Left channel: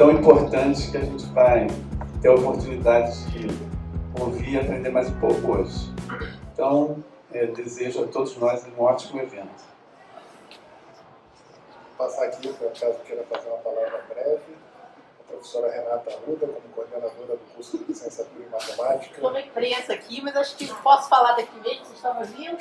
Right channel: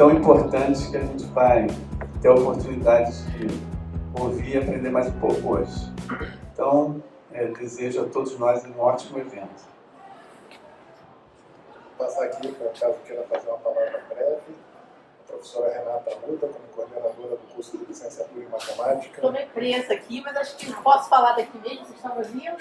tão importantes que a gente vai ter a oportunidade de ouvir e aprender mais um pouco hoje. Então, desejo a todos nós um ótimo evento. Vou passar aqui, para caso queira fazer uma palavra breve, a professora Renata Arruda, como coordenadora do curso de licenciatura em matemática. Estou meio presa aqui, mas acho que posso falar daqui mesmo, vocês estão ouvindo?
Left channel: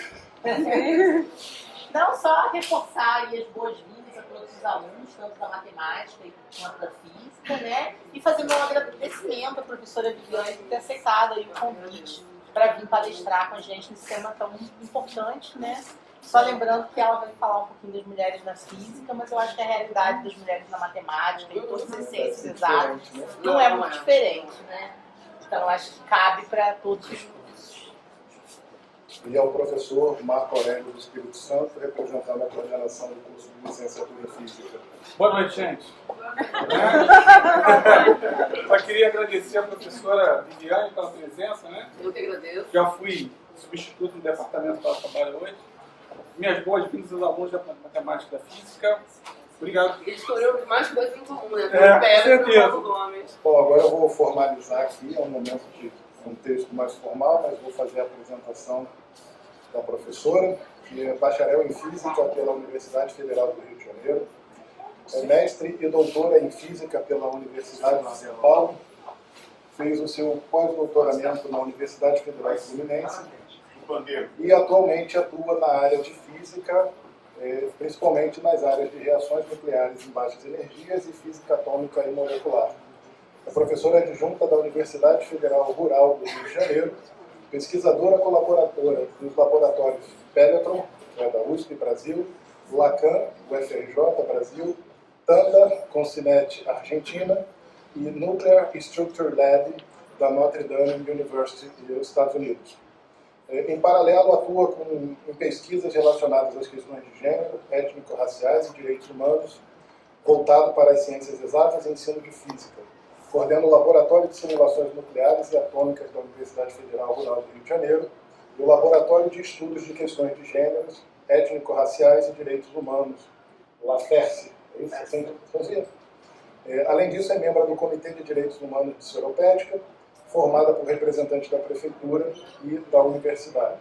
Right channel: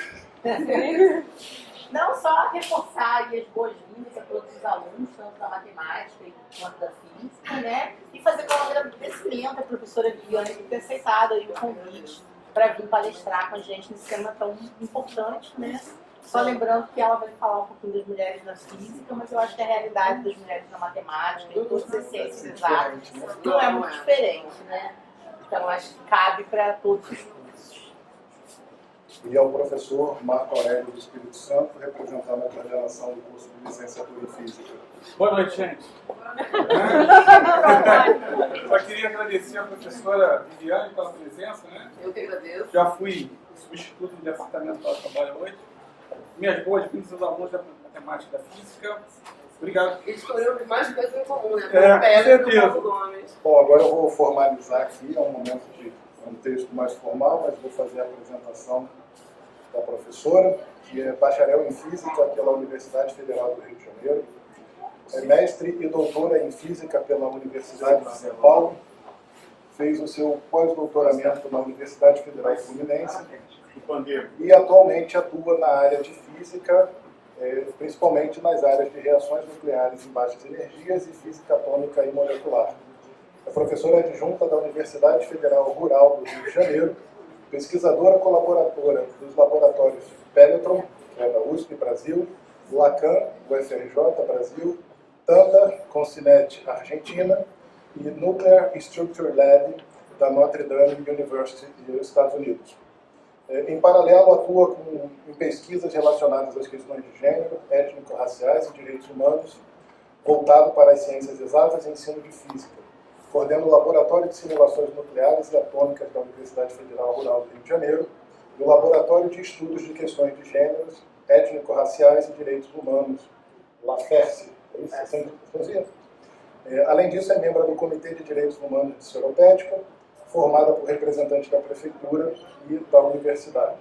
Não, só reforçar aí as boas-vindas a todos os alunos, tanto da matemática quanto da física, né? E fazer meu agradecimento à professora Viviane por ter aceitado aí o convite para vir palestrar com a gente nesse tema tão importante, né? Só lembrando que ela vai falar um pouquinho das mulheres na física, mas eu acho que a realidade das mulheres na matemática e todas as ciências exatas não é muito diferente, né? Então acho que cabe para todos os cursos. E ao professor Marco Aurélio do Espírito Santo, representando a coordenação do curso de licenciatura em física. Boa noite, gente. Só queria agradecer a professora Viviane pela presença, né? Eu que agradeço. Já fui substituto no departamento que ela trabalha hoje. Minhas boas-vindas aos alunos da matemática e da física. Obrigado. Eles escolheram mais coisas em comum, né? Com certeza. Bom, agora eu vou formalizar aqui, é um momento de um texto mais formal, mas vou fazer a apresentação da professora, que é bacharel em Física pela Universidade Federal do Rio de Janeiro, é mestre e doutora em Física pela Universidade de São Paulo, fez o seu pós-doutoramento na Universidade Federal Fluminense e atualmente atua na área de Física, principalmente nas áreas de reações nucleares em baixas energias e Física atômica e molecular. É professora adjunta da Universidade Federal Rural do Rio de Janeiro, pesquisadora colaboradora dos laboratórios Peletron, que é da USP Brasil, Lacan, UFRJ Brasil, Tanda, Concinet Argentina e Nuclear Structure Lab da Notre Dame University dos Estados Unidos. Em paralelo, atua em pesquisas relacionadas às questões de gênero, étnico-raciais e direitos humanos, voltado para as ciências exatas e ensino de física. Coordena o Laboratório de Simulações Nucleares e Atômicas da Universidade Federal Rural do Rio de Janeiro e o Laboratório de Estudos de Questões de Gêneros, Étnico-Raciais e Direitos Humanos, LAFERCE. É isso? Assim, além disso, é membro do Comitê de Direitos Humanos de Seropédica, formada por representantes da Prefeitura e da Universidade.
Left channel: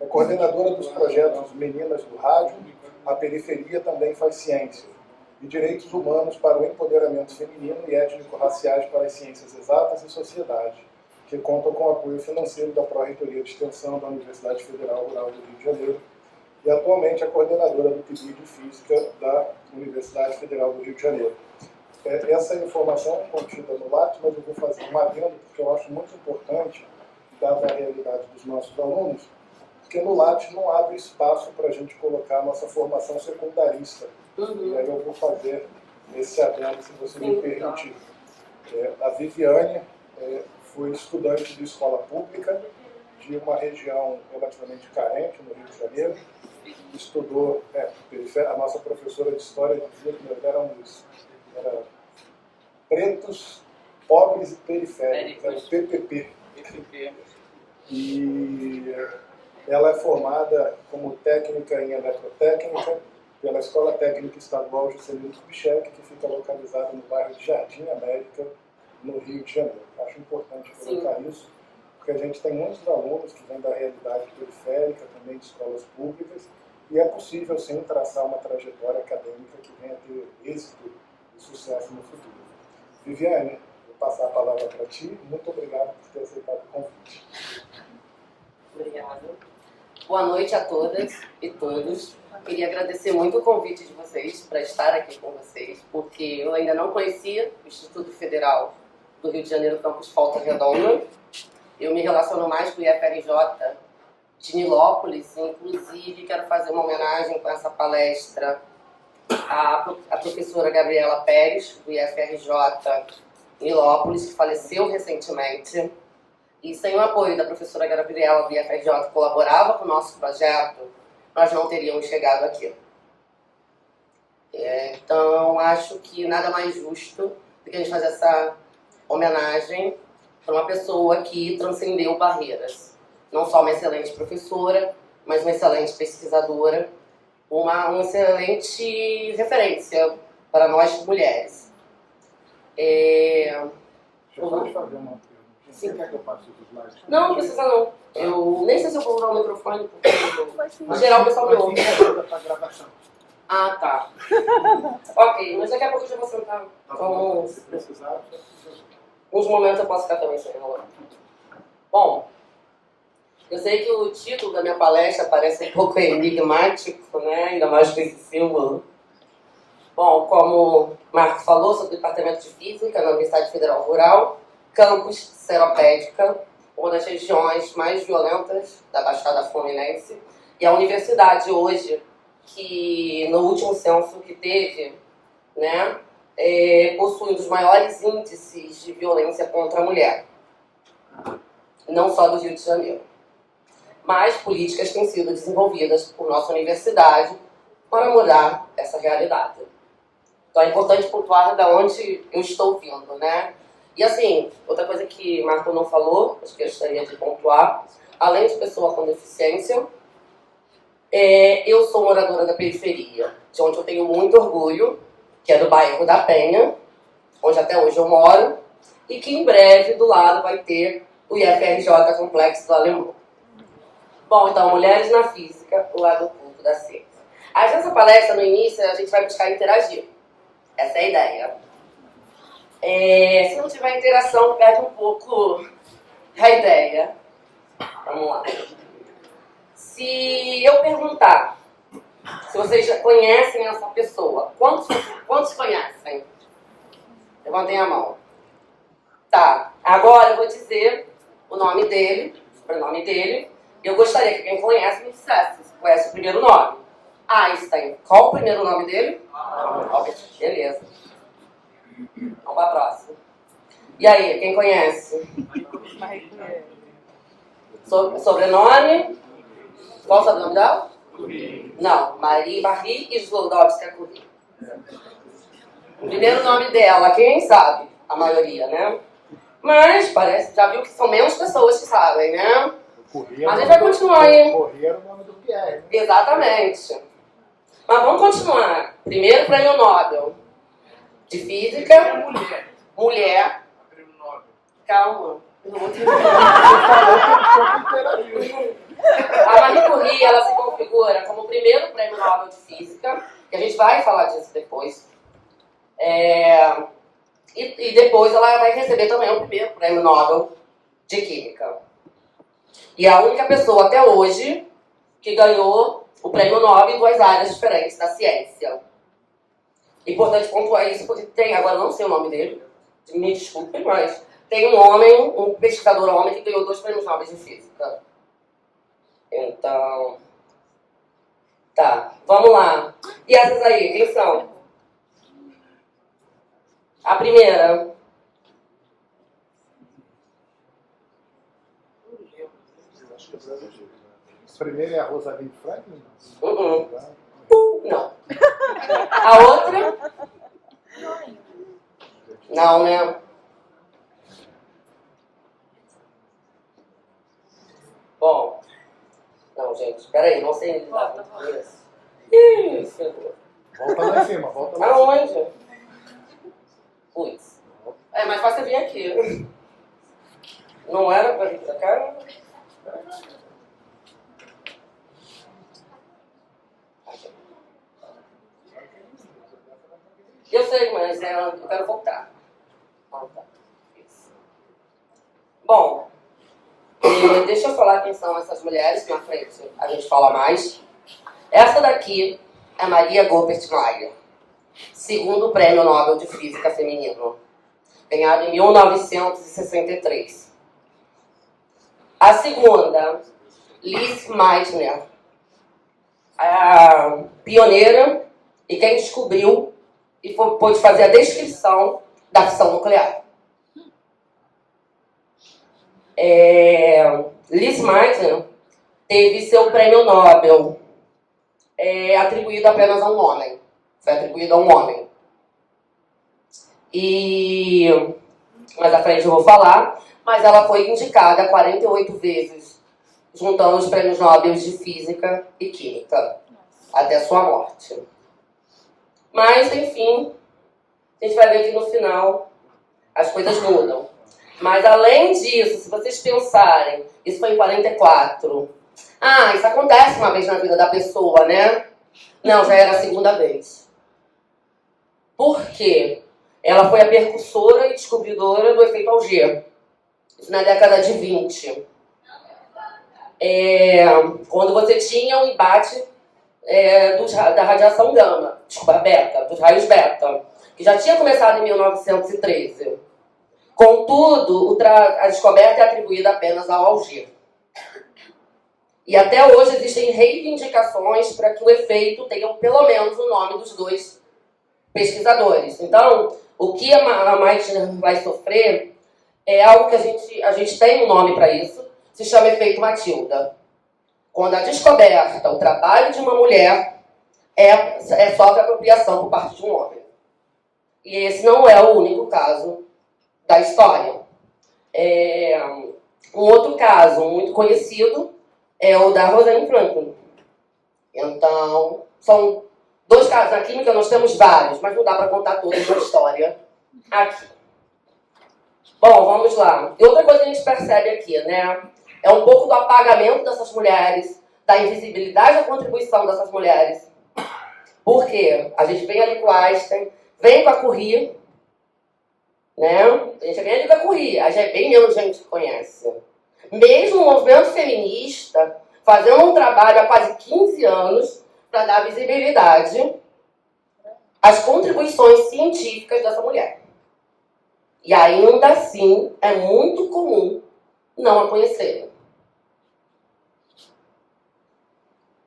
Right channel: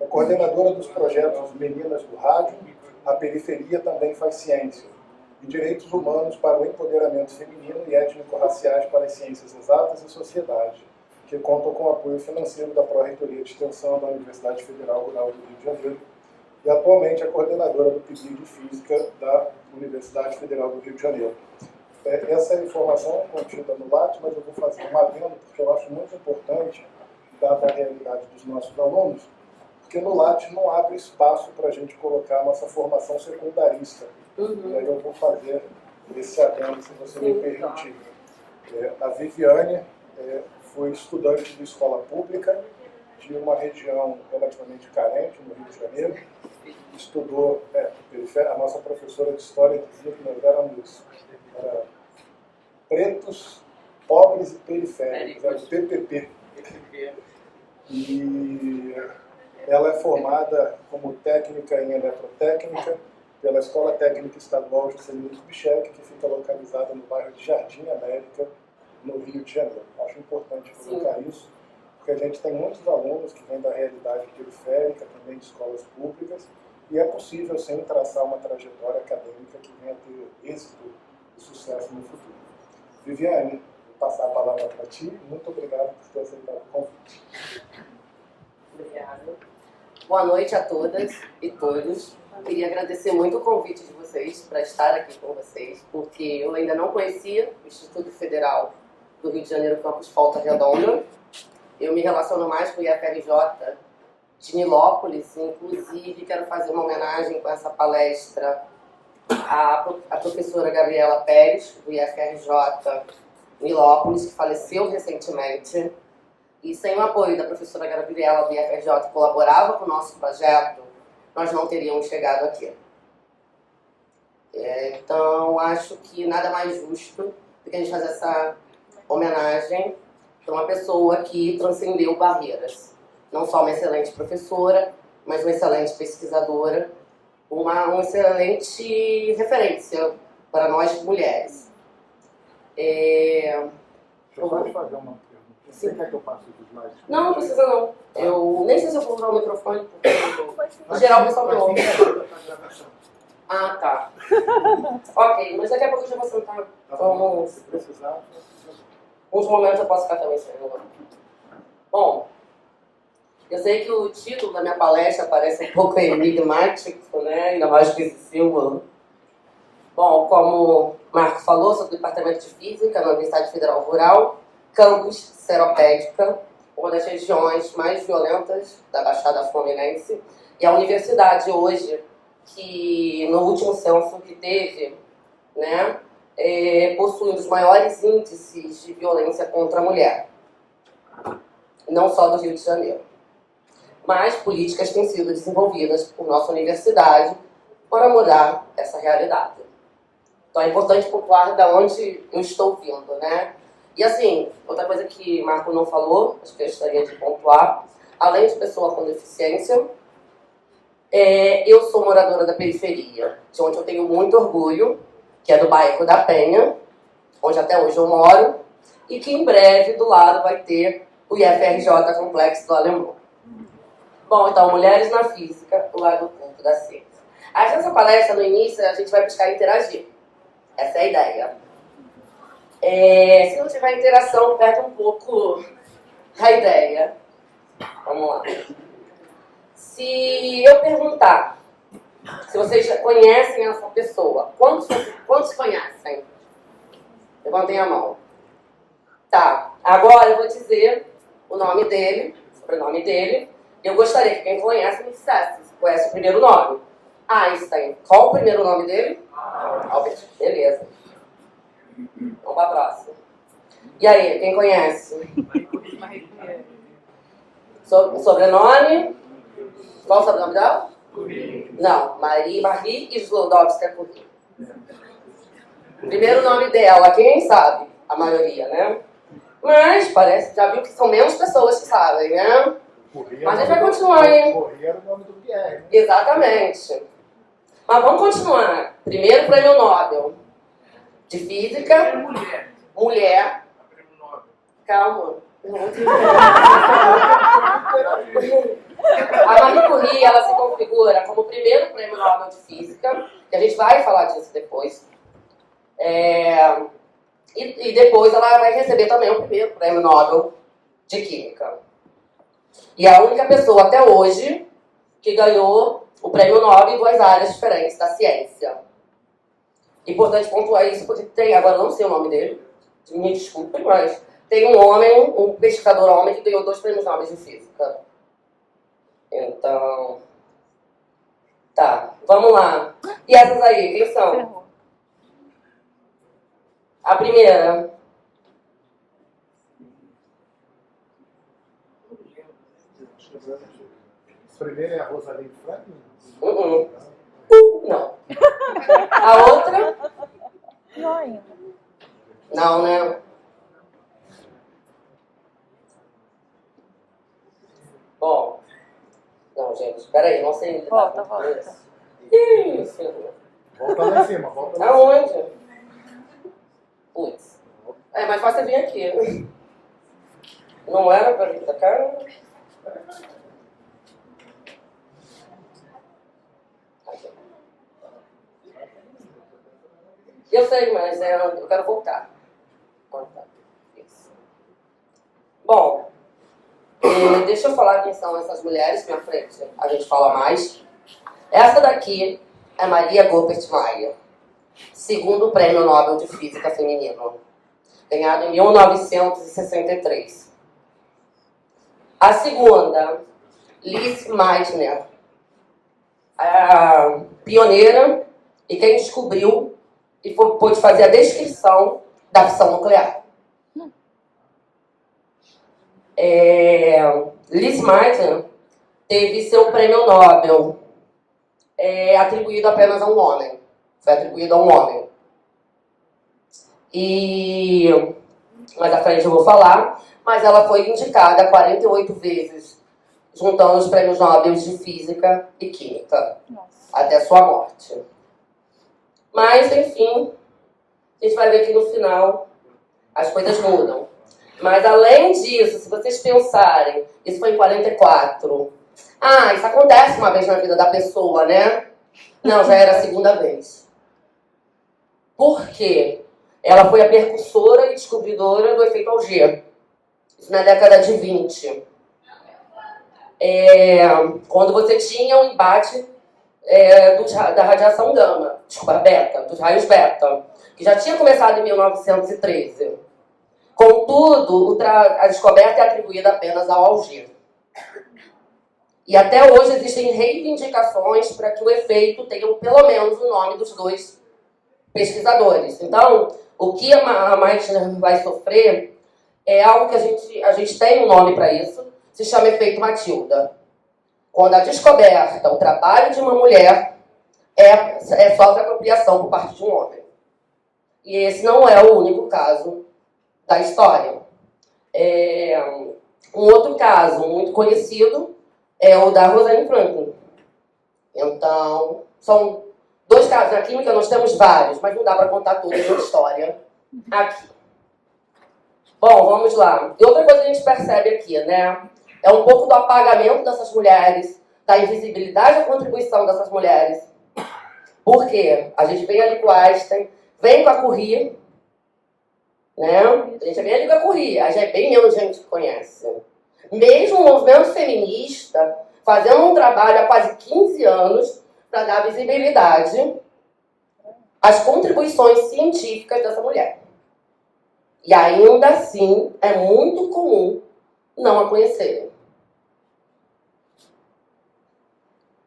É coordenadora dos projetos Meninas do Rádio, A Periferia Também Faz Ciência, e Direitos Humanos para o Empoderamento Feminino e Étnico-Raciais para as Ciências Exatas e Sociedade, que contam com o apoio financeiro da Pró-Reitoria de Extensão da Universidade Federal Rural do Rio de Janeiro, e atualmente é coordenadora do PIB de Física da Universidade Federal do Rio de Janeiro. Essa informação é contida no Lattes, mas eu vou fazer um adendo, porque eu acho muito importante, dada a realidade dos nossos alunos, porque no Lattes não abre espaço para a gente colocar a nossa formação secundarista. E aí eu vou fazer esse adendo, se você me permitir. A Viviane foi estudante de escola pública de uma região relativamente carente, no Rio de Janeiro. Estudou, a nossa professora de História dizia que nós éramos pretos, pobres e periféricos, era o PPP. E ela é formada como técnica em eletrotécnica pela Escola Técnica Estadual Juscelino Kubitschek, que fica localizada no bairro de Jardim América, no Rio de Janeiro. Acho importante colocar isso, porque a gente tem muitos alunos que vêm da realidade periférica, também de escolas públicas, e é possível, sim, traçar uma trajetória acadêmica que venha a ter êxito e sucesso no futuro. Viviane, vou passar a palavra para ti. Muito obrigado por ter aceitado o convite. Obrigada. Boa noite a todas e todos. Queria agradecer muito o convite de vocês para estar aqui com vocês, porque eu ainda não conhecia o Instituto Federal do Rio de Janeiro, Campus Volta Redonda. Eu me relaciono mais com o IFRJ de Nilópolis, inclusive quero fazer uma homenagem com essa palestra à professora Gabriela Pérez, do IFRJ Nilópolis, que faleceu recentemente. E sem o apoio da professora Gabriela do IFRJ, que colaborava com o nosso projeto, nós não teríamos chegado aqui. Então, acho que nada mais justo do que a gente fazer essa homenagem para uma pessoa que transcendeu barreiras. Não só uma excelente professora, mas uma excelente pesquisadora, uma excelente referência para nós mulheres. Deixa eu só te fazer uma pergunta. Você quer que eu passe os slides? Não precisa não. Eu nem sei se eu vou usar o microfone, porque em geral o pessoal me ouve. Ah, tá. Ok, mas daqui a pouco eu já vou sentar. Então, Se precisar, uns momentos eu posso ficar também sem enrolar. Bom, eu sei que o título da minha palestra parece um pouco enigmático, né? Ainda mais com esse símbolo. Bom, como o Marco falou, sou do Departamento de Física na Universidade Federal Rural, campus Seropédica, uma das regiões mais violentas da Baixada Fluminense. E a universidade hoje, que no último censo que teve, né, possui um dos maiores índices de violência contra a mulher. Não só do Rio de Janeiro. Mas políticas têm sido desenvolvidas por nossa universidade para mudar essa realidade. Então é importante pontuar de onde eu estou vindo, né? E assim, outra coisa que Marco não falou, acho que eu gostaria de pontuar, além de pessoa com deficiência, eu sou moradora da periferia, de onde eu tenho muito orgulho, que é do bairro da Penha, onde até hoje eu moro, e que em breve do lado vai ter o IFRJ Complexo do Alemão. Bom, então, Mulheres na Física, o lado oculto da ciência. Aí nessa palestra, no início, a gente vai buscar interagir. Essa é a ideia. Se não tiver interação, perde um pouco a ideia. Vamos lá. Se eu perguntar se vocês já conhecem essa pessoa, quantos conhecem? Levantem a mão. Tá, agora eu vou dizer o nome dele, o sobrenome dele. Eu gostaria que quem conhece me dissesse se conhece o primeiro nome. Einstein. Qual o primeiro nome dele? Albert. Beleza. Vamos para a próxima. E aí, quem conhece? Sobrenome? Qual o sobrenome dela? Não, Marie Sklodowska-Curie. O primeiro nome dela, quem sabe? A maioria, né? Mas parece, já viu que são menos pessoas que sabem, né? Mas a gente vai continuar, hein? Corria era o nome do Pierre, né? Exatamente. Mas vamos continuar. Primeiro prêmio Nobel de Física. Mulher. Calma. Eu não vou te A Marie Curie, ela se configura como o primeiro prêmio Nobel de Física, que a gente vai falar disso depois. E depois ela vai receber também o primeiro prêmio Nobel de Química. E a única pessoa até hoje que ganhou o prêmio Nobel em duas áreas diferentes da ciência. Importante pontuar isso, porque tem, agora não sei o nome dele, me desculpem, mas tem um pesquisador homem que ganhou 2 prêmios Nobel de Física. Então, tá, vamos lá. E essas aí, quem são? A primeira. Primeiro é a Rosalind Franklin? Não. A outra? Não, né? Bom. Não, gente, peraí, não sei lidar com isso. Isso. Volta lá em cima, volta lá em cima. Aonde? Putz. É mais fácil vir aqui. Não era pra vir pra cá? Eu sei, mas eu quero voltar. Ah, tá. Isso. Bom, deixa eu falar quem são essas mulheres que na frente a gente fala mais. Essa daqui é Maria Goeppert Mayer, segundo prêmio Nobel de Física feminino, ganhado em 1963. A segunda, Lise Meitner, a pioneira e quem descobriu e pôde fazer a descrição da fissão nuclear. Lise Meitner teve seu prêmio Nobel atribuído apenas a um homem. Foi atribuído a um homem. Mais à frente eu vou falar, mas ela foi indicada 48 vezes, juntando os prêmios Nobel de Física e Química, até sua morte. Mas, enfim, a gente vai ver que no final as coisas mudam. Mas além disso, se vocês pensarem, isso foi em 44. Ah, isso acontece uma vez na vida da pessoa, né? Não, já era a segunda vez. Por quê? Ela foi a percussora e descobridora do efeito Auger. Isso na década de 20. Quando você tinha um embate da radiação gama, desculpa, beta, dos raios beta, que já tinha começado em 1913. Contudo, a descoberta é atribuída apenas ao Auger. E até hoje existem reivindicações para que o efeito tenha pelo menos o nome dos dois pesquisadores. Então, o que a Meitner vai sofrer é algo que a gente tem um nome para isso, se chama efeito Matilda. Quando a descoberta, o trabalho de uma mulher sofre apropriação por parte de um homem. E esse não é o único caso da história. Um outro caso muito conhecido é o da Rosalind Franklin. Então, são dois casos. Na química nós temos vários, mas não dá para contar toda a história aqui. Bom, vamos lá. E outra coisa que a gente percebe aqui, né? É um pouco do apagamento dessas mulheres, da invisibilidade da contribuição dessas mulheres. Por quê? A gente vem ali com a Einstein, vem com a Curie, né? A gente vem ali com a Curie, aí já é bem menos gente que conhece. Mesmo o movimento feminista fazendo um trabalho há quase 15 anos para dar visibilidade às contribuições científicas dessa mulher. E ainda assim é muito comum não a conhecerem.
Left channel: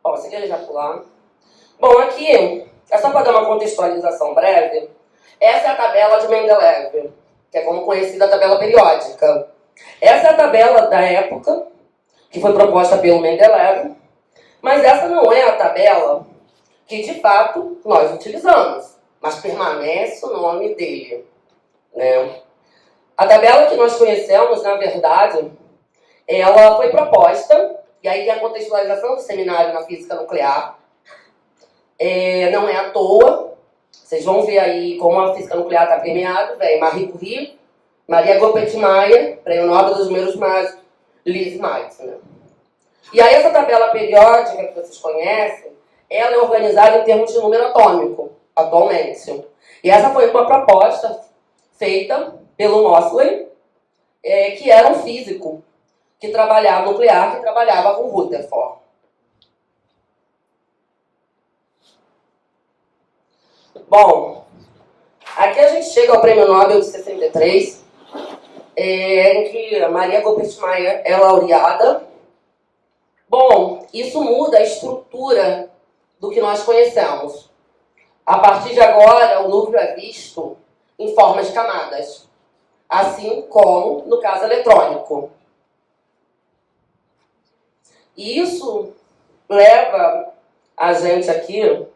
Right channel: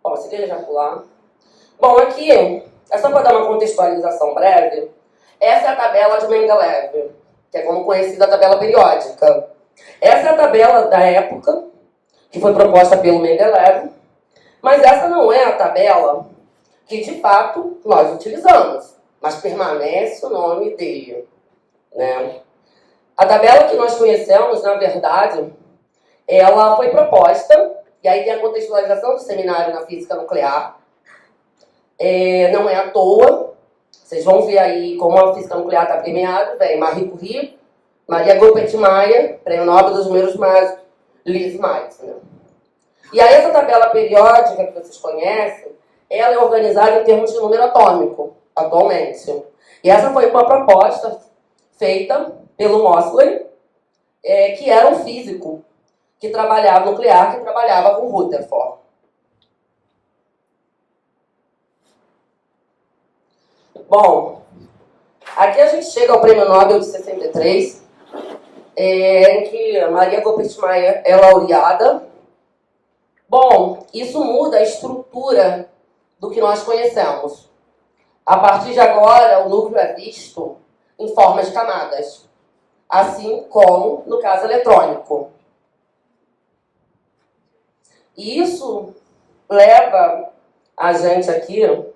Bom, se quer já pular. Bom, aqui, é só para dar uma contextualização breve, essa é a tabela de Mendeleev, que é como conhecida a tabela periódica. Essa é a tabela da época, que foi proposta pelo Mendeleev, mas essa não é a tabela que, de fato, nós utilizamos, mas permanece o nome dele, né? A tabela que nós conhecemos, na verdade, ela foi proposta, e aí tem a contextualização do seminário na física nuclear. Não é à toa, vocês vão ver aí como a física nuclear está premiada, vem Marie Curie, Maria Goeppert-Mayer, Prêmio Nobel dos Números Mágicos, Lise Meitner. E aí essa tabela periódica que vocês conhecem, ela é organizada em termos de número atômico, atualmente. E essa foi uma proposta feita pelo Moseley, que era um físico que trabalhava nuclear, que trabalhava com Rutherford. Bom, aqui a gente chega ao Prêmio Nobel de 63, em que Maria Goeppert-Mayer é laureada. Bom, isso muda a estrutura do que nós conhecemos. A partir de agora, o núcleo é visto em formas de camadas, assim como no caso eletrônico. E isso leva a gente aqui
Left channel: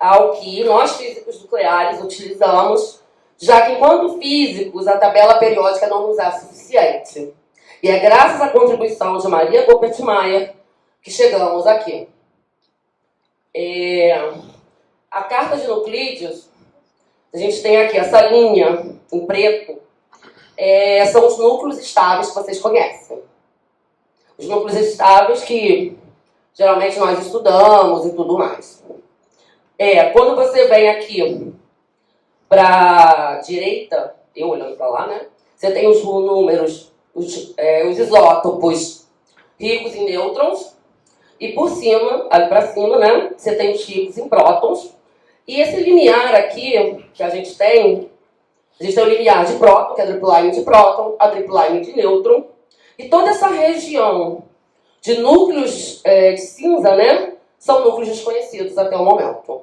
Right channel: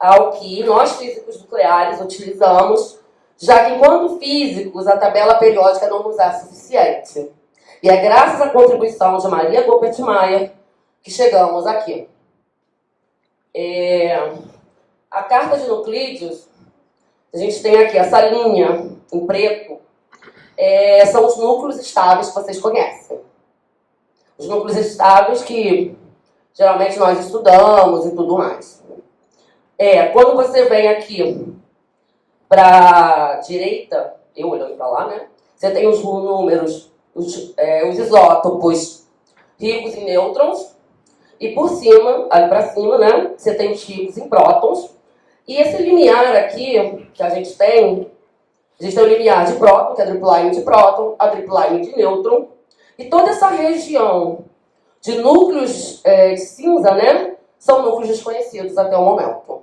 ao que nós físicos nucleares utilizamos, já que enquanto físicos a tabela periódica não nos é suficiente. E é graças à contribuição de Maria Goeppert-Mayer que chegamos aqui. A carta de Euclides, a gente tem aqui essa linha em preto, são os núcleos estáveis que vocês conhecem. Os núcleos estáveis que geralmente nós estudamos e tudo mais. Quando você vem aqui para a direita, eu olhando para lá, né? Você tem os números, os isótopos ricos em nêutrons, e por cima, ali para cima, né? Você tem os ricos em prótons. E esse limiar aqui que a gente tem o limiar de próton, que é a drip line de próton, a drip line de nêutron, e toda essa região de núcleos de cinza, né? São núcleos desconhecidos até o momento.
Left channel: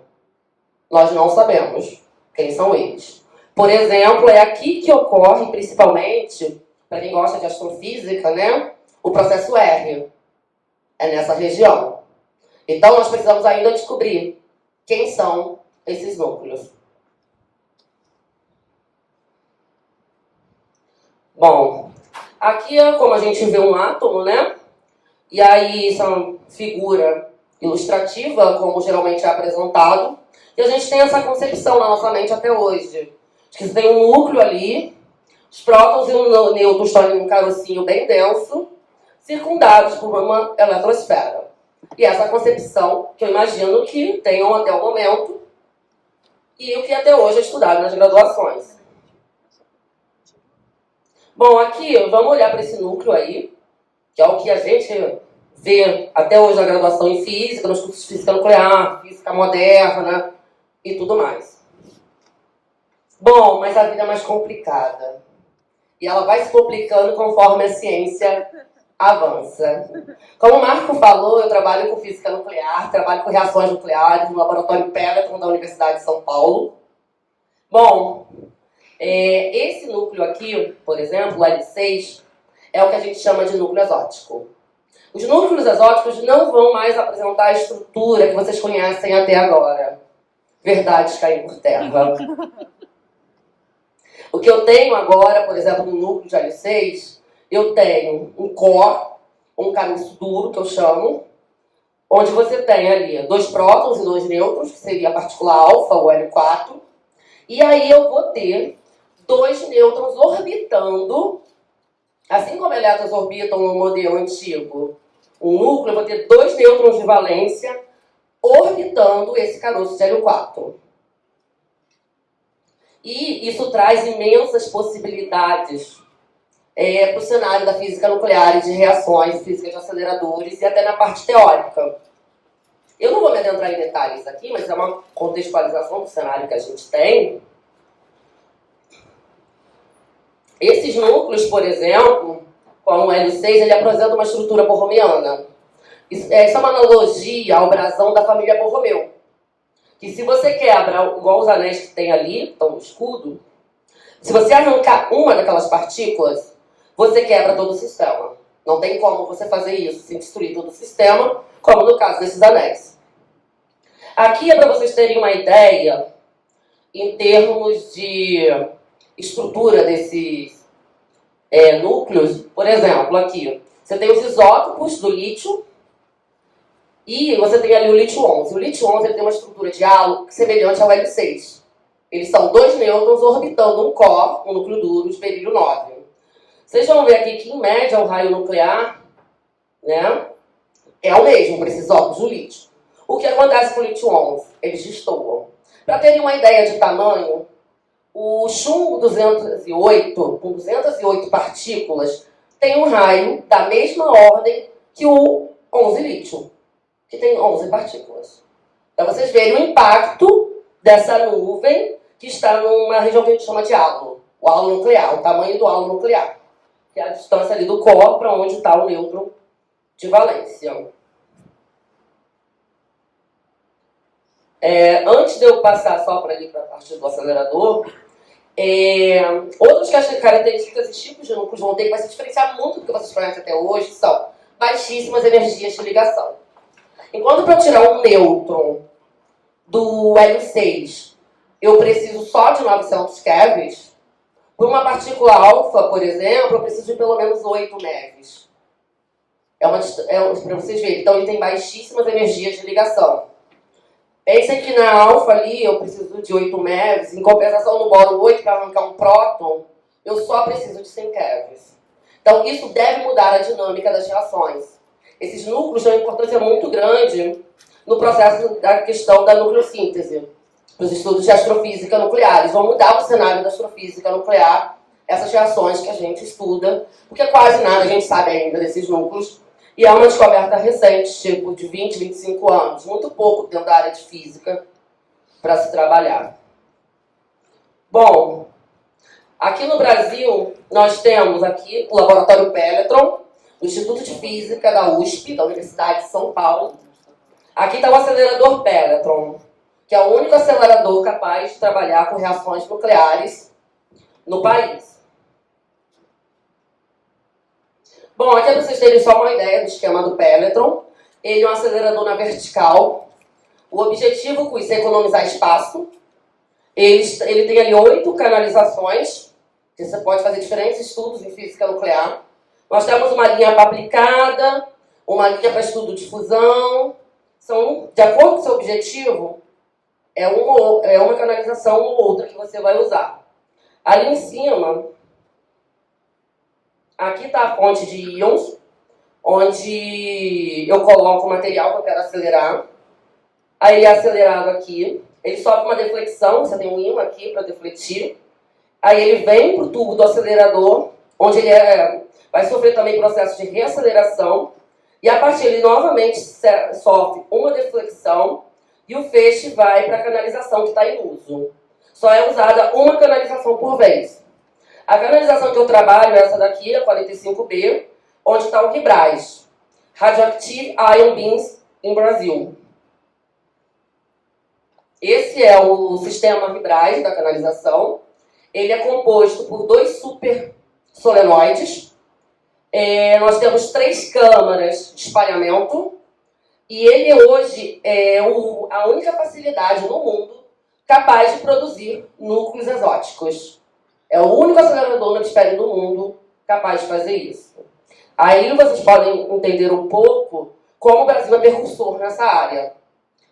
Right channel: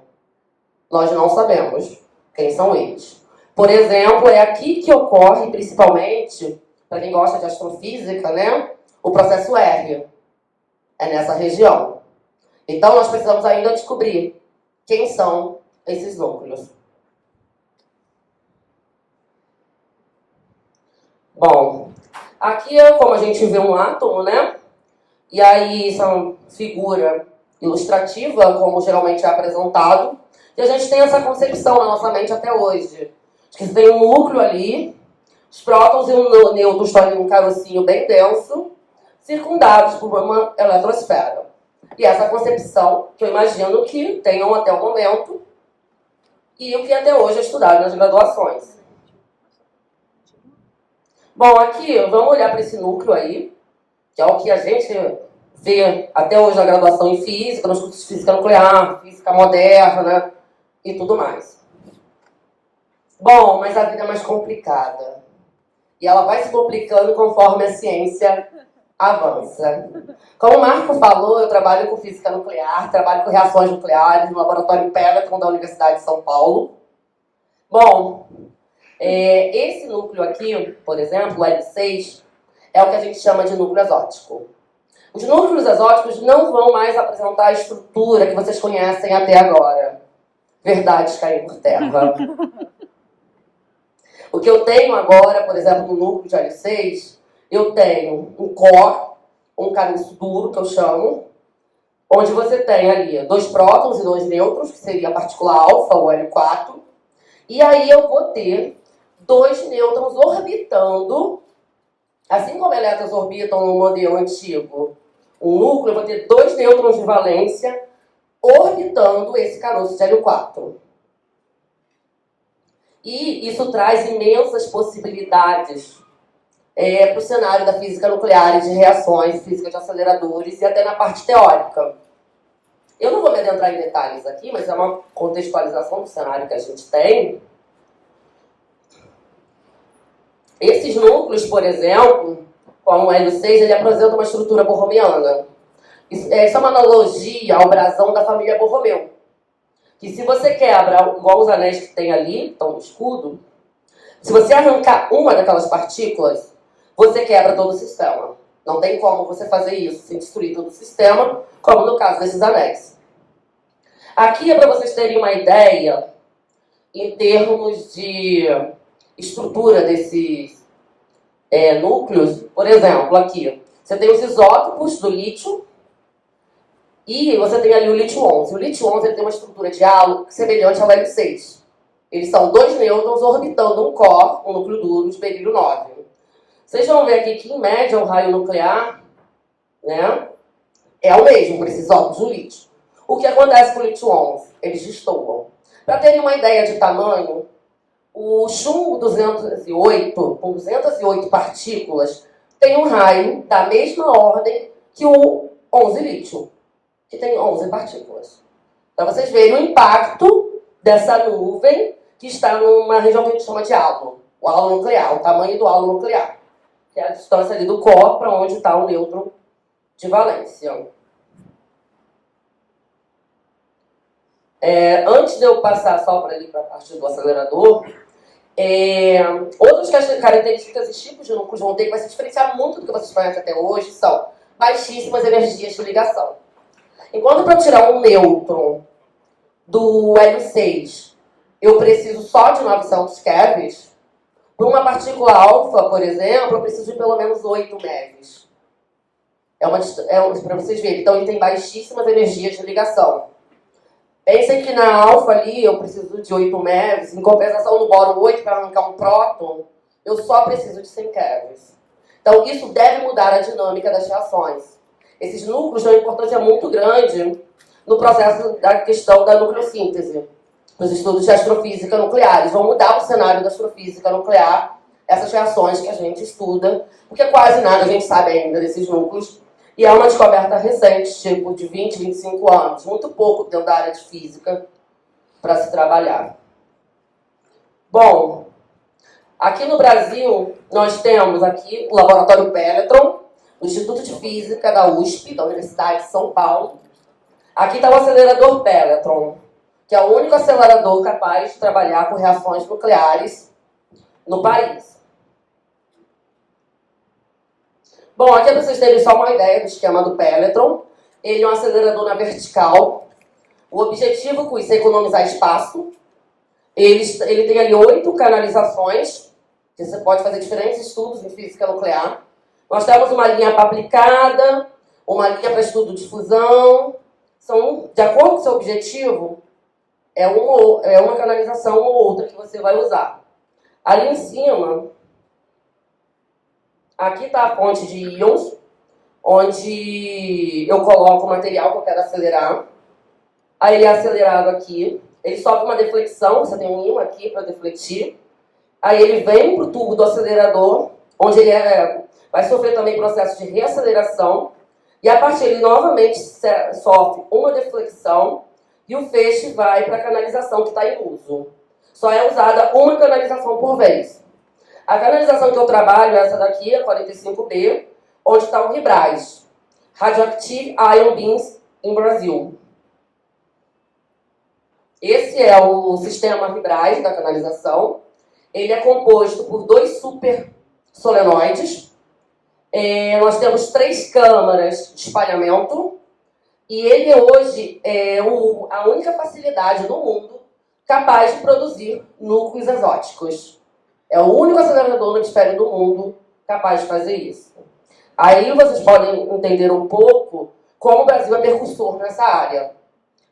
Nós não sabemos quem são eles. Por exemplo, é aqui que ocorre, principalmente, para quem gosta de astrofísica, né? O processo R. É nessa região. Então, nós precisamos ainda descobrir quem são esses núcleos. Bom, aqui é como a gente vê um átomo, né? E aí, isso é uma figura ilustrativa, como geralmente é apresentado. E a gente tem essa concepção na nossa mente até hoje. Que tem um núcleo ali, Os prótons e o nêutron estão em um carocinho bem denso, circundados por uma eletrosfera. E essa é a concepção que eu imagino que tenham até o momento e o que até hoje é estudado nas graduações. Bom, aqui vamos olhar para esse núcleo aí, que é o que a gente vê até hoje na graduação em física, nos cursos de física nuclear, física moderna e tudo mais. Bom, mas a vida é mais complicada. E ela vai se complicando conforme a ciência avança. Como o Marco falou, eu trabalho com física nuclear, trabalho com reações nucleares no laboratório Pelletron da Universidade de São Paulo. Bom, esse núcleo aqui, por exemplo, o L6, é o que a gente chama de núcleo exótico. Os núcleos exóticos não vão mais apresentar a estrutura que vocês conhecem até agora. Verdades caem por terra. O que eu tenho agora, por exemplo, no núcleo de L6, eu tenho um core, um caroço duro, que eu chamo, onde você tem ali 2 prótons e 2 nêutrons, que seria a partícula alfa, o L4, e aí eu vou ter 2 nêutrons orbitando, assim como elétrons orbitam no modelo antigo, o núcleo, eu vou ter 2 nêutrons de valência orbitando esse caroço de L4. E isso traz imensas possibilidades para o cenário da física nuclear e de reações, física de aceleradores e até na parte teórica. Eu não vou me adentrar em detalhes aqui, mas é uma contextualização do cenário que a gente tem. Esses núcleos, por exemplo, como o L6, ele apresenta uma estrutura borromeana. Isso é uma analogia ao brasão da família Borromeu. Que se você quebra, igual os anéis que tem ali, estão no escudo, se você arrancar uma daquelas partículas, você quebra todo o sistema. Não tem como você fazer isso sem destruir todo o sistema, como no caso desses anéis. Aqui é para vocês terem uma ideia em termos de estrutura desses núcleos. Por exemplo, aqui, você tem os isótopos do lítio, e você tem ali o lítio-11. O lítio-11 ele tem uma estrutura de halo semelhante ao L6. Eles são 2 nêutrons orbitando um core, um núcleo duro de berílio 9. Vocês vão ver aqui que, em média, o raio nuclear, né, é o mesmo para esses isótopos do lítio. O que acontece com o lítio-11? Eles destoam. Para terem uma ideia de tamanho, o chumbo 208, com 208 partículas, tem um raio da mesma ordem que o 11 lítio, que tem 11 partículas. Para vocês verem o impacto dessa nuvem que está numa região que a gente chama de halo, o halo nuclear, o tamanho do halo nuclear, que é a distância ali do core para onde está o nêutron de valência. Antes de eu passar só para ali para a parte do acelerador, outras características e tipos de núcleos vão ter que vai se diferenciar muito do que vocês conhecem até hoje, são baixíssimas energias de ligação. Enquanto para tirar um nêutron do L6, eu preciso só de 900 kevs, para uma partícula alfa, por exemplo, eu preciso de pelo menos 8 MeVs. Para vocês verem, então ele tem baixíssimas energias de ligação. Pensem que na alfa ali eu preciso de 8 MeVs, em compensação no bóron 8, para arrancar um próton, eu só preciso de 100 kevs. Então isso deve mudar a dinâmica das reações. Esses núcleos têm uma importância muito grande no processo da questão da nucleossíntese, nos estudos de astrofísica nuclear. Eles vão mudar o cenário da astrofísica nuclear, essas reações que a gente estuda, porque quase nada a gente sabe ainda desses núcleos, e é uma descoberta recente, tipo de 20, 25 anos, muito pouco dentro da área de física para se trabalhar. Bom, aqui no Brasil, nós temos aqui o Laboratório Pelletron, no Instituto de Física da USP, da Universidade de São Paulo. Aqui está o acelerador Pelletron, que é o único acelerador capaz de trabalhar com reações nucleares no país. Bom, aqui é para vocês terem só uma ideia do esquema do Pelletron. Ele é um acelerador na vertical. O objetivo com isso é economizar espaço. Ele tem ali 8 canalizações, que você pode fazer diferentes estudos em física nuclear. Nós temos uma linha para aplicada, uma linha para estudo de fusão. São, de acordo com o seu objetivo, é uma canalização ou outra que você vai usar. Ali em cima, Aqui está a fonte de íons, onde eu coloco o material que eu quero acelerar. Aí ele é acelerado aqui. Ele sofre uma deflexão, você tem um íon aqui para defletir. Aí ele vem para o tubo do acelerador, onde ele vai sofrer também processo de reaceleração. E a partir ele novamente sofre uma deflexão e o feixe vai para a canalização que está em uso. Só é usada uma canalização por vez. A canalização que eu trabalho é essa daqui, a 45B, onde está o RIBRAS, Radioactive Ion Beams em Brasil. Esse é o sistema RIBRAS da canalização. Ele é composto por 2 super solenoides. Nós temos 3 câmaras de espalhamento. E ele hoje é a única facilidade no mundo capaz de produzir núcleos exóticos. É o único acelerador no hemisfério do mundo capaz de fazer isso. Aí vocês podem entender um pouco como o Brasil é precursor nessa área.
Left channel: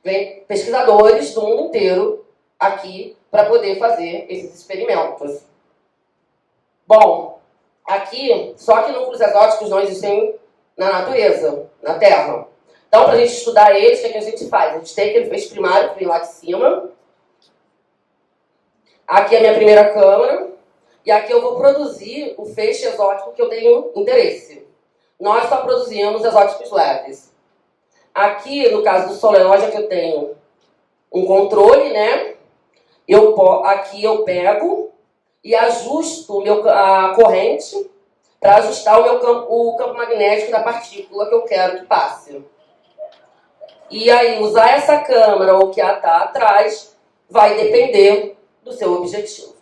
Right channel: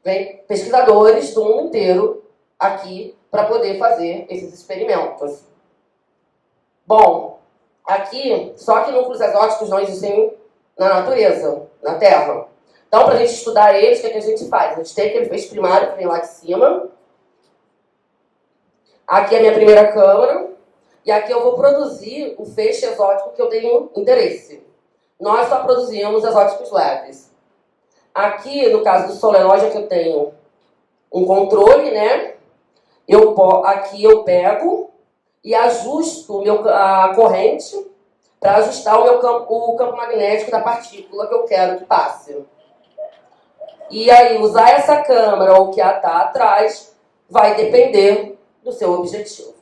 Vem pesquisadores do mundo inteiro aqui para poder fazer esses experimentos. Bom, aqui, só que núcleos exóticos não existem na natureza, na Terra. Então, para a gente estudar eles, o que a gente faz? A gente tem aquele feixe primário que vem lá de cima. Aqui é a minha primeira câmara. E aqui eu vou produzir o feixe exótico que eu tenho interesse. Nós só produzimos exóticos leves. Aqui, no caso do solenoide, é que eu tenho um controle, né? Aqui eu pego e ajusto a corrente para ajustar o campo magnético da partícula que eu quero que passe. E aí, usar essa câmera ou que está atrás vai depender do seu objetivo.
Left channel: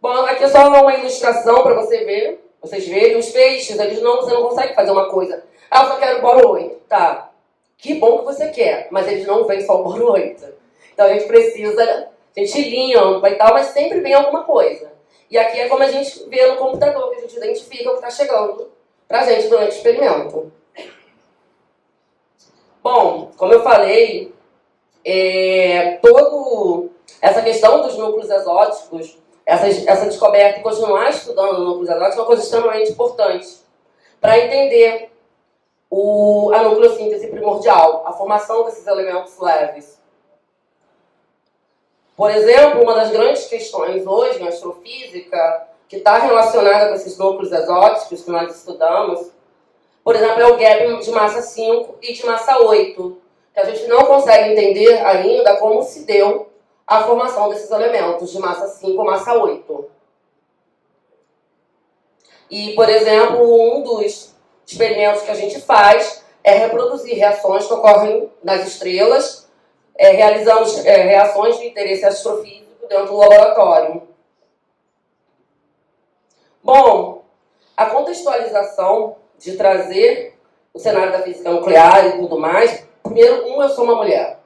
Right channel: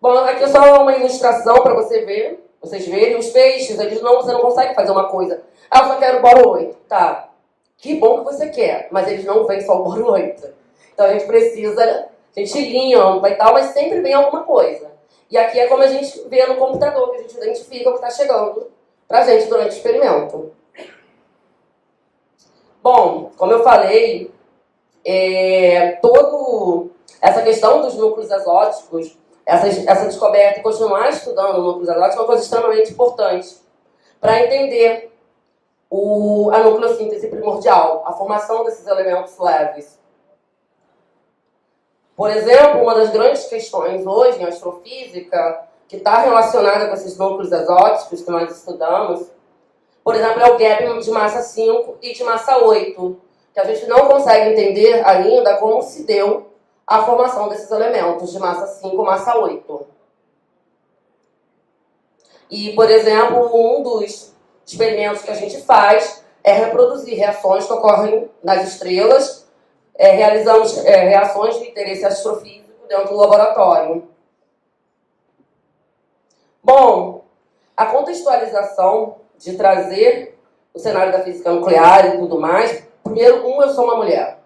Bom, aqui é só uma ilustração para vocês verem. Os feixes, você não consegue fazer uma coisa. Ah, eu só quero boro 8. Tá, que bom que você quer, mas eles não vêm só o boro 8. Então a gente precisa, a gente limpa e tal, mas sempre vem alguma coisa. E aqui é como a gente vê no computador, que a gente identifica o que está chegando para a gente durante o experimento. Bom, como eu falei, toda essa questão dos núcleos exóticos, essa descoberta e continuar estudando núcleos exóticos é uma coisa extremamente importante para entender a nucleossíntese primordial, a formação desses elementos leves. Por exemplo, uma das grandes questões hoje na astrofísica, que está relacionada com esses núcleos exóticos que nós estudamos, por exemplo, é o gap de massa 5 e de massa 8, que a gente não consegue entender ainda como se deu a formação desses elementos de massa 5 e massa 8. E, por exemplo, um dos experimentos que a gente faz é reproduzir reações que ocorrem nas estrelas. Realizamos reações de interesse astrofísico dentro do laboratório. Bom, a contextualização de trazer o cenário da física nuclear e tudo mais. Primeiro, eu sou uma mulher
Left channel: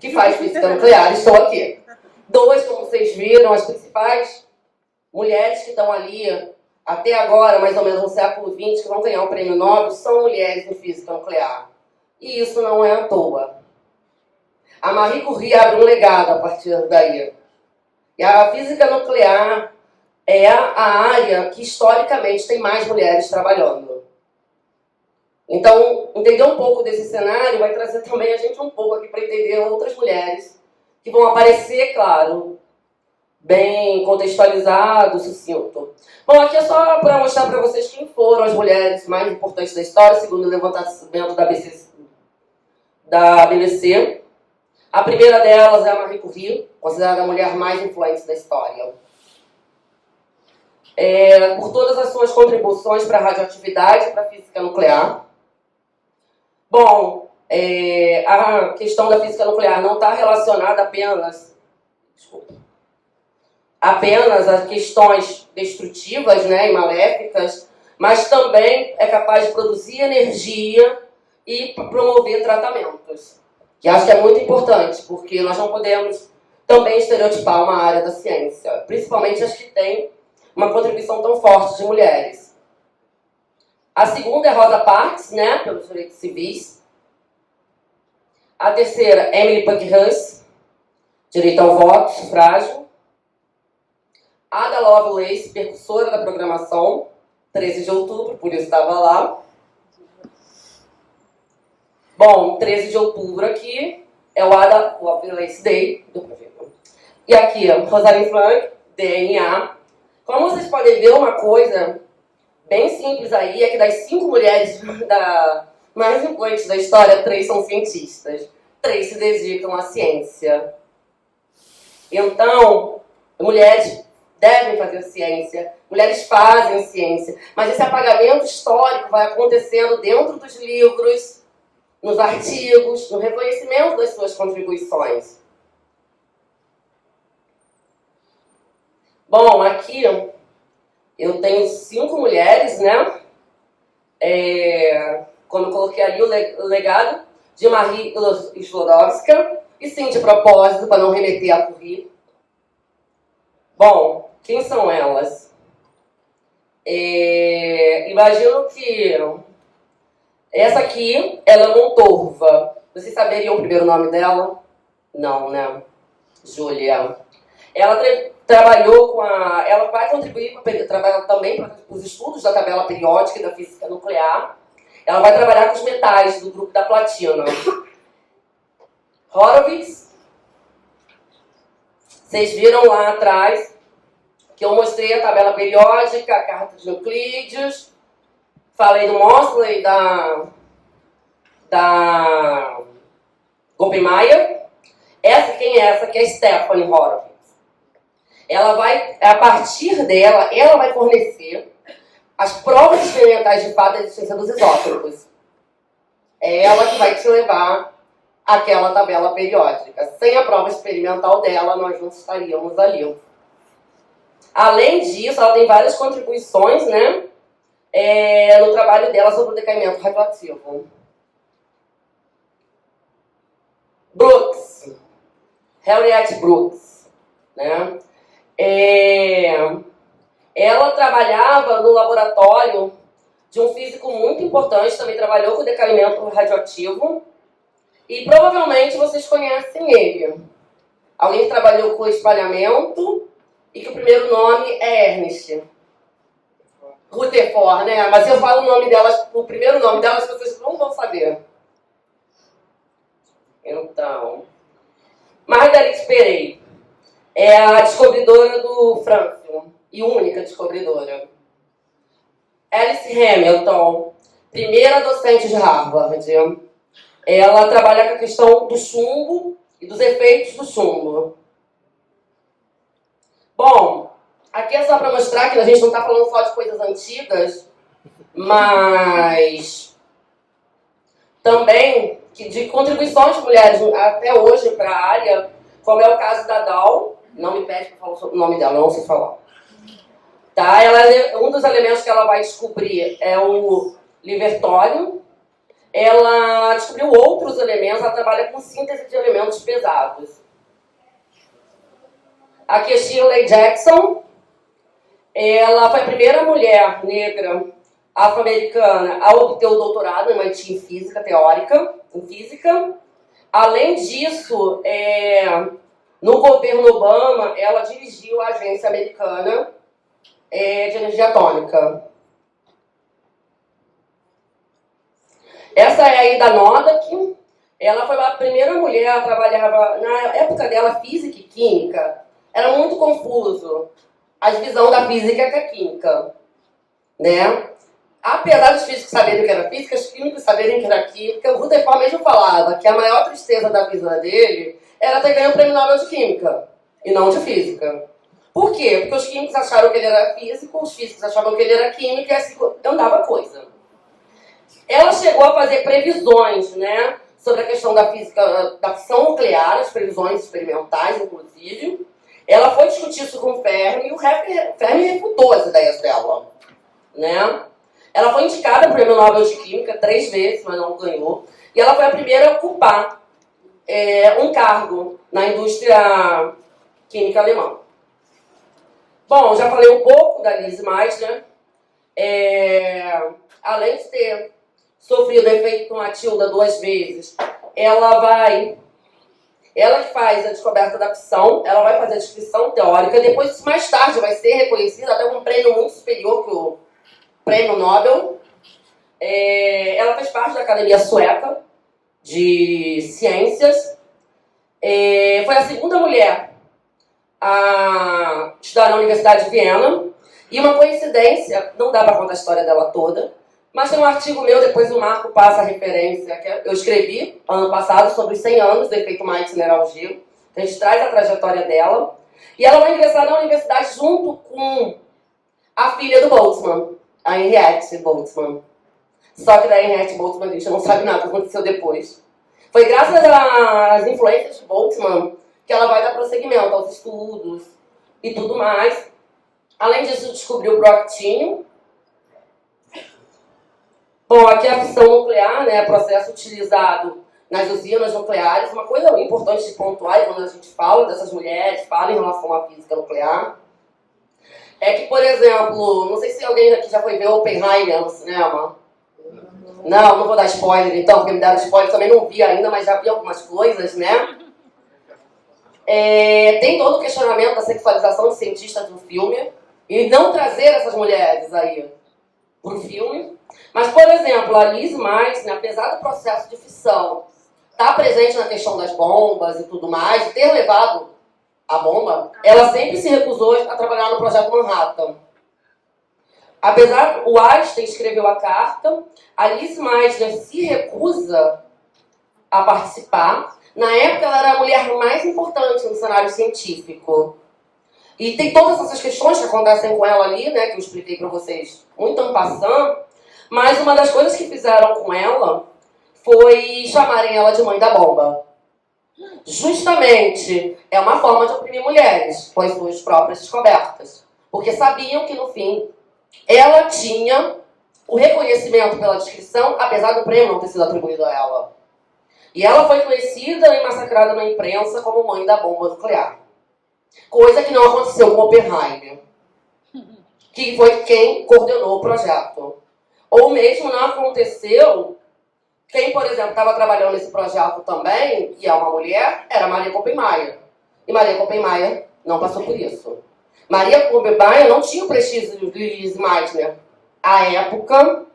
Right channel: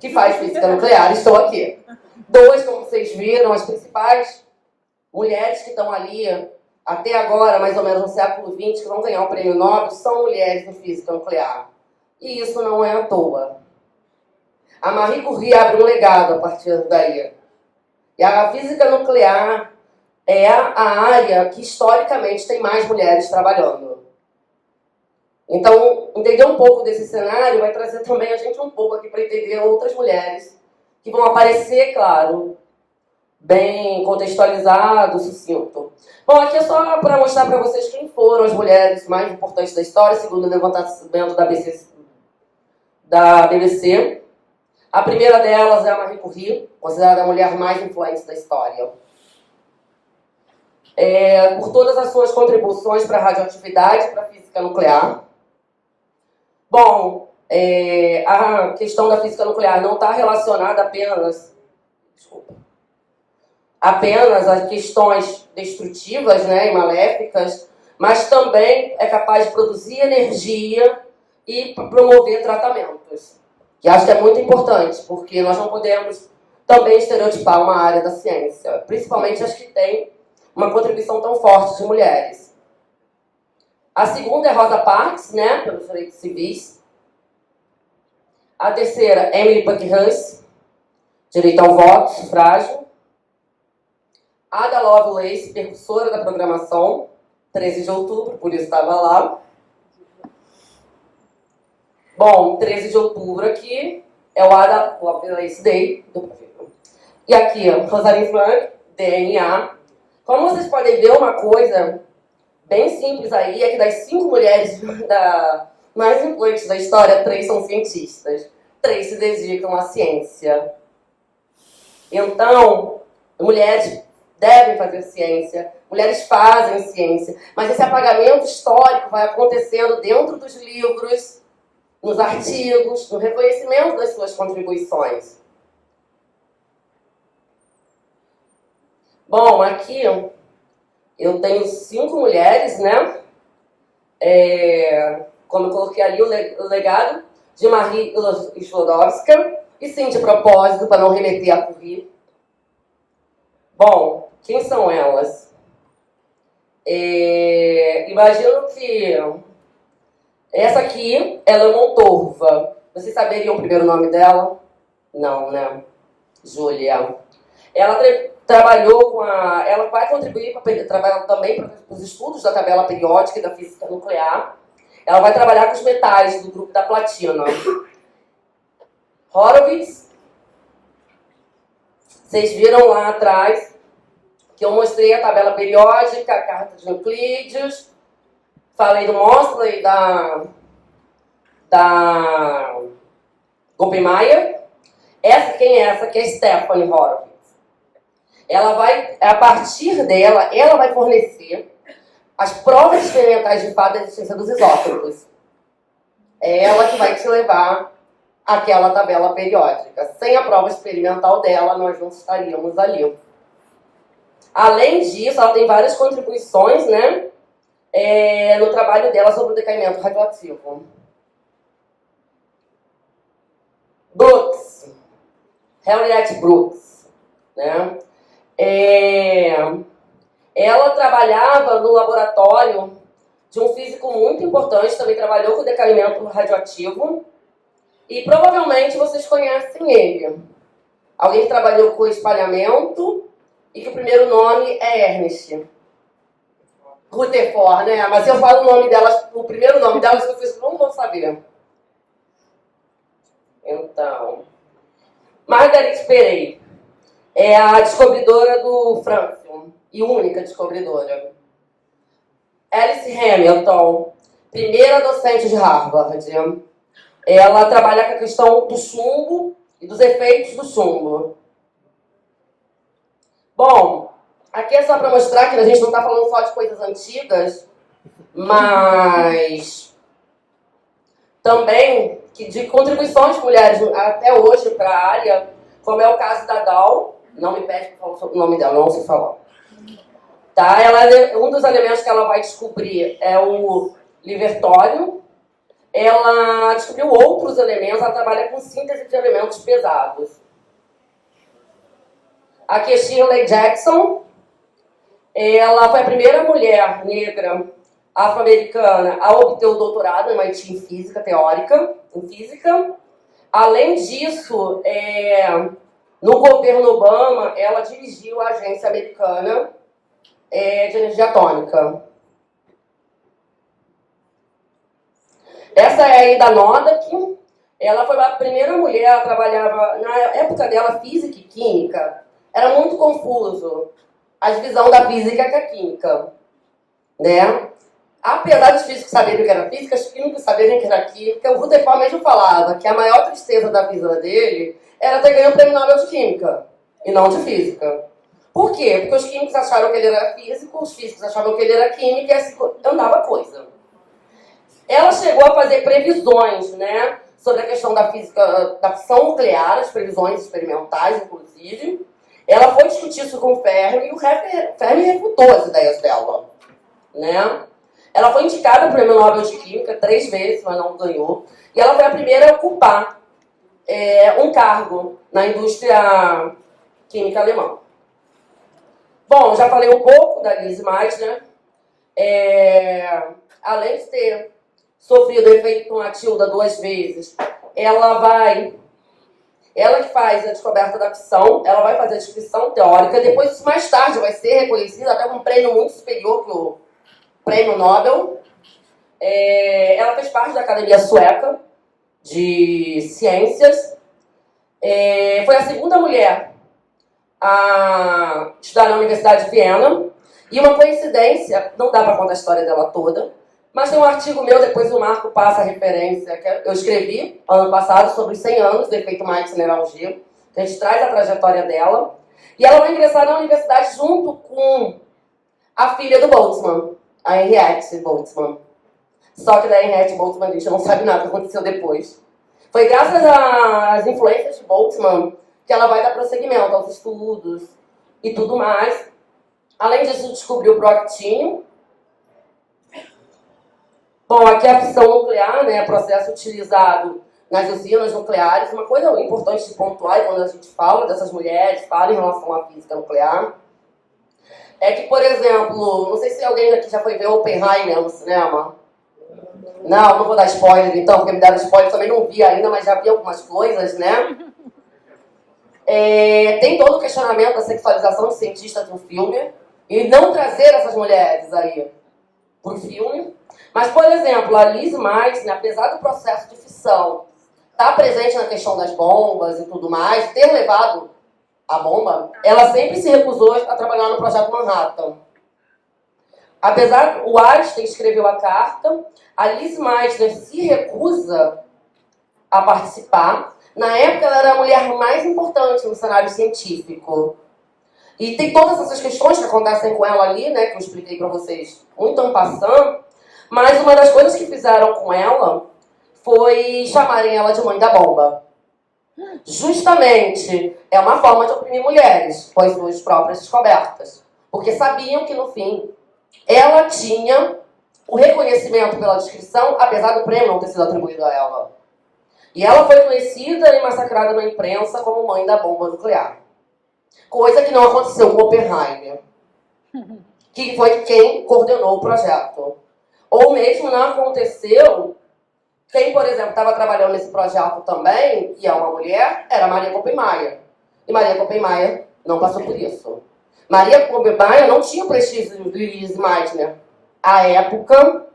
que faz física nuclear, estou aqui. 2, como vocês viram, as principais mulheres que estão ali até agora, mais ou menos no século XX, que vão ganhar o prêmio Nobel, são mulheres em física nuclear. E isso não é à toa. A Marie Curie abre um legado a partir daí. E a física nuclear é a área que, historicamente, tem mais mulheres trabalhando. Então, entender um pouco desse cenário vai trazer também a gente um pouco aqui para entender outras mulheres que vão aparecer, claro, bem contextualizado, sucinto. Bom, aqui é só para mostrar para vocês quem foram as mulheres mais importantes da história, segundo o levantamento da BBC. A primeira delas é a Marie Curie, considerada a mulher mais influente da história. Por todas as suas contribuições para a radioatividade e para a física nuclear. Bom, a questão da física nuclear não está relacionada apenas a questões destrutivas, né, e maléficas, mas também é capaz de produzir energia e promover tratamentos. Que acho que é muito importante, porque nós não podemos também estereotipar uma área da ciência, principalmente as que têm uma contribuição tão forte de mulheres. A segunda é Rosa Parks, né, pelos direitos civis. A terceira, Emily Pankhurst, direito ao voto, sufrágio. Ada Lovelace, percussora da programação. 13 de outubro, por isso estava lá. Bom, 13 de outubro aqui é o Adolescence Day. E aqui, Rosalind Franklin, DNA. Como vocês podem ver, uma coisa bem simples aí é que das 5 mulheres mais influentes da história, 3 são cientistas. 3 se dedicam à ciência. Então, mulheres devem fazer ciência, mulheres fazem ciência, mas esse apagamento histórico vai acontecendo dentro dos livros, nos artigos, no reconhecimento das suas contribuições. Bom, aqui eu tenho 5 mulheres, né? Como eu coloquei ali o legado de Marie Sklodowska, e sim, de propósito, para não remeter a Curie. Bom, quem são elas? Imagino que essa aqui, ela é Montorva. Vocês saberiam o primeiro nome dela? Não, né? Júlia. Ela trabalhou com ela vai contribuir para também para os estudos da tabela periódica e da física nuclear. Ela vai trabalhar com os metais do grupo da platina. Horowitz. Vocês viram lá atrás que eu mostrei a tabela periódica, a carta de Euclides. Falei do Mosley, da Oppenheimer. Quem é essa? Que é a Stephanie Horowitz. Ela vai, a partir dela, ela vai fornecer as provas experimentais de fato da existência dos isótopos. É ela que vai te levar àquela tabela periódica. Sem a prova experimental dela, nós não estaríamos ali. Além disso, ela tem várias contribuições, né, no trabalho dela sobre o decaimento radioativo. Brooks, Harriet Brooks, né? Ela trabalhava no laboratório de um físico muito importante, também trabalhou com o decaimento radioativo, e provavelmente vocês conhecem ele. Alguém que trabalhou com espalhamento e que o primeiro nome é Ernest Rutherford, né? Mas eu falo o nome delas, o primeiro nome delas, vocês não vão saber. Então, Marguerite Perey é a descobridora do Francium e única descobridora. Alice Hamilton, primeira docente de Harvard. Ela trabalha com a questão do chumbo e dos efeitos do chumbo. Bom, aqui é só para mostrar que a gente não está falando só de coisas antigas, mas também de contribuições de mulheres até hoje para a área, como é o caso da Dow. Não me pede para falar sobre o nome dela, não sei falar. Tá? Um dos elementos que ela vai descobrir é o livertório. Ela descobriu outros elementos, ela trabalha com síntese de elementos pesados. Aqui é Shirley Jackson. Ela foi a primeira mulher negra afro-americana a obter o doutorado no MIT em física teórica, em física. Além disso, no governo Obama, ela dirigiu a agência americana de energia atômica. Essa é a Ada Nodak. Ela foi a primeira mulher a trabalhar, na época dela, física e química. Era muito confuso a divisão da física com a química, né? Apesar dos físicos saberem que era física, os químicos saberem que era química, o Rutherford mesmo falava que a maior tristeza da vida dele era ter ganho o prêmio Nobel de Química, e não de Física. Por quê? Porque os químicos acharam que ele era físico, os físicos achavam que ele era químico, e assim andava coisa. Ela chegou a fazer previsões, né, sobre a questão da física, da fissão nuclear, as previsões experimentais, inclusive. Ela foi discutir isso com o Fermi, e o Fermi refutou as ideias dela, né? Ela foi indicada para o Prêmio Nobel de Química 3 vezes, mas não ganhou. E ela foi a primeira a ocupar um cargo na indústria química alemã. Bom, já falei um pouco da Lise Meitner. Além de ter sofrido efeito com a Tilda 2 vezes, ela que faz a descoberta da fissão, ela vai fazer a descrição teórica, depois isso mais tarde vai ser reconhecido até com um prêmio muito superior prêmio Nobel. Ela fez parte da Academia Sueca de Ciências. Foi a segunda mulher a estudar na Universidade de Viena. E uma coincidência, não dá para contar a história dela toda, mas tem um artigo meu, depois o Marco passa a referência, que eu escrevi ano passado sobre os 100 anos do efeito Meitner-Algier. A gente traz a trajetória dela. E ela vai ingressar na universidade junto com a filha do Boltzmann, a Henriette Boltzmann. Só que da Henriette Boltzmann a gente não sabe nada o que aconteceu depois. Foi graças às influências de Boltzmann que ela vai dar prosseguimento aos estudos e tudo mais. Além disso, descobriu o proactínio. Bom, aqui é a fissão nuclear, né, processo utilizado nas usinas nucleares. Uma coisa importante de pontuar quando a gente fala dessas mulheres, fala em relação à física nuclear, é que, por exemplo, não sei se alguém aqui já foi ver Oppenheimer no cinema. Não vou dar spoiler então, porque me deram spoiler, também não vi ainda, mas já vi algumas coisas, né? Tem todo o questionamento da sexualização de cientistas no filme e não trazer essas mulheres aí pro filme. Mas, por exemplo, a Liz Meitner, apesar do processo de fissão estar presente na questão das bombas e tudo mais, ter levado a bomba, ela sempre se recusou a trabalhar no Projeto Manhattan. Apesar, o Einstein escreveu a carta, a Liz Meitner se recusa a participar. Na época, ela era a mulher mais importante no cenário científico. E tem todas essas questões que acontecem com ela ali, né, que eu expliquei para vocês muito en passant, mas uma das coisas que fizeram com ela foi chamarem ela de mãe da bomba. Justamente, é uma forma de oprimir mulheres com as suas próprias descobertas. Porque sabiam que, no fim, ela tinha o reconhecimento pela descrição, apesar do prêmio não ter sido atribuído a ela. E ela foi conhecida e massacrada na imprensa como mãe da bomba nuclear. Coisa que não aconteceu com Oppenheimer, que foi quem coordenou o projeto. Ou mesmo não aconteceu, quem, por exemplo, estava trabalhando nesse projeto também, e é uma mulher, era Maria Koppenmeier. E Maria Koppenmeier não passou por isso. Maria Koppenmeier não tinha o prestígio de Liz Meitner à época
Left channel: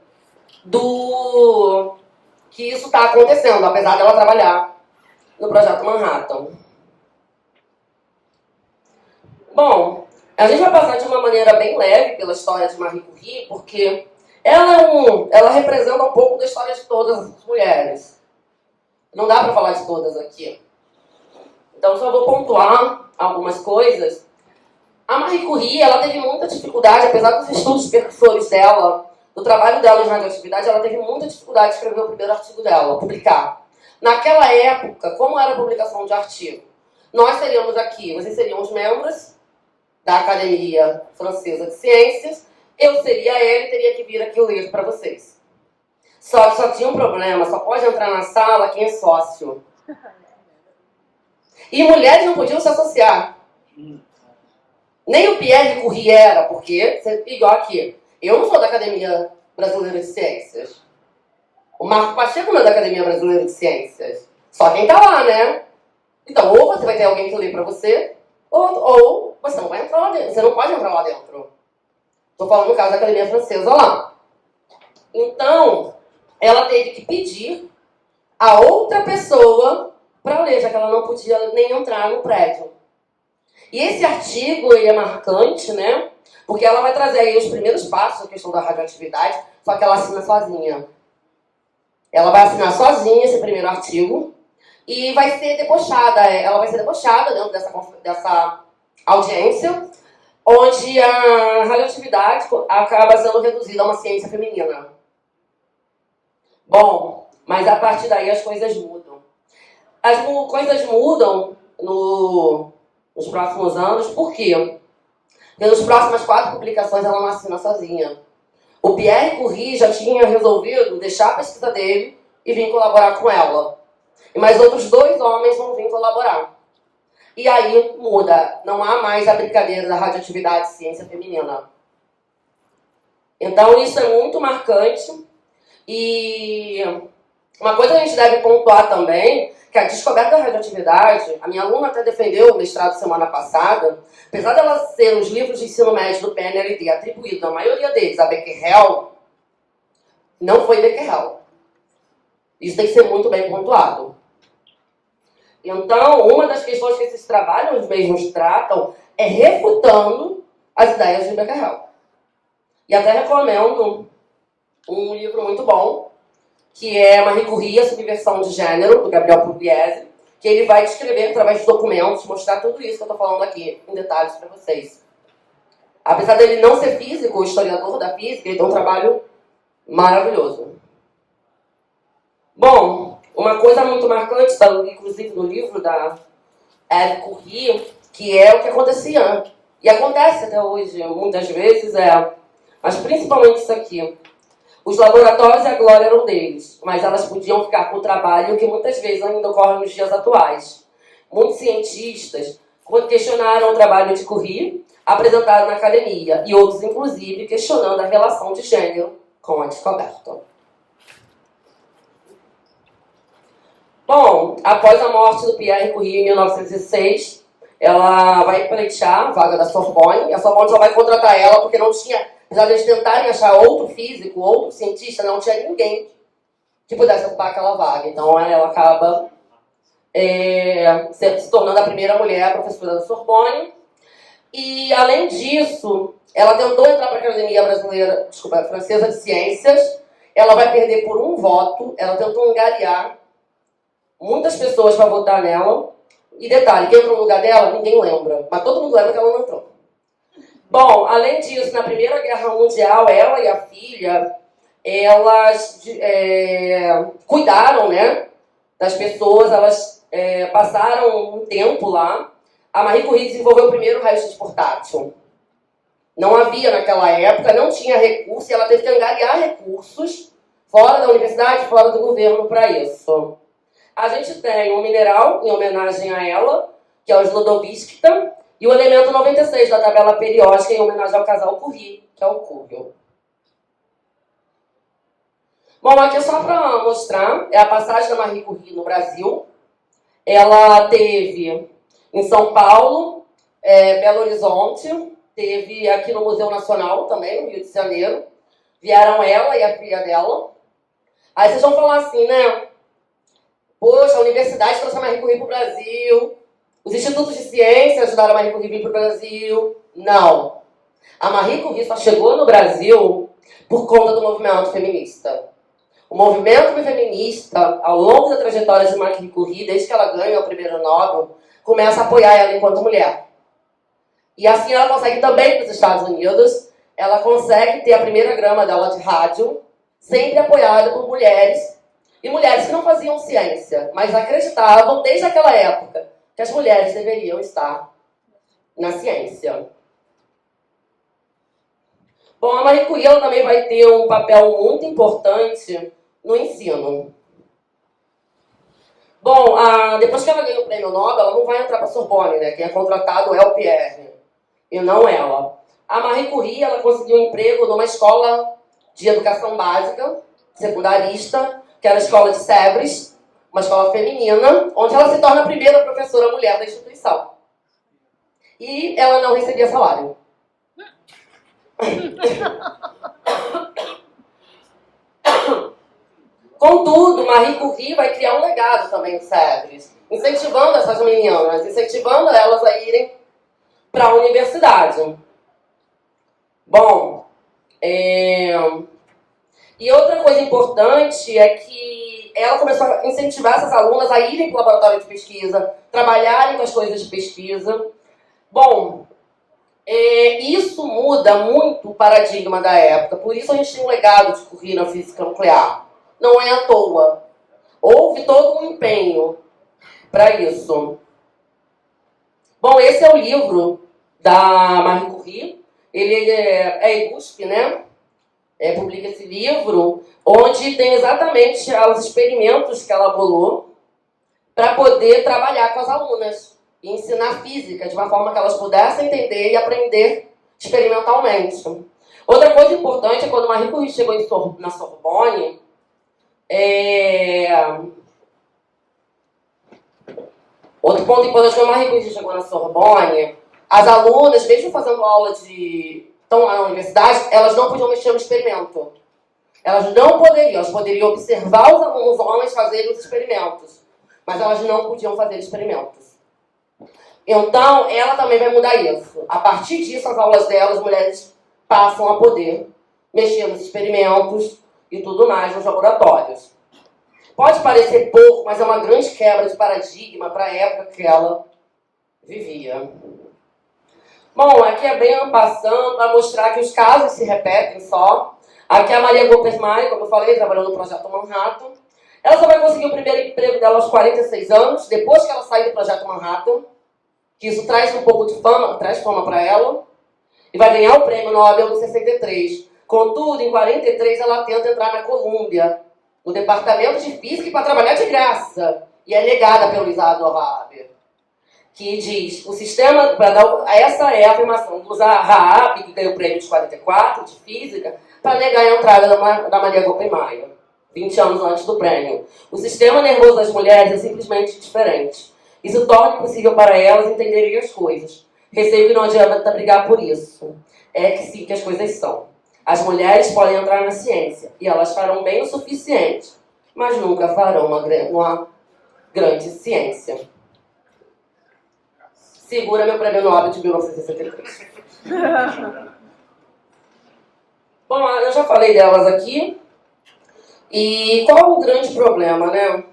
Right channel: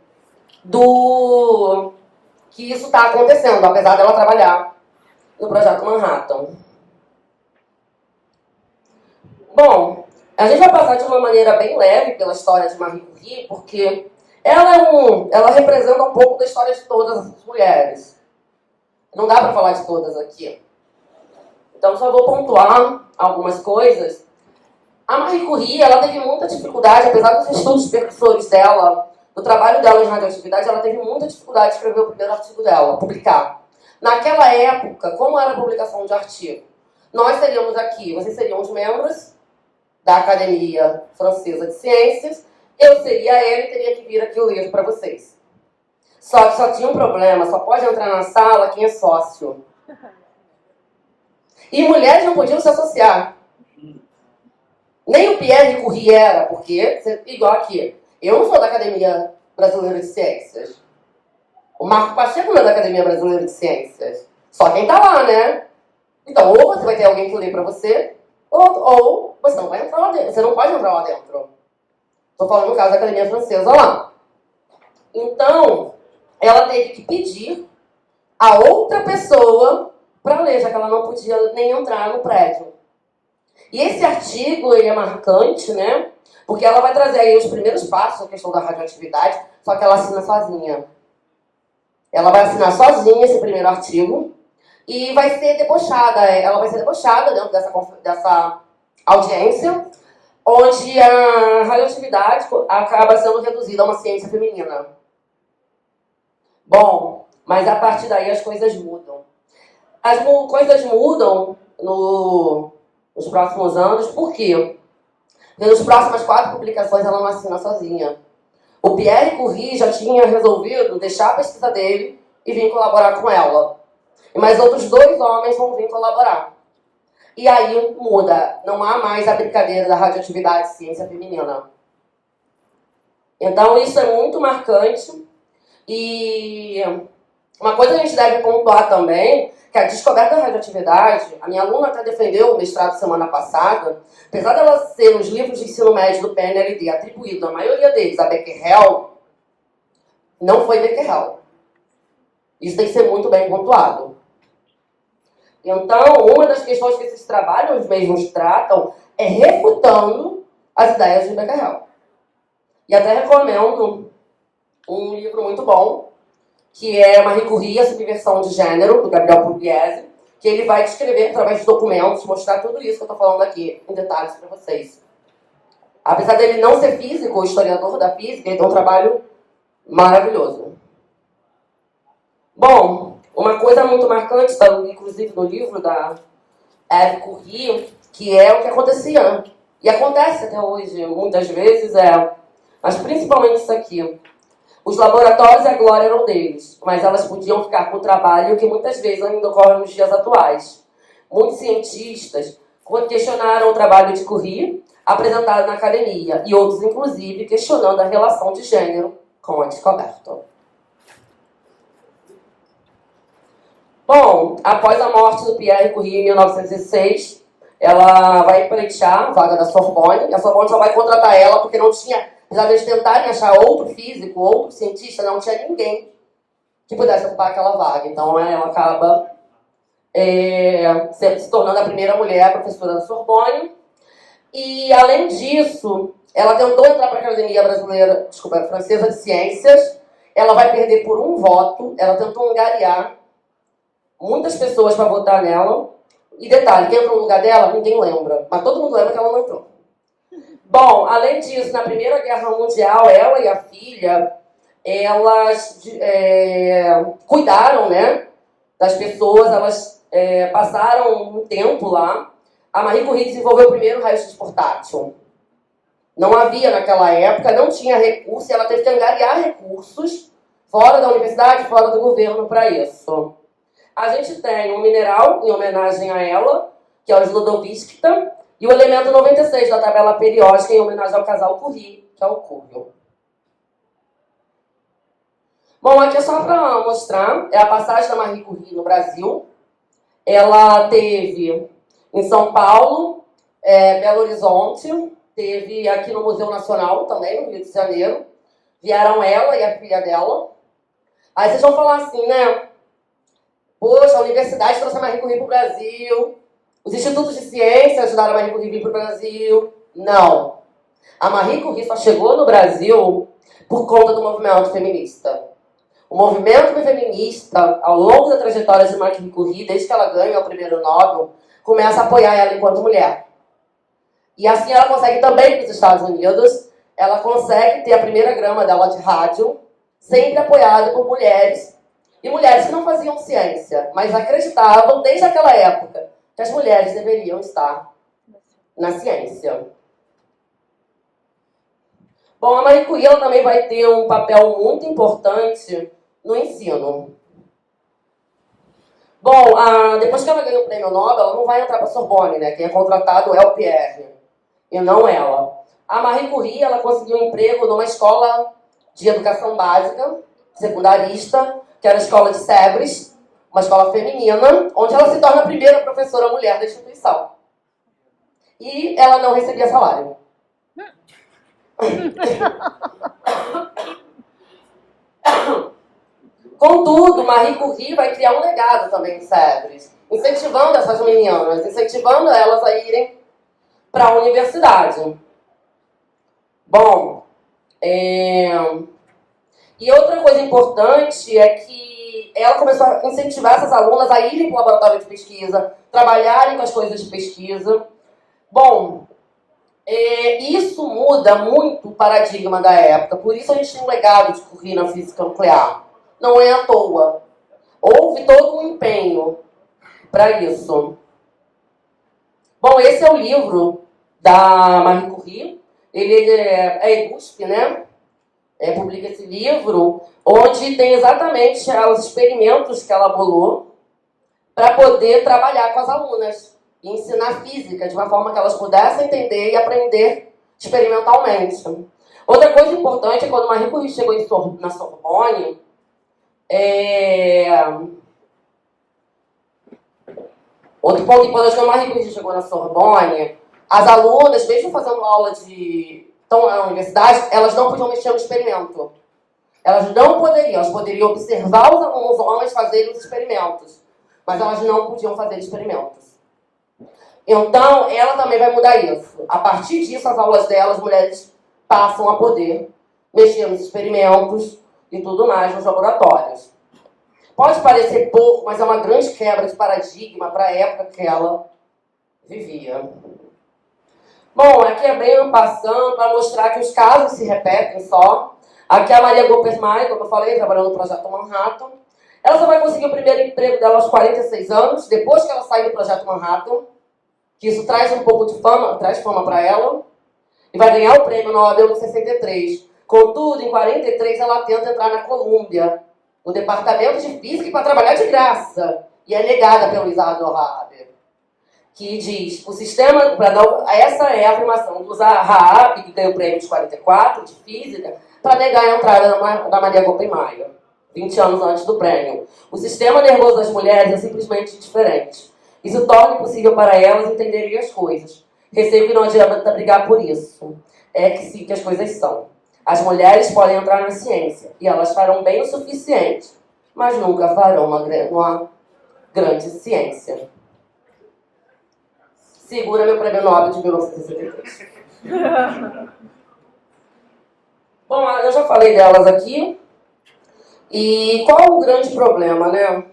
do que isso está acontecendo, apesar dela trabalhar no Projeto Manhattan. Bom, a gente vai passar de uma maneira bem leve pela história de Marie Curie, porque ela representa um pouco da história de todas as mulheres. Não dá para falar de todas aqui. Então, só vou pontuar algumas coisas. A Marie Curie, ela teve muita dificuldade, apesar dos estudos percussores dela, do trabalho dela em radioatividade, ela teve muita dificuldade de escrever o primeiro artigo dela, publicar. Naquela época, como era a publicação de artigo? Nós seríamos aqui, vocês seriam os membros da Academia Francesa de Ciências, eu seria ela e teria que vir aqui ler para vocês. Só que só tinha um problema, só pode entrar na sala quem é sócio. E mulheres não podiam se associar. Nem o Pierre Curie era, porque, igual aqui, eu não sou da Academia Brasileira de Ciências. O Marco Pacheco não é da Academia Brasileira de Ciências. Só quem tá lá, né? Então, ou você vai ter alguém que lê para você, ou você não vai entrar lá dentro. Você não pode entrar lá dentro. Estou falando no caso da Academia Francesa lá. Então, ela teve que pedir a outra pessoa para ler, já que ela não podia nem entrar no prédio. E esse artigo, ele é marcante, né? Porque ela vai trazer aí os primeiros passos da questão da radioatividade, só que ela assina sozinha. Ela vai assinar sozinha esse primeiro artigo e vai ser debochada. Ela vai ser debochada dentro dessa audiência, onde a radioatividade acaba sendo reduzida a uma ciência feminina. Bom, mas a partir daí as coisas mudam. As coisas mudam nos próximos anos, por quê? Porque nas próximas 4 publicações ela não assina sozinha. O Pierre Curie já tinha resolvido deixar a pesquisa dele e vir colaborar com ela. E mais outros 2 homens vão vir colaborar. E aí muda, não há mais a brincadeira da radioatividade e ciência feminina. Então isso é muito marcante. E Uma coisa que a gente deve pontuar também, que a descoberta da radioatividade, a minha aluna até defendeu o mestrado semana passada, apesar dela ser nos livros de ensino médio do PNLD atribuído, a maioria deles, a Becquerel, não foi Becquerel. Isso tem que ser muito bem pontuado. Então, uma das questões que esses trabalhos mesmos tratam é refutando as ideias de Becquerel. E até recomendo um livro muito bom, que é Marie Curie, a Subversão de Gênero, do Gabriel Pugliese, que ele vai descrever através de documentos, mostrar tudo isso que eu estou falando aqui, em detalhes para vocês. Apesar dele não ser físico, historiador da física, ele tem um trabalho maravilhoso. Bom, uma coisa muito marcante, inclusive no livro da Eve Curie, que é o que acontecia, e acontece até hoje, muitas vezes, mas principalmente isso aqui. Os laboratórios, a glória eram deles, mas elas podiam ficar com o trabalho que muitas vezes ainda ocorre nos dias atuais. Muitos cientistas questionaram o trabalho de Curie, apresentado na academia, e outros, inclusive, questionando a relação de gênero com a descoberta. Bom, após a morte do Pierre Curie em 1906, ela vai pleitear a vaga da Sorbonne, e a Sorbonne só vai contratar ela porque não tinha... Apesar de eles tentarem achar outro físico, outro cientista, não tinha ninguém que pudesse ocupar aquela vaga. Então, ela acaba se tornando a primeira mulher professora da Sorbonne. E, além disso, ela tentou entrar para a Academia Francesa de Ciências. Ela vai perder por um voto. Ela tentou angariar muitas pessoas para votar nela. E, detalhe, quem entrou no lugar dela, ninguém lembra. Mas todo mundo lembra que ela não entrou. Bom, além disso, na Primeira Guerra Mundial, ela e a filha, elas cuidaram, né, das pessoas, elas passaram um tempo lá. A Marie Curie desenvolveu o primeiro raio-x portátil. Não havia naquela época, não tinha recurso, e ela teve que angariar recursos fora da universidade, fora do governo para isso. A gente tem um mineral em homenagem a ela, que é o Slodovskita, e o elemento 96 da tabela periódica em homenagem ao casal Curie, que é o Cúrio. Bom, aqui é só para mostrar, é a passagem da Marie Curie no Brasil. Ela teve em São Paulo, Belo Horizonte, teve aqui no Museu Nacional também, no Rio de Janeiro. Vieram ela e a filha dela. Aí vocês vão falar assim, né? Poxa, a universidade trouxe a Marie Curie para o Brasil. Os institutos de ciência ajudaram a Marie Curie a vir para o Brasil. Não. A Marie Curie só chegou no Brasil por conta do movimento feminista. O movimento feminista, ao longo da trajetória de Marie Curie, desde que ela ganha o primeiro Nobel, começa a apoiar ela enquanto mulher. E assim ela consegue também para os Estados Unidos, ela consegue ter a primeira grama dela de rádio, sempre apoiada por mulheres. E mulheres que não faziam ciência, mas acreditavam, desde aquela época, que as mulheres deveriam estar na ciência. Bom, a Marie Curie ela também vai ter um papel muito importante no ensino. Bom, depois que ela ganha o prêmio Nobel, ela não vai entrar para a Sorbonne, né? Quem é contratado é o Pierre, e não ela. A Marie Curie ela conseguiu um emprego numa escola de educação básica, secundarista, que era a escola de Sèvres, uma escola feminina, onde ela se torna a primeira professora mulher da instituição. E ela não recebia salário. Contudo, Marie Curie vai criar um legado também em Sèvres, incentivando essas meninas, incentivando elas a irem para a universidade. Bom, e outra coisa importante é que ela começou a incentivar essas alunas a irem para o laboratório de pesquisa, trabalharem com as coisas de pesquisa. Bom, isso muda muito o paradigma da época, por isso a gente tem um legado de Curie na física nuclear. Não é à toa. Houve todo um empenho para isso. Bom, esse é o livro da Marie Curie. Ele é EGUSP, né? Publica esse livro, onde tem exatamente os experimentos que ela bolou para poder trabalhar com as alunas e ensinar física de uma forma que elas pudessem entender e aprender experimentalmente. Outra coisa importante é quando Marie Curie chegou na Sorbonne, Outro ponto importante, quando a Marie Curie chegou na Sorbonne, as alunas, mesmo fazendo aula estão lá na universidade, elas não podiam mexer no experimento. Elas não poderiam, elas poderiam observar os alunos homens fazerem os experimentos, mas elas não podiam fazer experimentos. Então, ela também vai mudar isso. A partir disso, as aulas delas, as mulheres passam a poder mexer nos experimentos e tudo mais nos laboratórios. Pode parecer pouco, mas é uma grande quebra de paradigma para a época que ela vivia. Bom, aqui é bem passando para mostrar que os casos se repetem só. Aqui é a Maria Goppersmaier, como eu falei, trabalhando no Projeto Manhattan. Ela só vai conseguir o primeiro emprego dela aos 46 anos, depois que ela sai do Projeto Manhattan, que isso traz um pouco de fama, traz fama para ela, e vai ganhar o prêmio Nobel em 63. Contudo, em 43 ela tenta entrar na Colômbia, no departamento de física, para trabalhar de graça, e é negada pelo Isaac Raab, que diz, o sistema, essa é a afirmação do Raab, que ganhou o prêmio de 44, de física, para negar a entrada da Maria Goppersmaier, 20 anos antes do prêmio. O sistema nervoso das mulheres é simplesmente diferente. Isso torna impossível para elas entenderem as coisas. Receio que não adianta brigar por isso. É que sim que as coisas são. As mulheres podem entrar na ciência, e elas farão bem o suficiente, mas nunca farão uma grande ciência. Segura meu prêmio Nobel de 1963. Bom, eu já falei delas aqui. E qual o grande problema, né?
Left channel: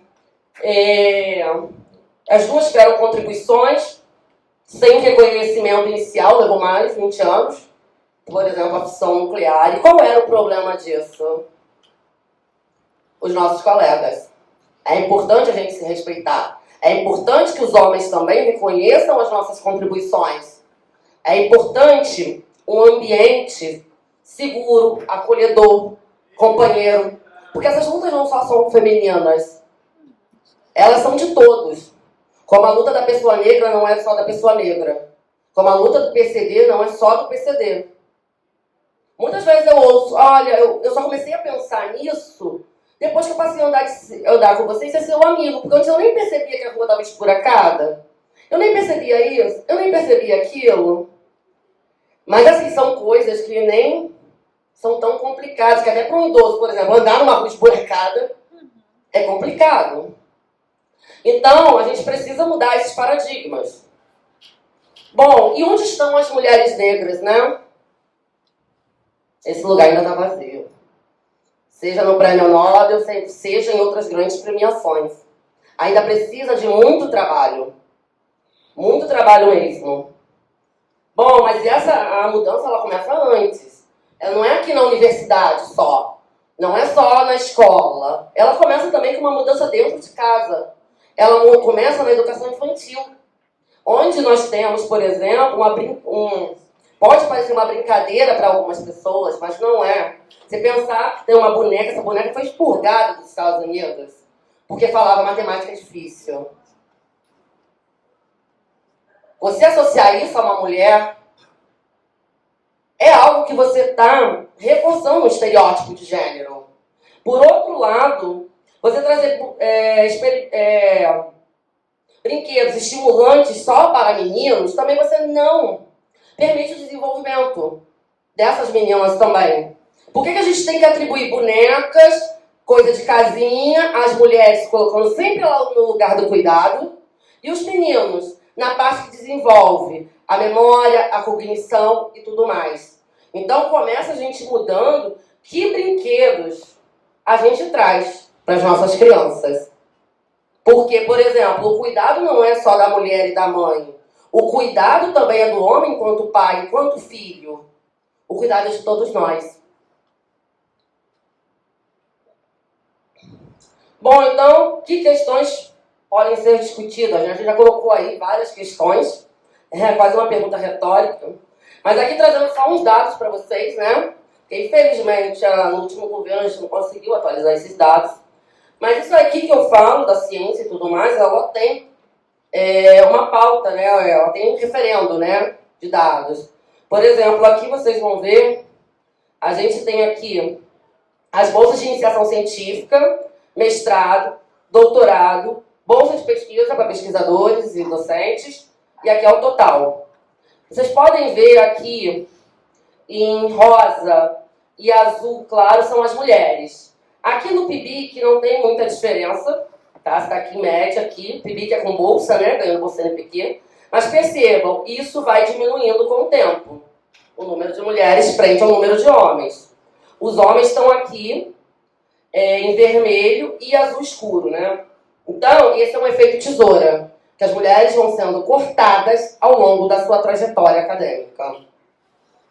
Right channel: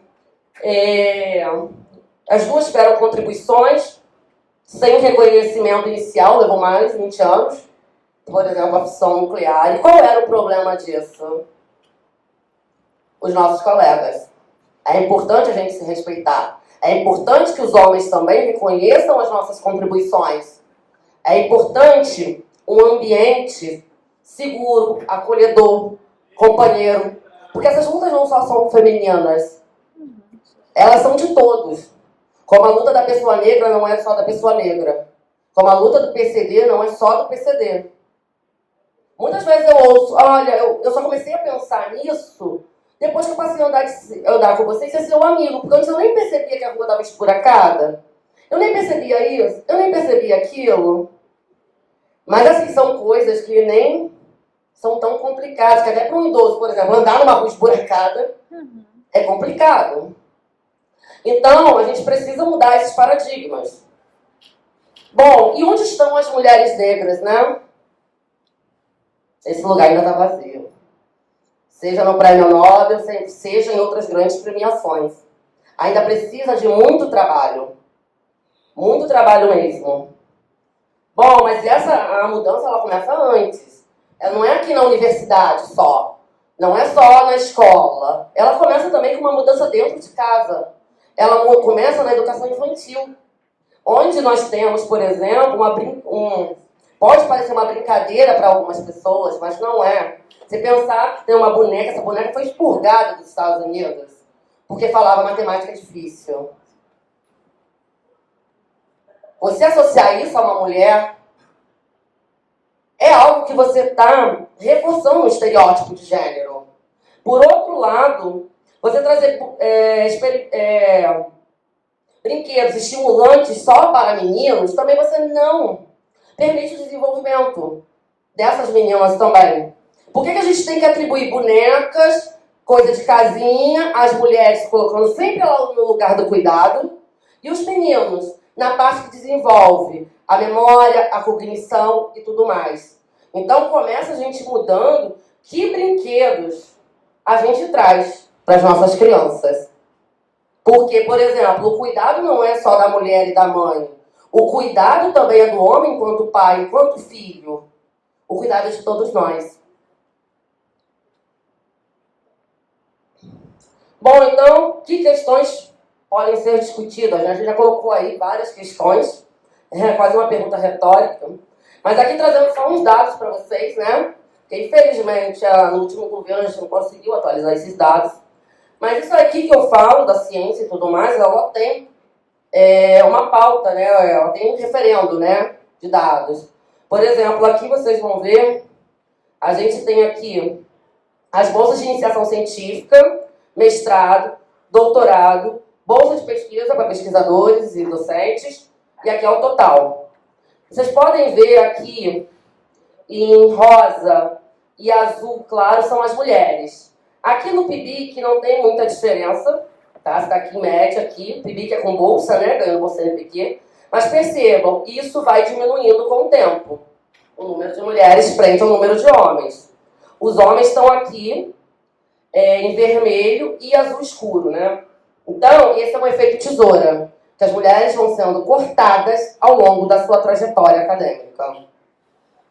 As duas tiveram contribuições sem reconhecimento inicial, levou mais de 20 anos. Por exemplo, a fissão nuclear. E qual era o problema disso? Os nossos colegas. É importante a gente se respeitar. É importante que os homens também reconheçam as nossas contribuições. É importante um ambiente seguro, acolhedor, companheiro. Porque essas lutas não só são femininas. Elas são de todos. Como a luta da pessoa negra não é só da pessoa negra. Como a luta do PCD não é só do PCD. Muitas vezes eu ouço, olha, eu só comecei a pensar nisso depois que eu passei a andar com vocês e ser seu amigo. Porque antes eu nem percebia que a rua estava esburacada. Eu nem percebia isso, eu nem percebia aquilo. Mas assim, são coisas que nem são tão complicadas, que até para um idoso, por exemplo, andar numa rua esburacada é complicado. Então, a gente precisa mudar esses paradigmas. Bom, e onde estão as mulheres negras, né? Esse lugar ainda está vazio. Seja no Prêmio Nobel, seja em outras grandes premiações. Ainda precisa de muito trabalho. Muito trabalho mesmo. Bom, mas a mudança ela começa antes. Ela não é aqui na universidade só. Não é só na escola. Ela começa também com uma mudança dentro de casa. Ela começa na educação infantil. Onde nós temos, por exemplo, pode parecer uma brincadeira para algumas pessoas, mas não é. Você pensar que tem uma boneca, essa boneca foi expurgada dos Estados Unidos, porque falava matemática difícil. Você associar isso a uma mulher é algo que você está reforçando um estereótipo de gênero. Por outro lado, você trazer brinquedos estimulantes só para meninos, também você não permite o desenvolvimento dessas meninas também. Por que a gente tem que atribuir bonecas, coisa de casinha, as mulheres colocando sempre ela no lugar do cuidado, e os meninos na parte que desenvolve a memória, a cognição e tudo mais? Então começa a gente mudando que brinquedos a gente traz para as nossas crianças. Porque, por exemplo, o cuidado não é só da mulher e da mãe. O cuidado também é do homem enquanto pai, enquanto filho. O cuidado é de todos nós. Bom, então, que questões podem ser discutidas? A gente já colocou aí várias questões. É quase uma pergunta retórica. Mas aqui trazendo só uns dados para vocês, né? Porque, infelizmente, no último governo a gente não conseguiu atualizar esses dados. Mas isso aqui que eu falo, da ciência e tudo mais, ela tem uma pauta, né? Ela tem um referendo, né, de dados. Por exemplo, aqui vocês vão ver, a gente tem aqui as bolsas de iniciação científica, mestrado, doutorado, bolsa de pesquisa para pesquisadores e docentes, e aqui é o total. Vocês podem ver aqui, em rosa e azul claro, são as mulheres. Aqui no PIBIC não tem muita diferença, tá? Você está aqui em média, aqui, PIBIC é com bolsa, né? Ganhando bolsa NPq. Mas percebam, isso vai diminuindo com o tempo. O número de mulheres frente ao número de homens. Os homens estão aqui em vermelho e azul escuro, né? Então, esse é um efeito tesoura, que as mulheres vão sendo cortadas ao longo da sua trajetória acadêmica.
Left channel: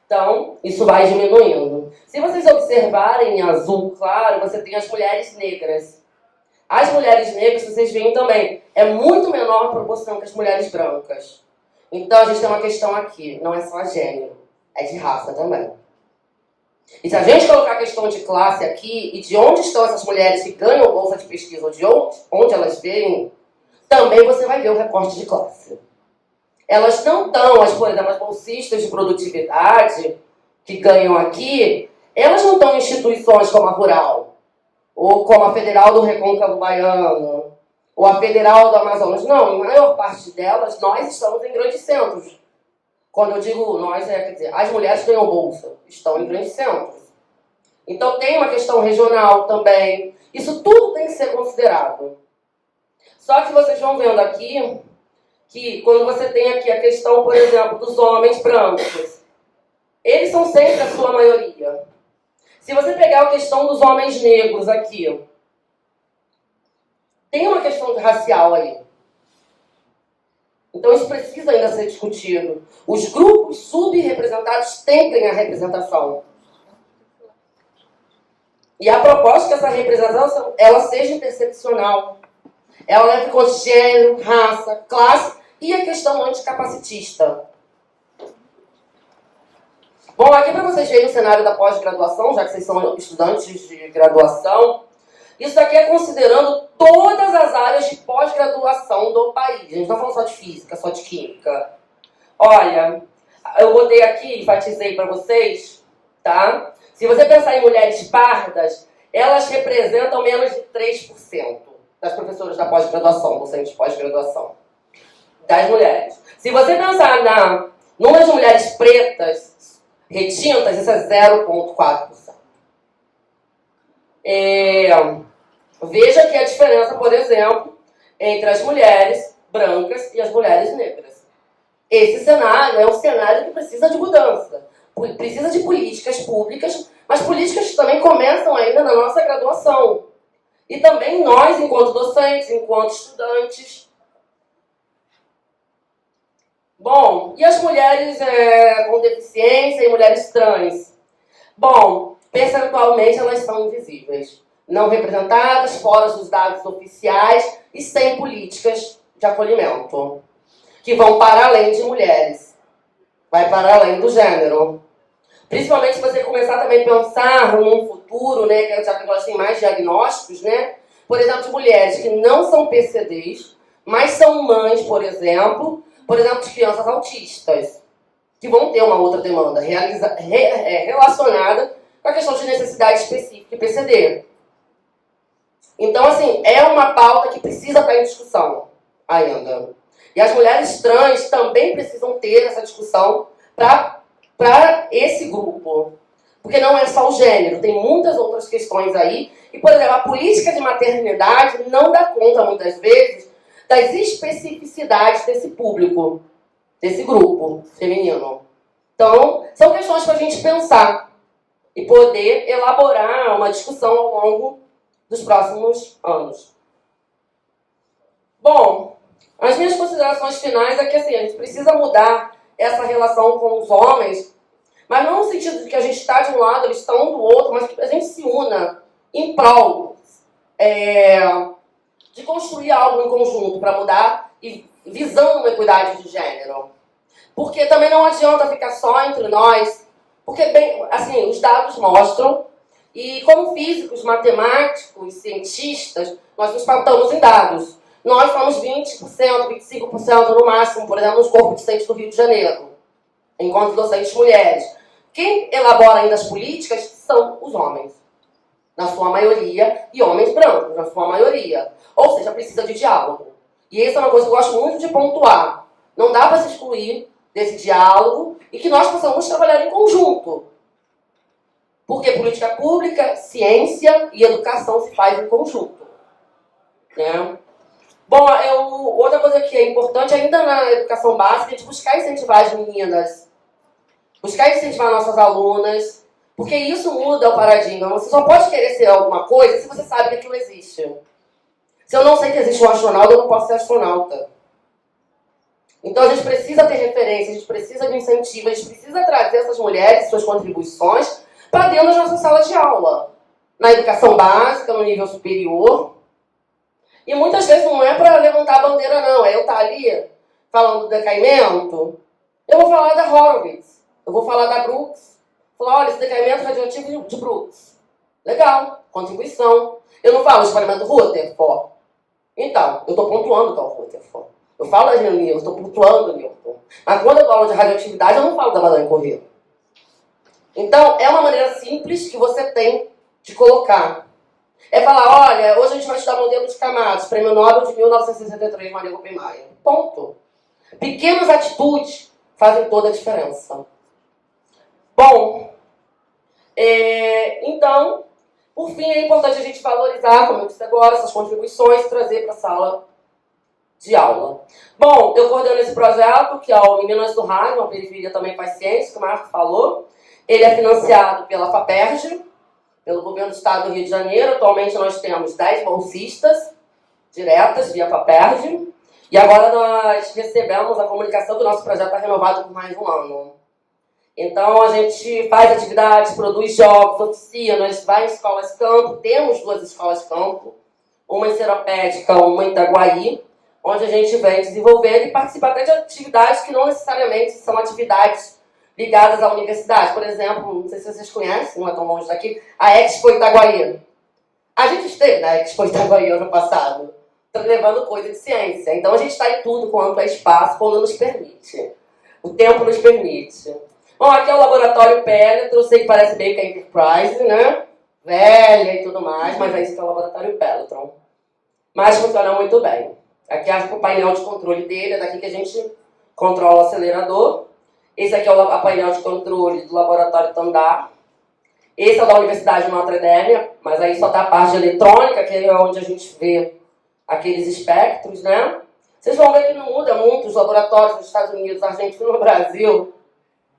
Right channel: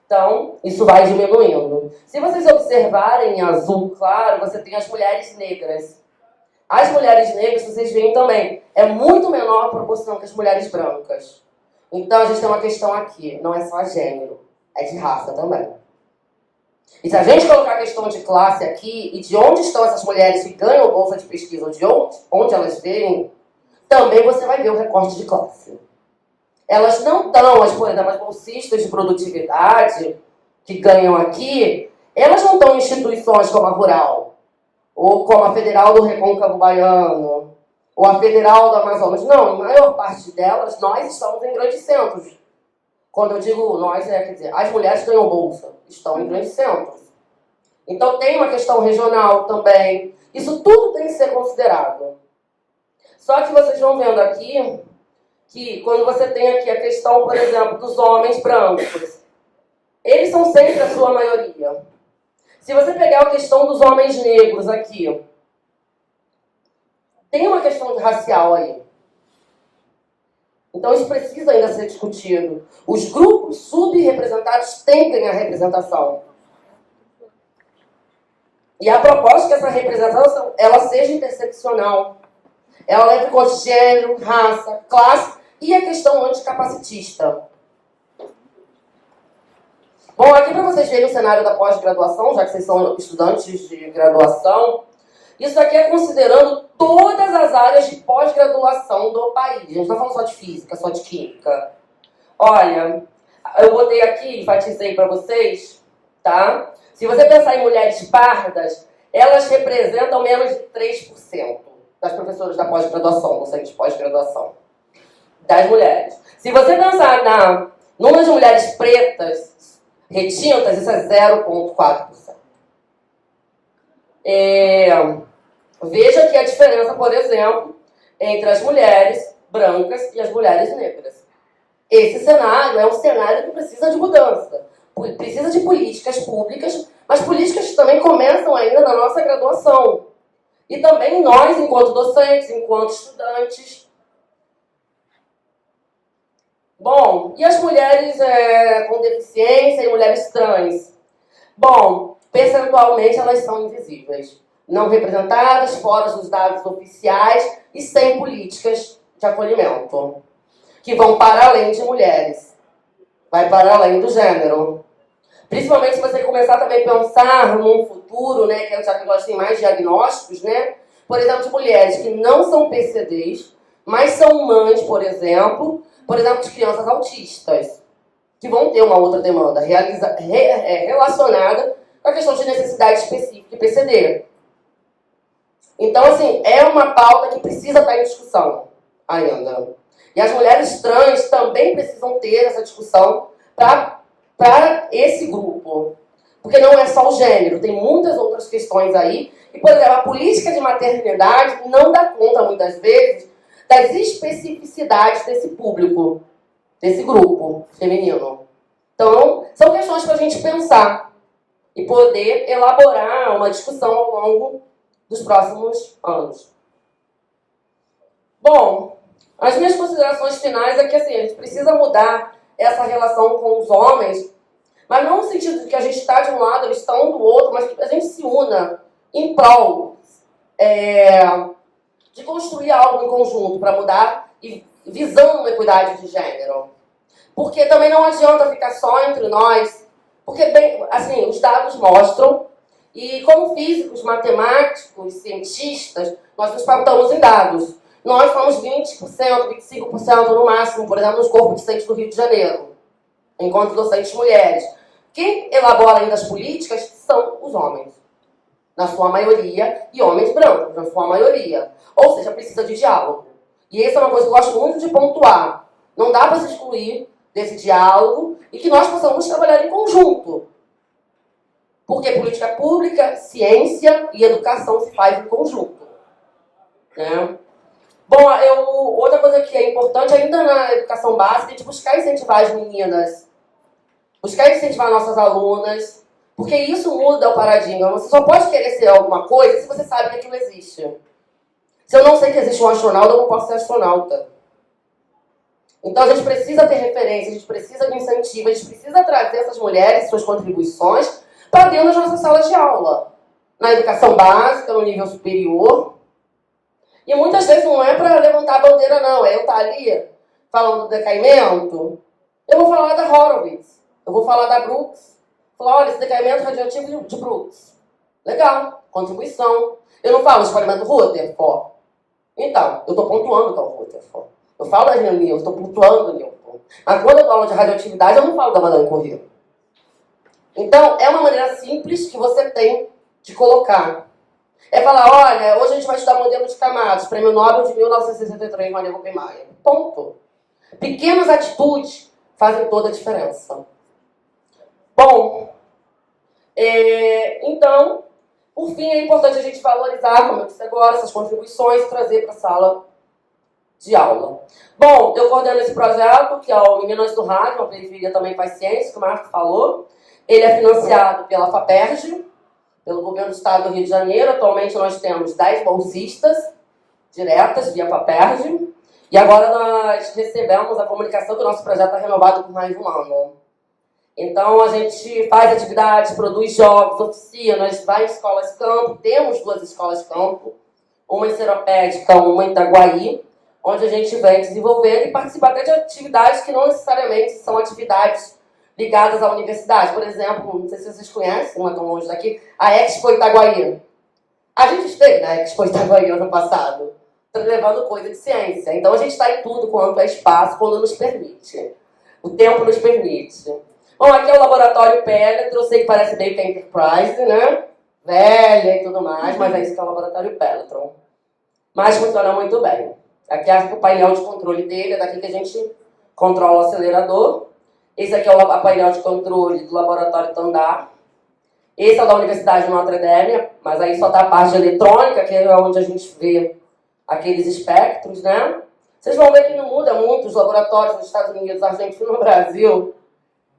Então, isso vai diminuindo. Se vocês observarem em azul claro, você tem as mulheres negras. As mulheres negras, vocês veem também, é muito menor a proporção que as mulheres brancas. Então, a gente tem uma questão aqui, não é só gênero, é de raça também. E se a gente colocar a questão de classe aqui, e de onde estão essas mulheres que ganham bolsa de pesquisa, ou de onde elas vêm, também você vai ver o recorte de classe. Elas não estão, por exemplo, as bolsistas de produtividade que ganham aqui, elas não estão em instituições como a Rural, ou como a Federal do Recôncavo Baiano, ou a Federal do Amazonas. Não, em maior parte delas, nós estamos em grandes centros. Quando eu digo nós, quer dizer, as mulheres que ganham bolsa estão em grandes centros. Então tem uma questão regional também. Isso tudo tem que ser considerado. Só que vocês vão vendo aqui que quando você tem aqui a questão, por exemplo, dos homens brancos, eles são sempre a sua maioria. Se você pegar a questão dos homens negros aqui, tem uma questão racial aí. Então isso precisa ainda ser discutido. Os grupos subrepresentados têm que ganhar representação. E a proposta é que essa representação ela seja interseccional. Ela leva em conta gênero, raça, classe e a questão anticapacitista. Bom, aqui para vocês verem o cenário da pós-graduação, já que vocês são estudantes de graduação, isso aqui é considerando todas as áreas de pós-graduação do país. A gente não está falando só de física, só de química. Olha, eu botei aqui, enfatizei para vocês, tá? Se você pensar em mulheres pardas, elas representam menos de 3% das professoras da pós-graduação, docentes de pós-graduação, das mulheres. Se você pensar na número de mulheres pretas, retintas, isso é 0,4%. Veja aqui a diferença, por exemplo, entre as mulheres brancas e as mulheres negras. Esse cenário é um cenário que precisa de mudança. Precisa de políticas públicas, mas políticas que também começam ainda na nossa graduação. E também nós, enquanto docentes, enquanto estudantes. Bom, e as mulheres com deficiência e mulheres trans? Bom, percentualmente elas são invisíveis. Não representadas, fora dos dados oficiais e sem políticas de acolhimento. Que vão para além de mulheres. Vai para além do gênero. Principalmente se você começar também a pensar num futuro, né, que já que nós temos mais diagnósticos, né? Por exemplo, de mulheres que não são PCDs, mas são mães, por exemplo, de crianças autistas, que vão ter uma outra demanda relacionada com a questão de necessidade específica de PCD. Então, assim, é uma pauta que precisa estar em discussão ainda. E as mulheres trans também precisam ter essa discussão para esse grupo. Porque não é só o gênero, tem muitas outras questões aí. E, por exemplo, a política de maternidade não dá conta, muitas vezes, das especificidades desse público, desse grupo feminino. Então, são questões para a gente pensar e poder elaborar uma discussão ao longo dos próximos anos. Bom, as minhas considerações finais é que assim, a gente precisa mudar essa relação com os homens, mas não no sentido de que a gente está de um lado, eles estão do outro, mas que a gente se una em prol de construir algo em conjunto para mudar e visando uma equidade de gênero. Porque também não adianta ficar só entre nós, porque bem, assim, os dados mostram, e como físicos, matemáticos, cientistas, nós nos pautamos em dados. Nós somos 20%, 25% no máximo, por exemplo, nos corpos docentes do Rio de Janeiro, enquanto docentes mulheres. Quem elabora ainda as políticas são os homens. na sua maioria, e homens brancos, na sua maioria. Ou seja, precisa de diálogo. E essa é uma coisa que eu gosto muito de pontuar. Não dá para se excluir desse diálogo e que nós possamos trabalhar em conjunto. Porque política pública, ciência e educação se faz em conjunto. Né? Bom, outra coisa que é importante ainda na educação básica é a gente buscar incentivar as meninas, buscar incentivar nossas alunas, porque isso muda o paradigma. Você só pode querer ser alguma coisa se você sabe que aquilo existe. Se eu não sei que existe um astronauta, eu não posso ser astronauta. Então a gente precisa ter referência, a gente precisa de incentivo, a gente precisa trazer essas mulheres, suas contribuições, para dentro das nossas salas de aula. Na educação básica, no nível superior. E muitas vezes não é para levantar a bandeira, não. É eu estar ali falando do decaimento. Eu vou falar da Horowitz. Eu vou falar da Brooks. Vou falar, olha, esse decaimento radioativo de Brooks. Legal, contribuição. Eu não falo experimento Rutherford. Então, eu estou pontuando o tal Rutherford. Eu falo das Newton, eu estou pontuando o Newton. Mas quando eu falo de radioatividade, eu não falo da Madame Curie. Então, é uma maneira simples que você tem de colocar. É falar, olha, hoje a gente vai estudar modelo de camadas, prêmio Nobel de 1963, Maria Oppenheimer. Ponto. Pequenas atitudes fazem toda a diferença. Bom, então, por fim, é importante a gente valorizar, como eu disse agora, essas contribuições e trazer para a sala de aula. Bom, eu coordeno esse projeto, que é o Meninas do Rádio, uma periferia também faz ciência, que o Marco falou. Ele é financiado pela FAPERJ, pelo Governo do Estado do Rio de Janeiro. Atualmente nós temos 10 bolsistas diretas via FAPERJ. E agora nós recebemos a comunicação que o nosso projeto está renovado por mais um ano. Então a gente faz atividades, produz jogos, oficinas, vai em escolas campo. Temos 2 escolas campo, uma em Seropédica, uma em Itaguaí, onde a gente vem desenvolver e participar até de atividades que não necessariamente são atividades ligadas à universidade. Por exemplo, não sei se vocês conhecem, não é tão longe daqui, a Expo Itaguaí. A gente esteve na Expo Itaguaí ano passado, levando coisa de ciência. Então a gente está em tudo quanto é espaço, quando nos permite. O tempo nos permite. Bom, aqui é o Laboratório Pelletron, eu sei que parece meio que a Enterprise, né? Velha e tudo mais, mas é isso que é o Laboratório Pelletron. Mas funciona muito bem. Aqui é o painel de controle dele, é daqui que a gente controla o acelerador. Esse aqui é o painel de controle do Laboratório Tandar. Esse é o da Universidade de Notre Dame, mas aí só está a parte de eletrônica, que é onde a gente vê aqueles espectros, né? Vocês vão ver que não muda muito os laboratórios dos Estados Unidos, Argentina e no Brasil.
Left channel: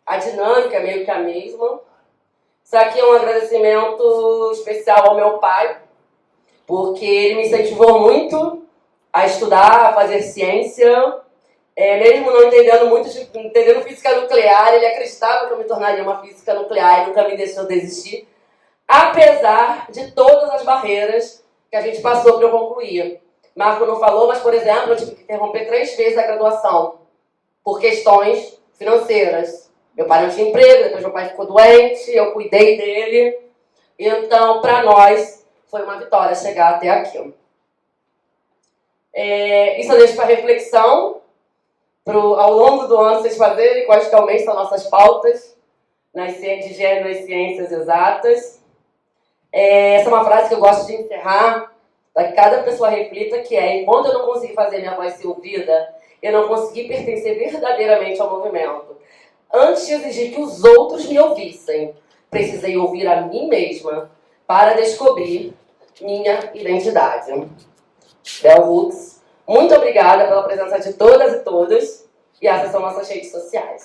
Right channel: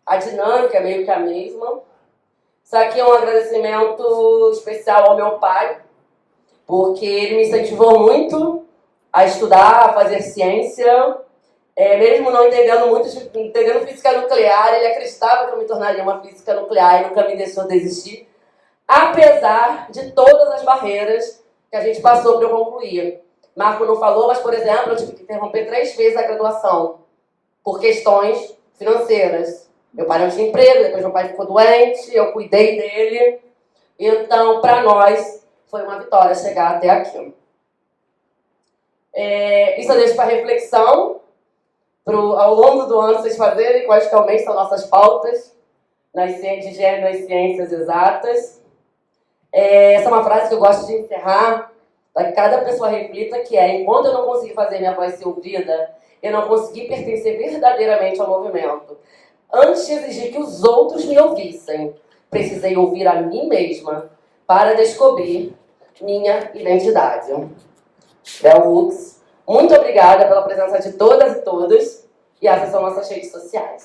A dinâmica é meio que a mesma. Isso aqui é um agradecimento especial ao meu pai, porque ele me incentivou muito a estudar, a fazer ciência. Mesmo não entendendo física nuclear, ele acreditava que eu me tornaria uma física nuclear e nunca me deixou desistir, apesar de todas as barreiras que a gente passou para eu concluir. Marco não falou, mas, por exemplo, eu tive que interromper 3 vezes a graduação por questões financeiras. Meu pai não tinha emprego, depois meu pai ficou doente, eu cuidei dele. Então, para nós, foi uma vitória chegar até aqui. Isso eu deixo para reflexão, ao longo do ano vocês fazerem quais que realmente são nossas pautas de gênero e ciências exatas. Essa é uma frase que eu gosto de encerrar, para que cada pessoa reflita, que é: enquanto eu não consegui fazer minha voz ser ouvida, eu não consegui pertencer verdadeiramente ao movimento. Antes de exigir que os outros me ouvissem, precisei ouvir a mim mesma para descobrir minha identidade. Bell Hooks, muito obrigada pela presença de todas e todos, e essas são nossas redes sociais.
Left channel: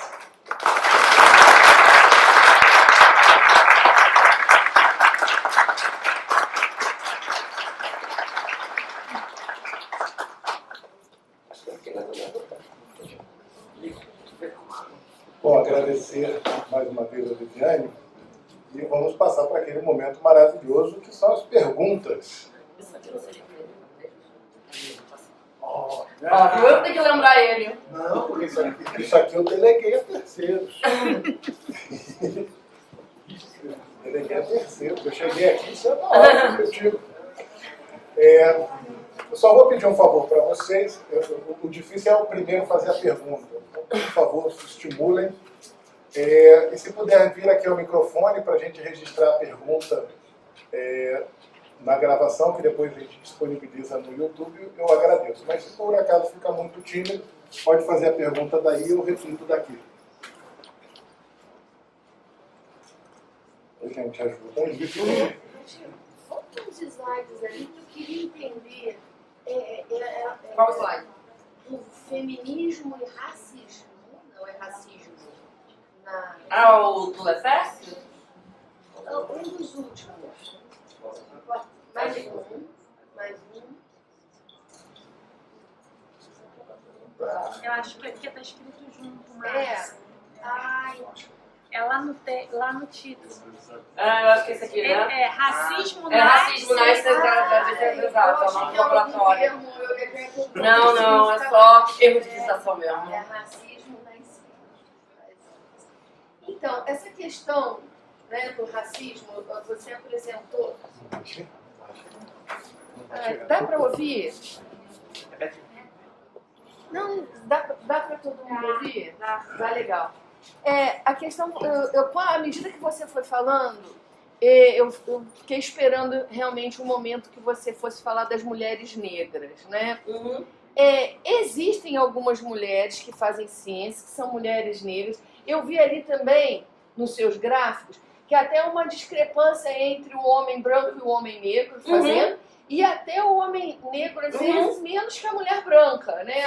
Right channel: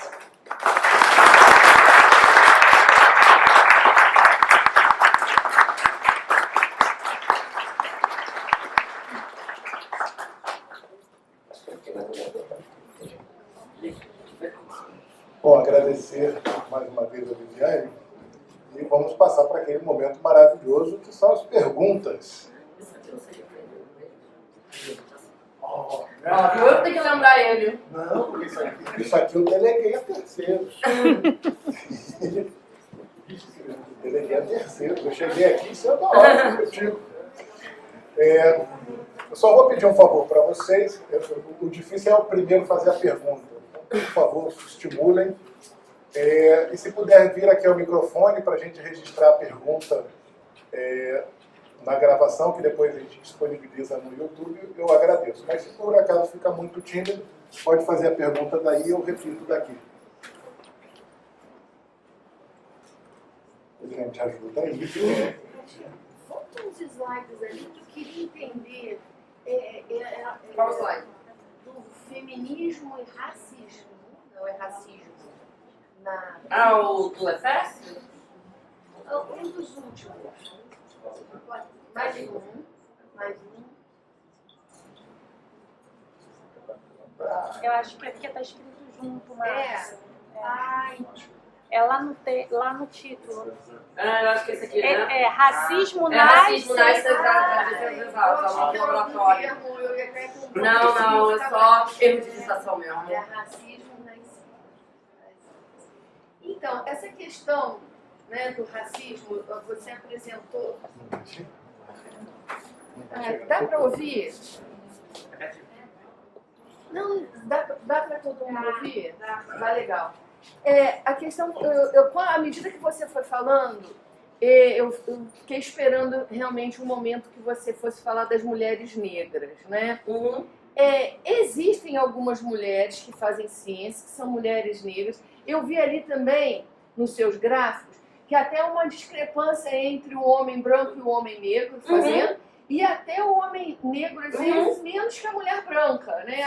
Bom, agradecer mais uma vez a Viviane e vamos passar para aquele momento maravilhoso que são as perguntas. Eu tenho que lembrar ele. Não, porque isso aqui eu deleguei a terceiros. Deleguei a terceiros. Eu cheguei aqui, isso é da hora, objetivo. Eu só vou pedir um favor para vocês. O difícil é o primeiro fazer a pergunta. Então, por favor, estimulem. E se puder vir aqui ao microfone para a gente registrar a pergunta na gravação, que depois a gente disponibiliza no YouTube, eu agradeço. Mas se por acaso fica muito tímido, pode fazer a pergunta daí, eu repito daqui. A gente ajuda aí. Faltam uns slides ali que eu queria entender. Qual slide? Do feminismo e racismo. Não é racismo. O do EFES? Um dos últimos. Mais um. Mais um. Eu acho que é porque está escrito junto, mas Ai, é lá no título. Eu acho que esse aqui, né? É racismo É nas... racismo nas defesas exatas, é o nome do laboratório. Não, é só erro de digitação mesmo. É racismo na ciência. Então, essa questão, né, do racismo, você apresentou. Dá para ouvir? Não, dá para todo mundo ouvir? Vai legal. A questão, à medida que você foi falando, eu fiquei esperando realmente um momento que você fosse falar das mulheres negras, né? Uhum. Existem algumas mulheres que fazem ciência, que são mulheres negras. Eu vi ali também, nos seus gráficos, que até uma discrepância entre o homem branco e o homem negro fazendo, e até o homem negro, às vezes, menos que a mulher branca, né?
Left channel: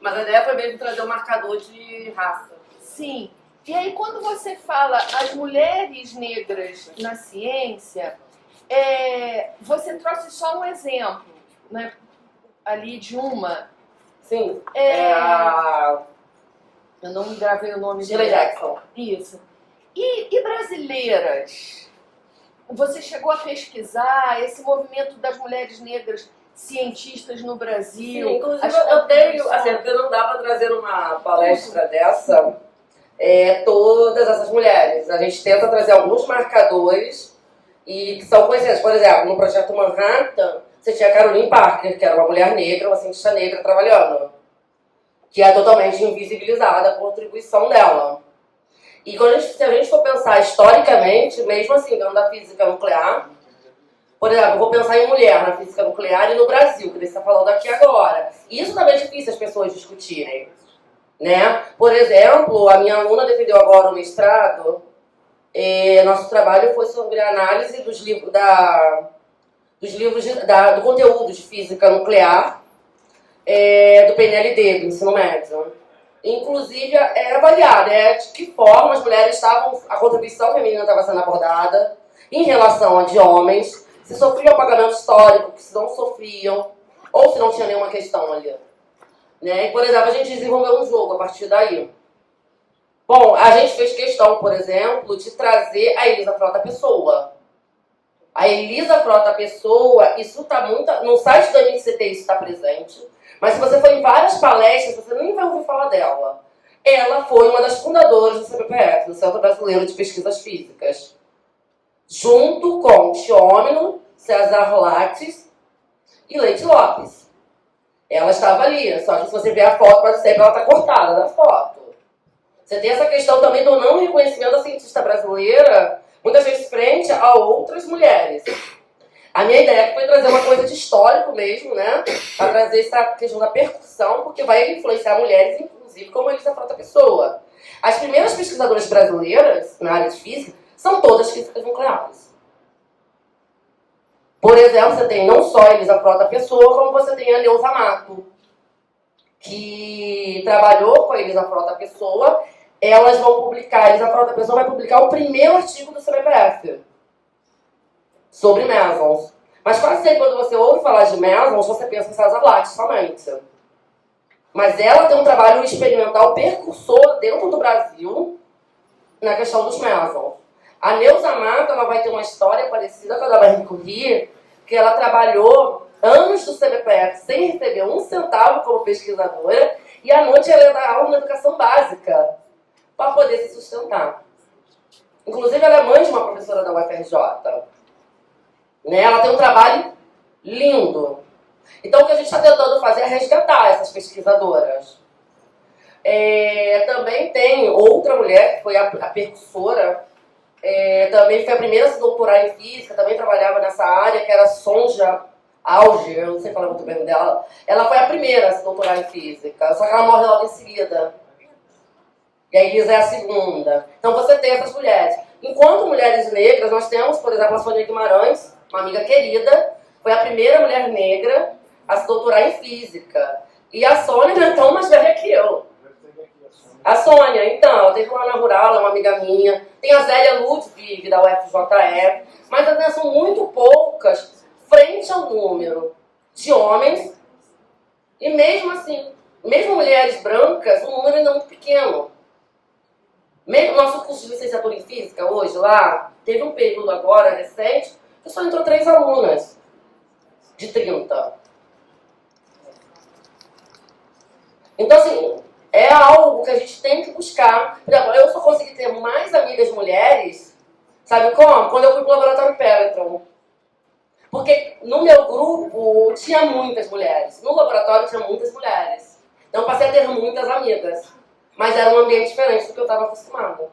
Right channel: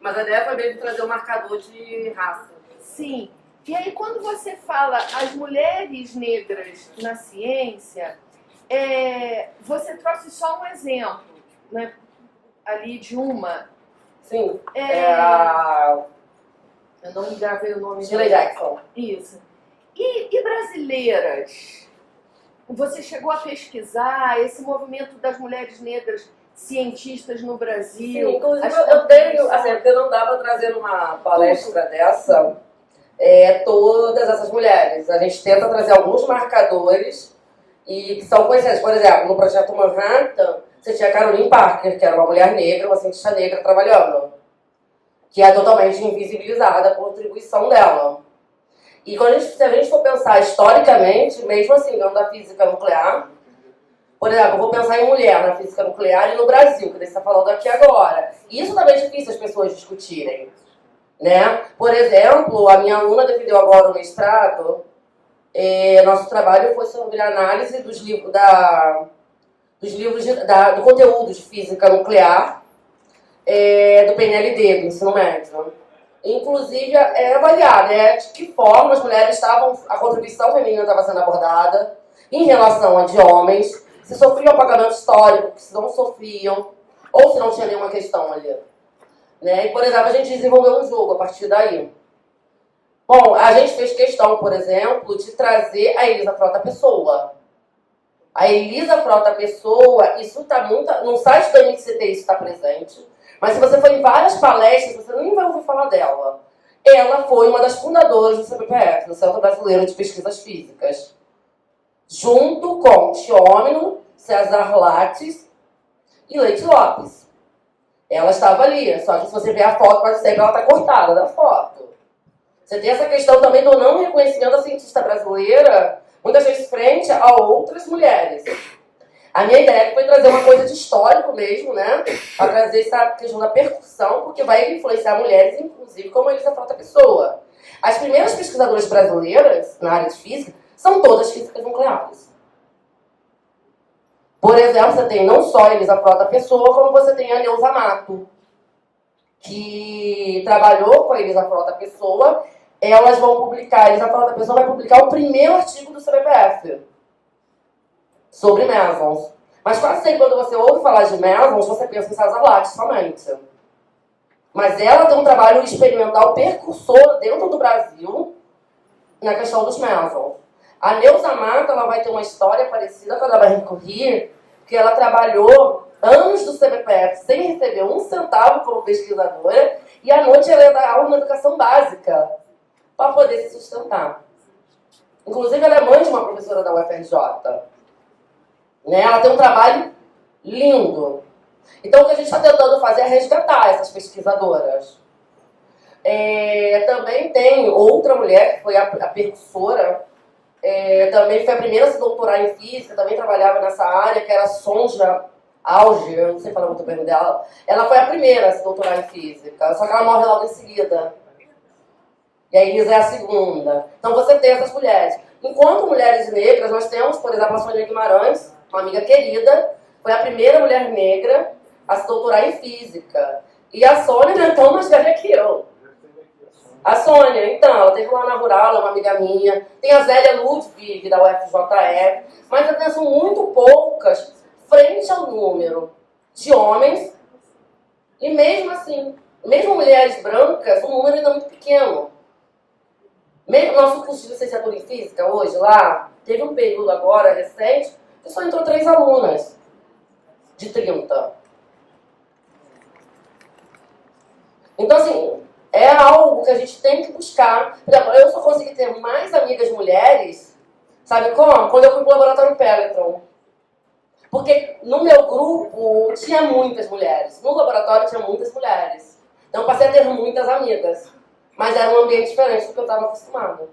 Mas a ideia foi mesmo trazer um marcador de raça. Sim. E aí, quando você fala as mulheres negras na ciência, você trouxe só um exemplo, né? Ali de uma. Sim. A Eu não gravei o nome Shirley dela. Jackson. Isso. E brasileiras? Você chegou a pesquisar esse movimento das mulheres negras cientistas no Brasil? Sim, inclusive eu tenho, assim, porque não dá para trazer numa palestra dessa todas essas mulheres. A gente tenta trazer alguns marcadores e que são conhecidos. Por exemplo, no Projeto Manhattan, você tinha a Caroline Parker, que era uma mulher negra, uma cientista negra trabalhando, que é totalmente invisibilizada por contribuição dela. E se a gente for pensar historicamente, mesmo assim, dentro da física nuclear, por exemplo, eu vou pensar em mulher na física nuclear e no Brasil, que você está falando aqui agora. Isso também é difícil as pessoas discutirem, né? Por exemplo, a minha aluna defendeu agora o mestrado, nosso trabalho foi sobre a análise dos livros do conteúdo de física nuclear do PNLD, do ensino médio. Inclusive, é avaliada de que forma as mulheres a contribuição feminina estava sendo abordada em relação a de homens, se sofriam apagamento histórico, se não sofriam, ou se não tinha nenhuma questão ali. Né? E, por exemplo, a gente desenvolveu um jogo a partir daí. Bom, a gente fez questão, por exemplo, de trazer a Elisa Frota Pessoa. A Elisa Frota Pessoa, isso está muito... No site da MCT isso está presente. Mas se você for em várias palestras, você nem vai ouvir falar dela. Ela foi uma das fundadoras do CBPF, do Centro Brasileiro de Pesquisas Físicas. Junto com Tiômino, César Lattes e Leite Lopes. Ela estava ali, só que se você ver a foto, quase sempre ela está cortada da foto. Você tem essa questão também do não reconhecimento da cientista brasileira, muitas vezes frente a outras mulheres. A minha ideia foi trazer uma coisa de histórico mesmo, né? A trazer essa questão da percussão, porque vai influenciar mulheres, inclusive, como a Elisa Frota Pessoa. As primeiras pesquisadoras brasileiras na área de física são todas físicas nucleares. Por exemplo, você tem não só a Elisa Frota Pessoa, como você tem a Neuza Mato, que trabalhou com a Elisa Frota Pessoa. Elas vão publicar, a Elisa Frota Pessoa vai publicar o primeiro artigo do CBPF sobre mesons. Mas quase sempre quando você ouve falar de mesons, você pensa em César Lattes somente. Mas ela tem um trabalho experimental percursor dentro do Brasil na questão dos mesons. A Neuza Mato, ela vai ter uma história parecida com a da Marie Curie, que ela trabalhou anos do CBPF sem receber um centavo como pesquisadora, e à noite ela ia dar aula na educação básica para poder se sustentar. Inclusive, ela é mãe de uma professora da UFRJ. Né? Ela tem um trabalho lindo. Então, o que a gente está tentando fazer é resgatar essas pesquisadoras. Também tem outra mulher, que foi a percussora, também foi a primeira a se doutorar em física, também trabalhava nessa área, que era Sonja Auger, eu não sei falar muito bem dela. Ela foi a primeira a se doutorar em física, só que ela morre logo em seguida. E a Elisa é a segunda. Então você tem essas mulheres. Enquanto mulheres negras, nós temos, por exemplo, a Sônia Guimarães, uma amiga querida, foi a primeira mulher negra a se doutorar em física. E a Sônia não é tão mais velha que eu. A Sônia, então, ela teve lá na Rural, ela é uma amiga minha. Tem a Zélia Ludwig, da UFJF. Mas ainda são muito poucas frente ao número de homens. E mesmo assim, mesmo mulheres brancas, o número ainda é muito pequeno. Nosso curso de licenciatura em física, hoje, lá, teve um período agora, recente, que só entrou 3 alunas de 30. Então, assim, é algo que a gente tem que buscar. Por exemplo, eu só consegui ter mais amigas mulheres, sabe como? Quando eu fui pro laboratório Peletron. Porque no meu grupo tinha muitas mulheres. No laboratório tinha muitas mulheres. Então eu passei a ter muitas amigas. Mas era um ambiente diferente do que eu estava acostumada.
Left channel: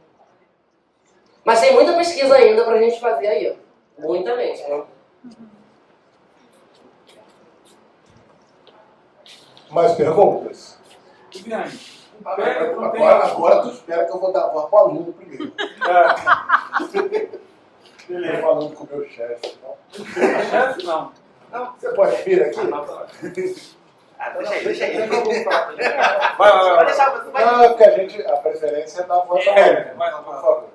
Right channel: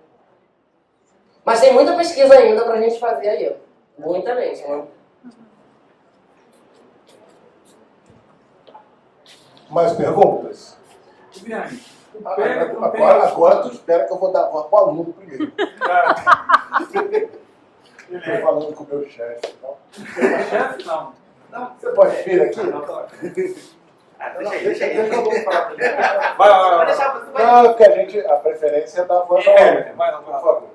Mas tem muita pesquisa ainda pra gente fazer aí. Muita mesmo. Mais perguntas? Viviane, Agora tu espera que eu vou dar voz pro aluno primeiro. Ele falando com o meu chefe. chefe não. Você pode vir aqui? Deixa aí. Eu não vou falar também. Vai. Deixar você vai. Não, porque a preferência é dar voz ao aluno. Vai lá. Por favor.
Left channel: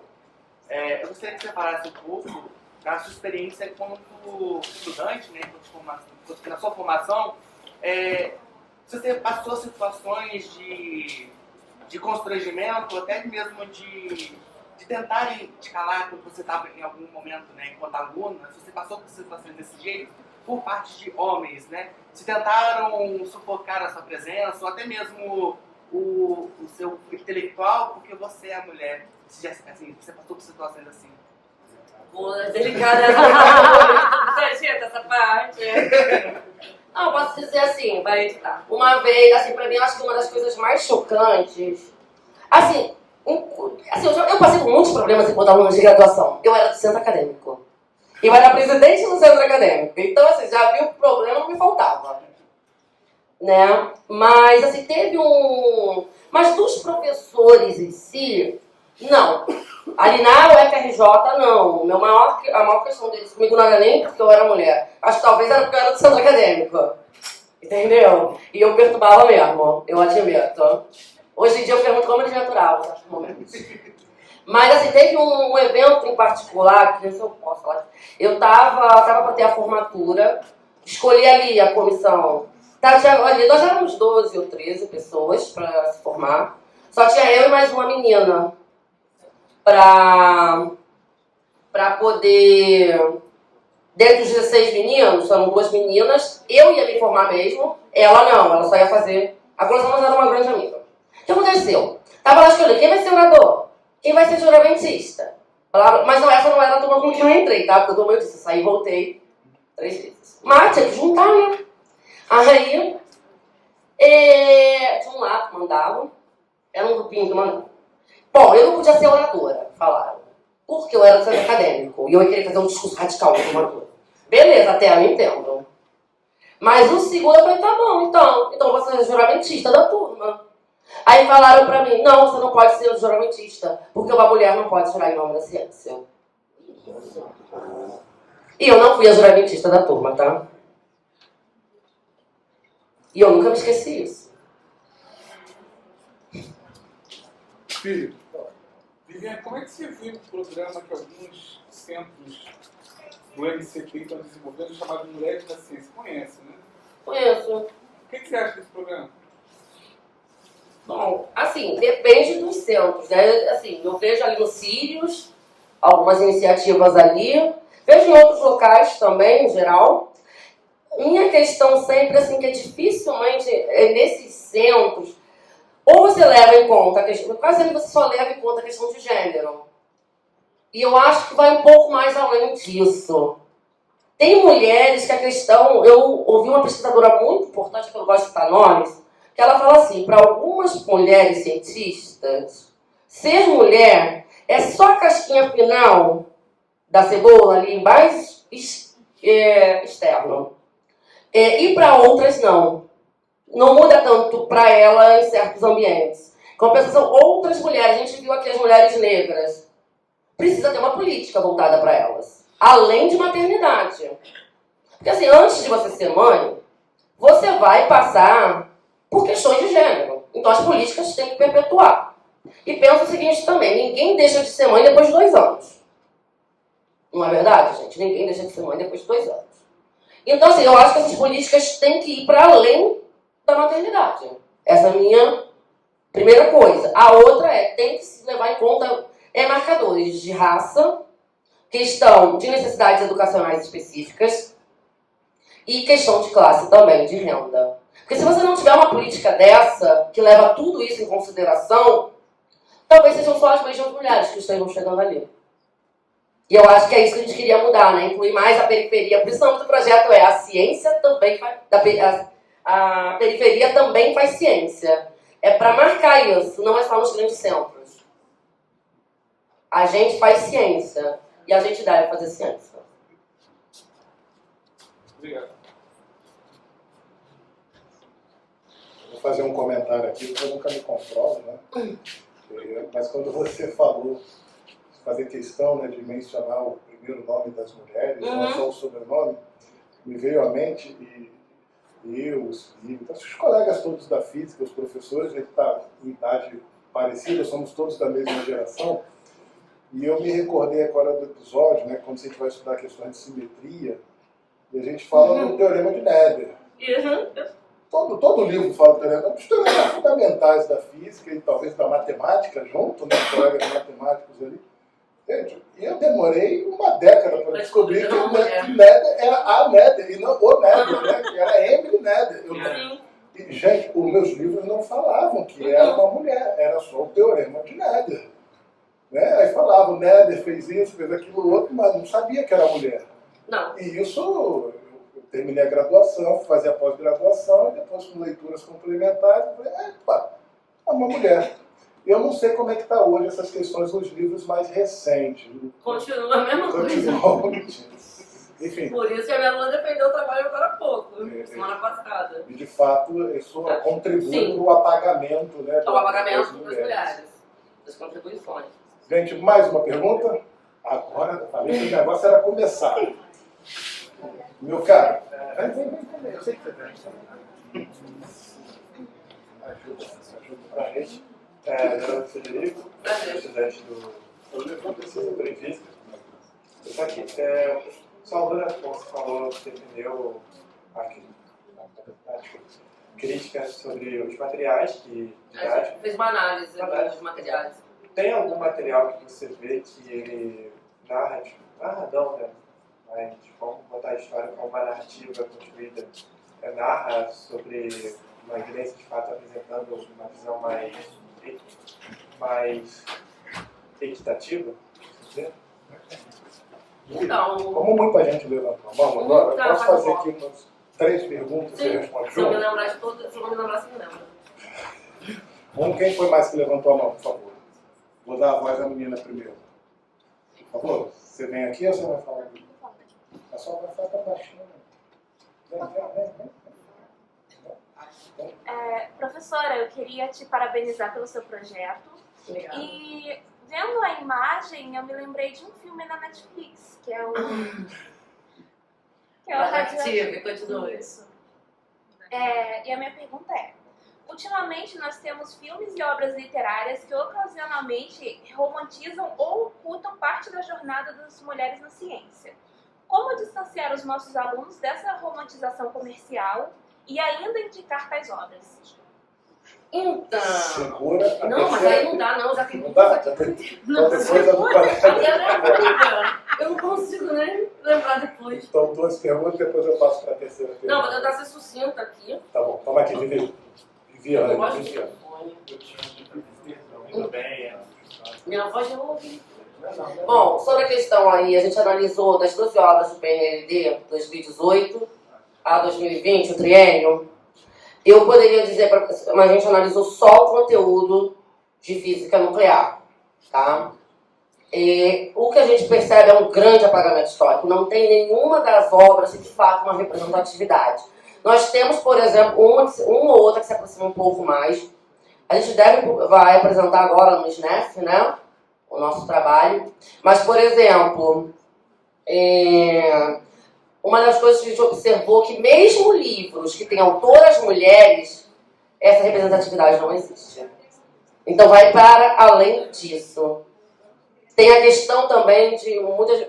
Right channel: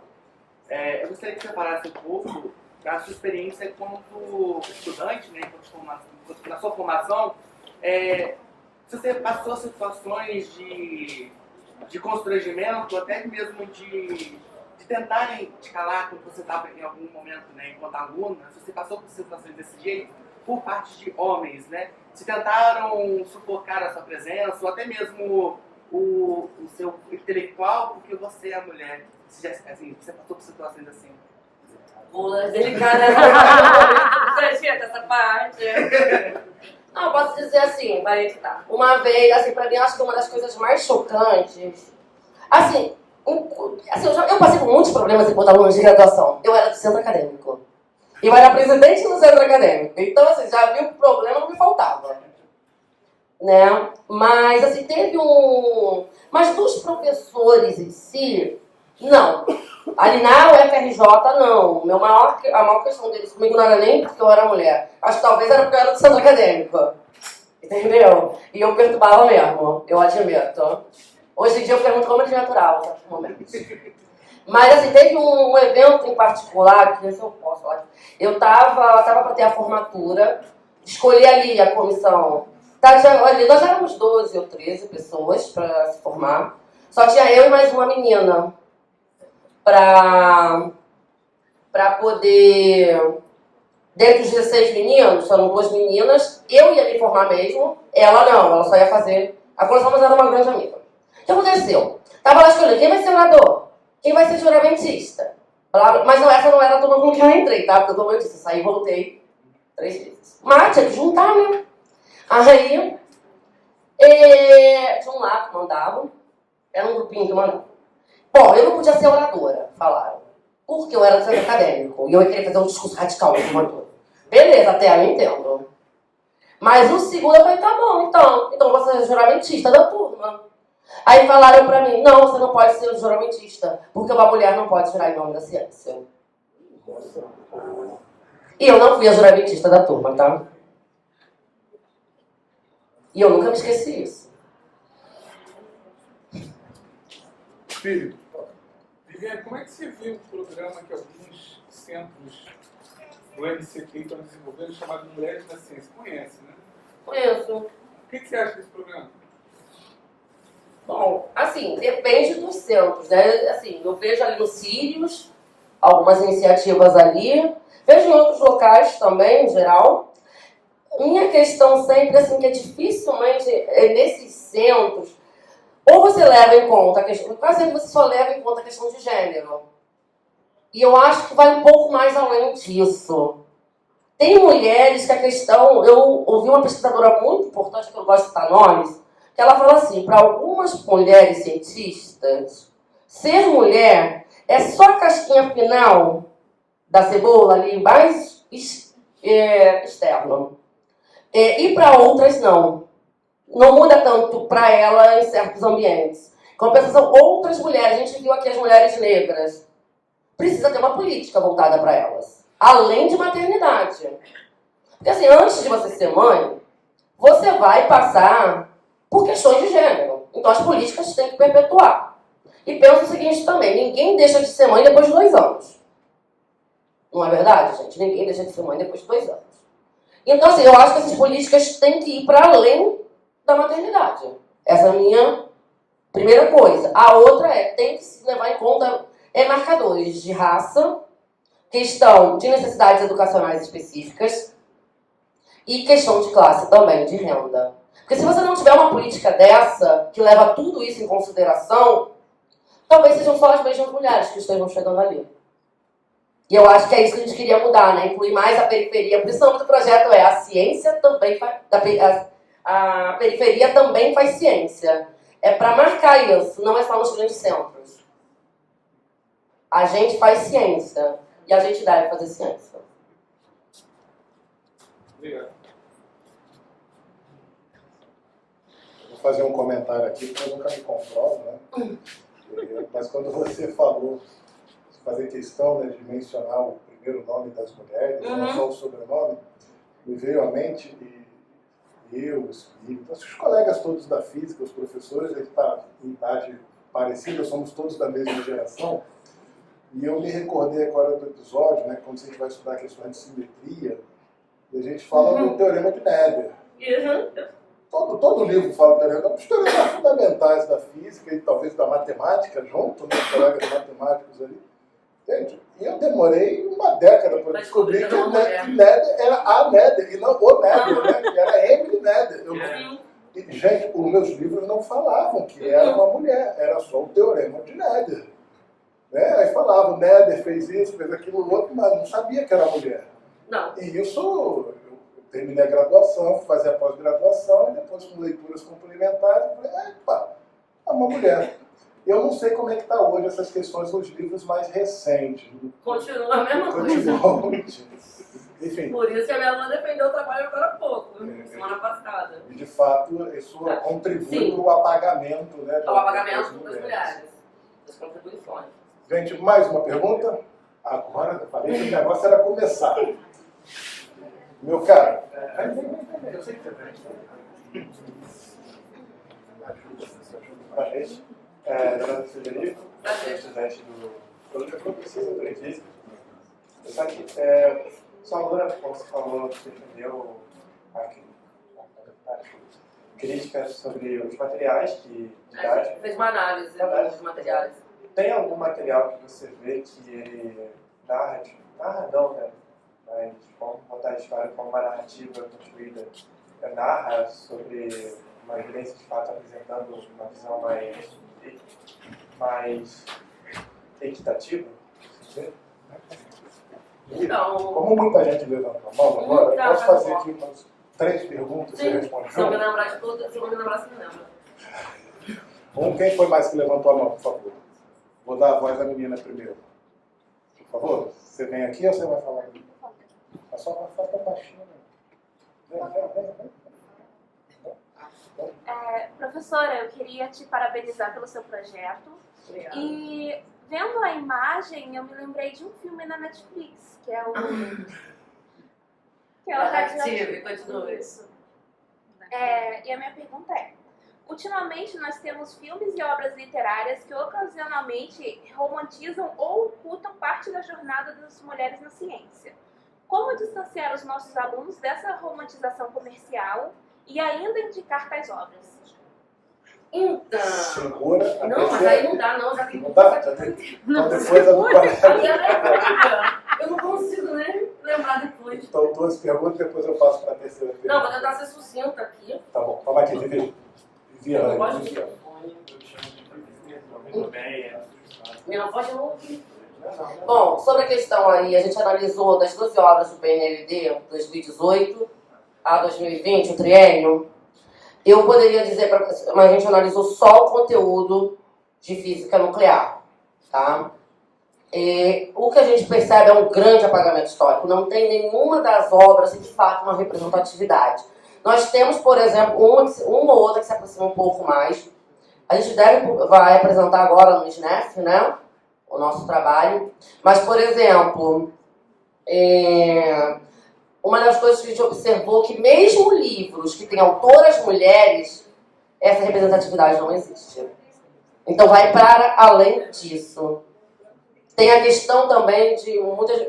Eu gostaria que você falasse um pouco da sua experiência enquanto estudante, né, na sua formação. Se você passou situações de constrangimento, até mesmo de tentarem te calar quando você estava em algum momento, né, enquanto aluna, se você passou por situações desse jeito, por parte de homens, né? Se tentaram sufocar a sua presença, ou até mesmo o seu intelectual, porque você é mulher. Você passou por situações assim? Pô, delicada. Acredita essa parte? Não, posso dizer assim, vai editar. Uma vez, assim, pra mim, eu acho que uma das coisas mais chocantes... Assim, eu passei por muitos problemas enquanto aluna de graduação. Eu era do centro acadêmico. Eu era presidente do centro acadêmico. Então, assim, já viu que o problema não me faltava. Né? Mas, assim, teve um... Mas dos professores em si, não. Ali na UFRJ, não. A maior questão deles comigo não era nem porque eu era mulher. Acho que talvez era porque eu era do centro acadêmico. Entendeu? E eu perturbava mesmo. Eu admito. Hoje em dia eu pergunto como eles me aturavam no momento. Mas, assim, teve um evento em particular, que se eu posso falar. Eu tava para ter a formatura, escolhi ali a comissão. Ali, nós éramos 12 ou 13 pessoas para se formar. Só tinha eu e mais uma menina para poder... Dentro dos 16 meninos, foram 2 meninas, eu ia me formar mesmo, ela não, ela só ia fazer... A comissão, mas era uma grande amiga. O que aconteceu? Tava lá escolhendo quem vai ser orador, quem vai ser juramentista. Mas não, essa não era a turma com que eu entrei, tá? Porque eu disse, saí e voltei 3 vezes. Mas tinha que juntar, né? Aí, de um lado mandavam, era um grupinho que mandava. Bom, eu não podia ser oradora, falaram. Porque eu era do centro acadêmico e eu ia querer fazer um discurso radical como oradora. Beleza, até aí eu entendo. Mas o segundo eu falei, tá bom, então você é juramentista da turma. Aí falaram pra mim, não, você não pode ser juramentista, porque uma mulher não pode jurar em nome da ciência. E eu não fui a juramentista da turma, tá? E eu nunca me esqueci isso. Filho. Viviane, como é que você viu o programa que alguns centros do MCT estão desenvolvendo, chamado Mulheres da Ciência? Conhece, né? Conheço. O que você acha desse programa? Bom, assim, depende dos centros, né? Assim, eu vejo ali no Sírios, algumas iniciativas ali, vejo em outros locais também, em geral. Minha questão sempre, assim, que é dificilmente nesses centros, ou você leva em conta a questão, quase sempre você só leva em conta a questão de gênero. E eu acho que vai um pouco mais além disso. Tem mulheres que a questão, eu ouvi uma pesquisadora muito importante, que eu gosto de citar nomes, que ela fala assim, para algumas mulheres cientistas, ser mulher é só a casquinha final da cebola ali, mais externo. E para outras, não. Não muda tanto para ela em certos ambientes. Compensação, outras mulheres, a gente viu aqui as mulheres negras, precisa ter uma política voltada para elas. Além de maternidade. Porque assim, antes de você ser mãe, você vai passar por questões de gênero. Então as políticas têm que perpetuar. E pensa o seguinte também, ninguém deixa de ser mãe depois de 2 anos. Não é verdade, gente? Ninguém deixa de ser mãe depois de 2 anos. Então, assim, eu acho que essas políticas têm que ir para além da maternidade. Essa é a minha primeira coisa. A outra tem que se levar em conta marcadores de raça, questão de necessidades educacionais específicas e questão de classe também, de renda. Porque se você não tiver uma política dessa, que leva tudo isso em consideração, talvez sejam só as mesmas mulheres que estejam chegando ali. E eu acho que é isso que a gente queria mudar, né? Incluir mais a periferia. Por isso o nome do projeto é A Ciência Também Faz... A periferia também faz ciência. É para marcar isso, não é só nos grandes centros. A gente faz ciência e a gente deve fazer ciência. Obrigado. Vou fazer um comentário aqui, porque eu nunca me controlo, né? Mas quando você falou, fazer questão, né, de mencionar o primeiro nome das mulheres, não só o sobrenome, me veio à mente, e eu, os filhos, os colegas todos da física, os professores, a gente está em idade parecida, somos todos da mesma geração, e eu me recordei agora do episódio, né, quando a gente vai estudar questões de simetria, e a gente fala do Teorema de Nader. Todo livro fala do Teorema, dos teoremas fundamentais da física e talvez da matemática junto, né, colegas matemáticos ali. Gente, eu demorei uma década para descobrir que o Nader era a Nader e não o Nader, né? Que era Emily Nader. E, gente, os meus livros não falavam que era uma mulher, era só o Teorema de Nader. Né? Aí falavam, Nader fez isso, fez aquilo outro, mas não sabia que era mulher. Não. E isso, eu terminei a graduação, fui fazer a pós-graduação, e depois com leituras complementares, eu falei, epa, é uma mulher. Eu não sei como é que está hoje essas questões nos livros mais recentes. Continua a mesma coisa. Continua. Enfim. Por isso que a minha aluna defendeu o trabalho agora há pouco, semana passada. E de fato, isso contribui para o apagamento, né? O apagamento das mulheres, das contribuições. Gente, mais uma pergunta? Agora, eu falei que o negócio era começar. Meu caro. Vem. Eu sei que você vem. Ajuda para a gente. Meu nome é Federico, estudante do Doutor em Física. Estou aqui. Salvador, como você falou, defendeu críticas sobre os materiais que A gente fez uma análise dos materiais. Tem algum material que você vê que ele narra não, né? Mas vamos botar a história como uma narrativa construída, narra sobre uma evidência de fato apresentando uma visão mais equitativa? Então, como muita gente levantou a mão agora, eu posso fazer aqui umas 3 perguntas e responder se eu me lembrar de tudo, se eu me lembrar, você me lembra. Quem foi mais que levantou a mão, por favor? Vou dar a voz da menina primeiro. Por favor, você vem aqui ou você vai falar aqui? É só para falar baixinho. Vem. Professora, eu queria te parabenizar pelo seu projeto. Obrigada. E vendo a imagem, eu me lembrei de um filme na Netflix, que é o... Radioactive, continua isso. E a minha pergunta é, ultimamente nós temos filmes e obras literárias que ocasionalmente romantizam ou ocultam parte da jornada das mulheres na ciência. Como distanciar os nossos alunos dessa romantização comercial e ainda indicar tais obras? Então... Segura. Não, mas aí não dá, não. Já tem não dá? Então depois eu não consigo nem lembrar depois. Então 2 perguntas, depois eu passo para a terceira pergunta. Não, vou tentar ser sucinta aqui. Tá bom, toma aqui, Viviane. Eu gosto de Tudo bem. Minha voz eu ouvi. Bom, sobre a questão aí, a gente analisou das 12 horas do PNLD, 2018 a 2020, o triênio. Eu poderia dizer, mas a gente analisou só o conteúdo de física nuclear, tá? o que a gente percebe é um grande apagamento histórico. Não tem nenhuma das obras, de fato, uma representatividade. Nós temos, por exemplo, uma ou outra que se aproxima um pouco mais. A gente vai apresentar agora no SNEF, né, o nosso trabalho. Mas, por exemplo, uma das coisas que a gente observou que mesmo livros que têm autoras mulheres, essa representatividade não existe. Então vai para além disso. Tem a questão também de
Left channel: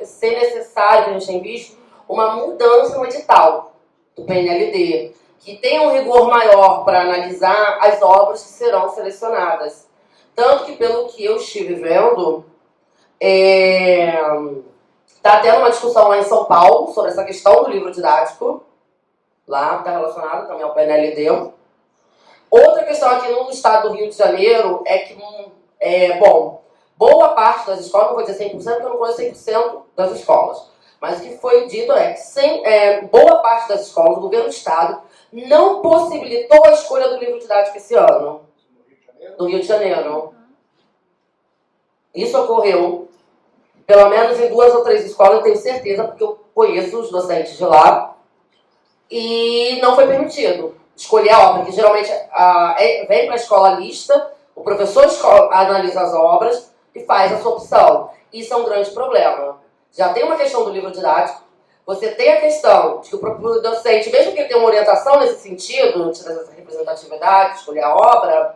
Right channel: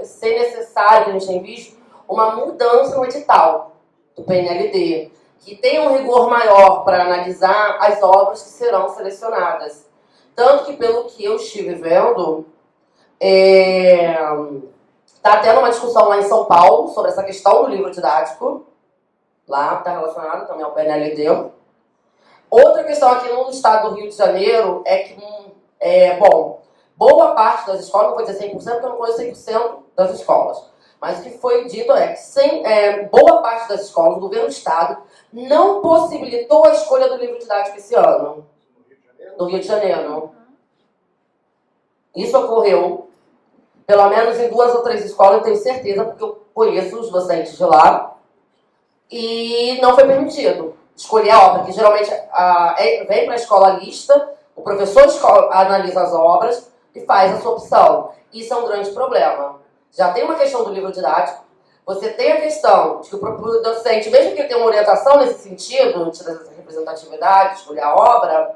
ser necessário, que a gente tem visto, uma mudança no edital do PNLD, que tem um rigor maior para analisar as obras que serão selecionadas. Tanto que, pelo que eu estive vendo, está tendo uma discussão lá em São Paulo sobre essa questão do livro didático. Lá está relacionado também ao PNLD. Outra questão aqui no estado do Rio de Janeiro é que, boa parte das escolas, não vou dizer 100%, porque eu não conheço 100% das escolas, mas o que foi dito é que boa parte das escolas, o governo do estado, não possibilitou a escolha do livro didático esse ano. No Rio de Janeiro. Isso ocorreu, pelo menos em 2 ou 3 escolas, eu tenho certeza, porque eu conheço os docentes de lá, e não foi permitido escolher a obra, que geralmente vem para a escola a lista, o professor analisa as obras e faz a sua opção. Isso é um grande problema. Já tem uma questão do livro didático, você tem a questão de que o próprio docente, mesmo que ele tenha uma orientação nesse sentido, de trazer essa representatividade, escolher a obra,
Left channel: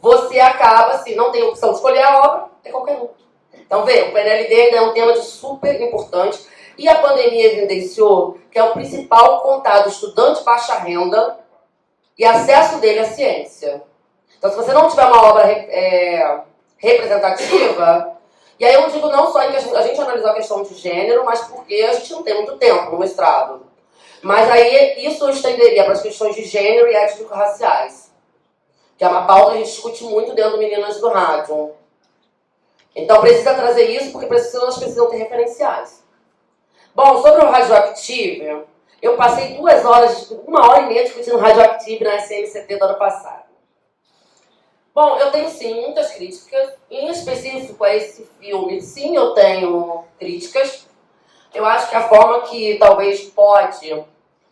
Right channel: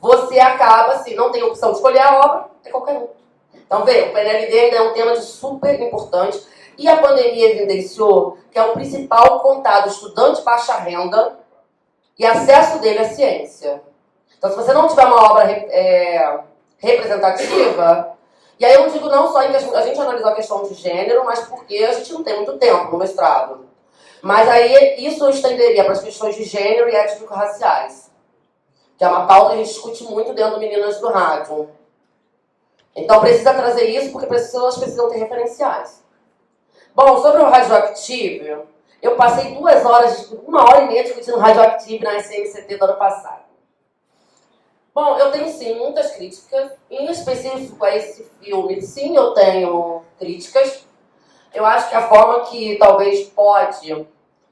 você acaba, se não tem opção de escolher a obra, é qualquer um. Então, vê, o PNLD ainda é um tema super importante, e a pandemia evidenciou que é o principal contato estudante baixa renda e acesso dele à ciência. Então, se você não tiver uma obra representativa, e aí eu digo não só em questão, a gente analisou a questão de gênero, mas porque a gente não tem muito tempo no mestrado. Mas aí isso eu estenderia para as questões de gênero e étnico-raciais, que é uma pauta que a gente discute muito dentro do Meninas do Rádio. Então precisa trazer isso, porque elas precisam ter referenciais. Bom, sobre o Radioactive, eu passei 2 horas, 1 hora e meia discutindo Radioactive na SMCT do ano passado. Bom, eu tenho sim muitas críticas, em específico a esse filme. Sim, eu tenho críticas. Eu acho que a forma que talvez pode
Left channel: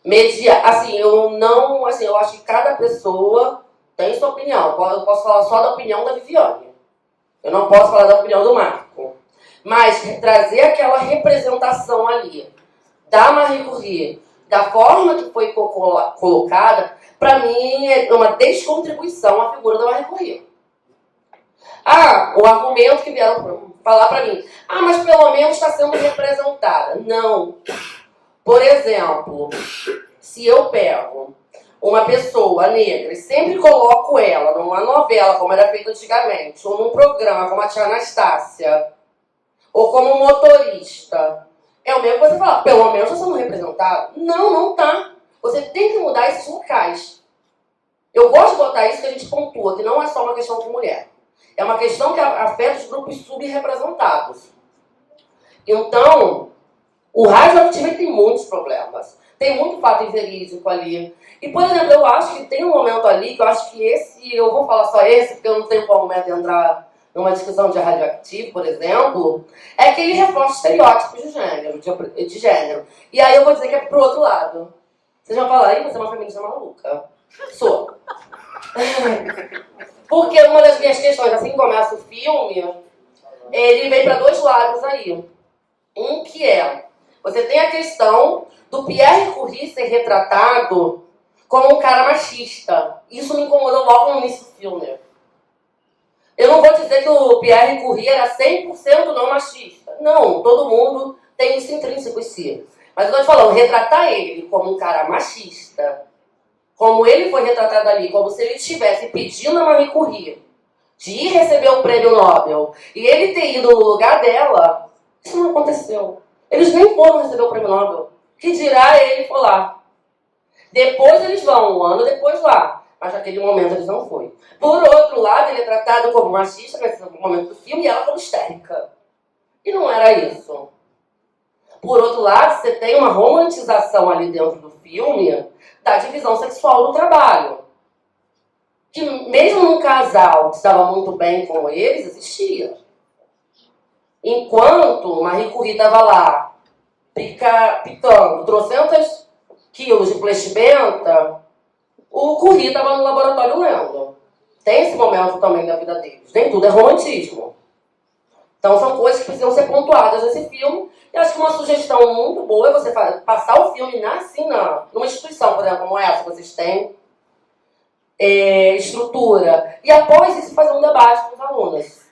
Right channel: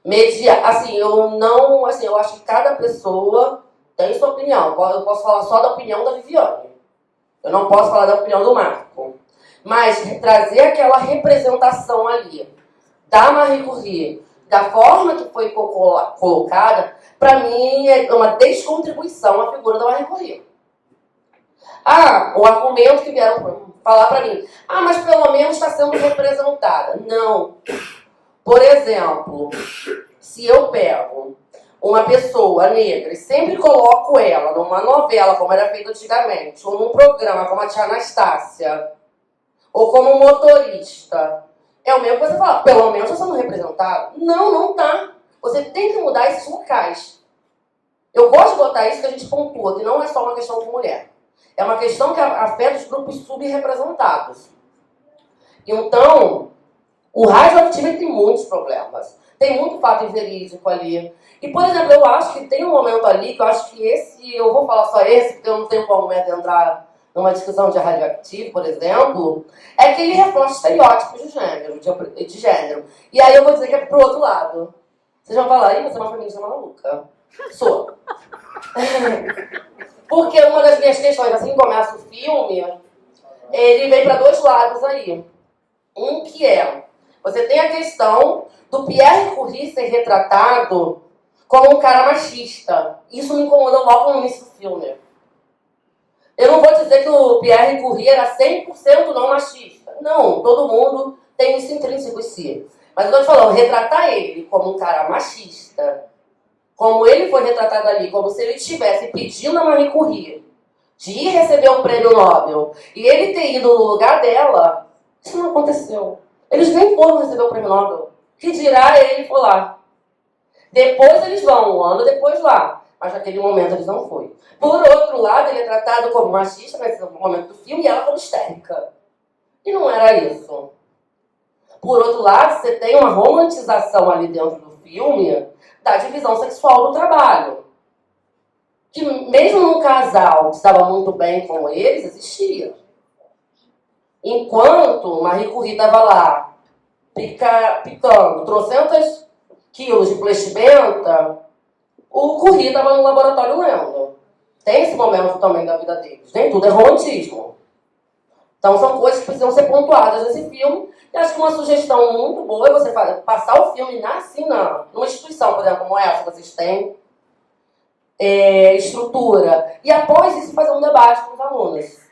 mediar, eu acho que cada pessoa tem sua opinião. Eu posso falar só da opinião da Viviane. Eu não posso falar da opinião do Marco. Mas trazer aquela representação ali da Marie Curie, da forma que foi colocada, para mim é uma descontribuição à figura da Marie Curie. O argumento que vieram falar para mim, mas pelo menos está sendo representada. Não. Por exemplo, se eu pego uma pessoa negra e sempre coloco ela numa novela, como era feito antigamente, ou num programa como a Tia Anastácia, ou como motorista, é o mesmo que você falar, pelo menos está sendo representado. Não, não tá. Você tem que mudar esses locais. Eu gosto de botar isso que a gente pontua, que não é só uma questão de mulher. É uma questão que afeta os grupos subrepresentados. Então, o Radioactive tem muitos problemas. Tem muito fato inverídico ali. E, por exemplo, eu acho que tem um momento ali, que eu acho que eu vou falar só esse, porque eu não tenho qual momento entrar numa discussão de Radioactive, por exemplo, é que ele reforça estereótipos de gênero. E aí eu vou dizer que é pro outro lado. Vocês vão falar, você é uma feminista maluca. Sou. Porque uma das minhas questões, assim que começa o filme, ele vem para 2 lados aí. Um que você tem a questão do Pierre Curie ser retratado como um cara machista. Isso me incomodou logo no início do filme. Eu não vou dizer que o Pierre Curie era 100% não machista. Não, todo mundo tem isso intrínseco em si. Mas eu estou te falando, retratar ele como um cara machista, como ele foi retratado ali, como se ele estivesse pedindo a Marie Curie de ir receber o prêmio Nobel e ele ter ido no lugar dela, isso não aconteceu. Eles nem foram receber o prêmio Nobel. Que dirá ele for lá. Depois eles vão, 1 ano depois lá. Mas naquele momento eles não foram. Por outro lado, ele é tratado como machista nesse momento do filme e ela como histérica. E não era isso. Por outro lado, você tem uma romantização ali dentro do filme da divisão sexual do trabalho. Que mesmo num casal que estava muito bem como eles, existia. Enquanto Marie Curie estava lá picando trocentas quilos de plexibenta, o Curie estava no laboratório lendo. Tem esse momento também da vida deles. Nem tudo é romantismo. Então são coisas que precisam ser pontuadas nesse filme. E acho que uma sugestão muito boa é você passar o filme numa instituição, por exemplo, como essa, vocês têm estrutura. E após isso fazer um debate com os alunos.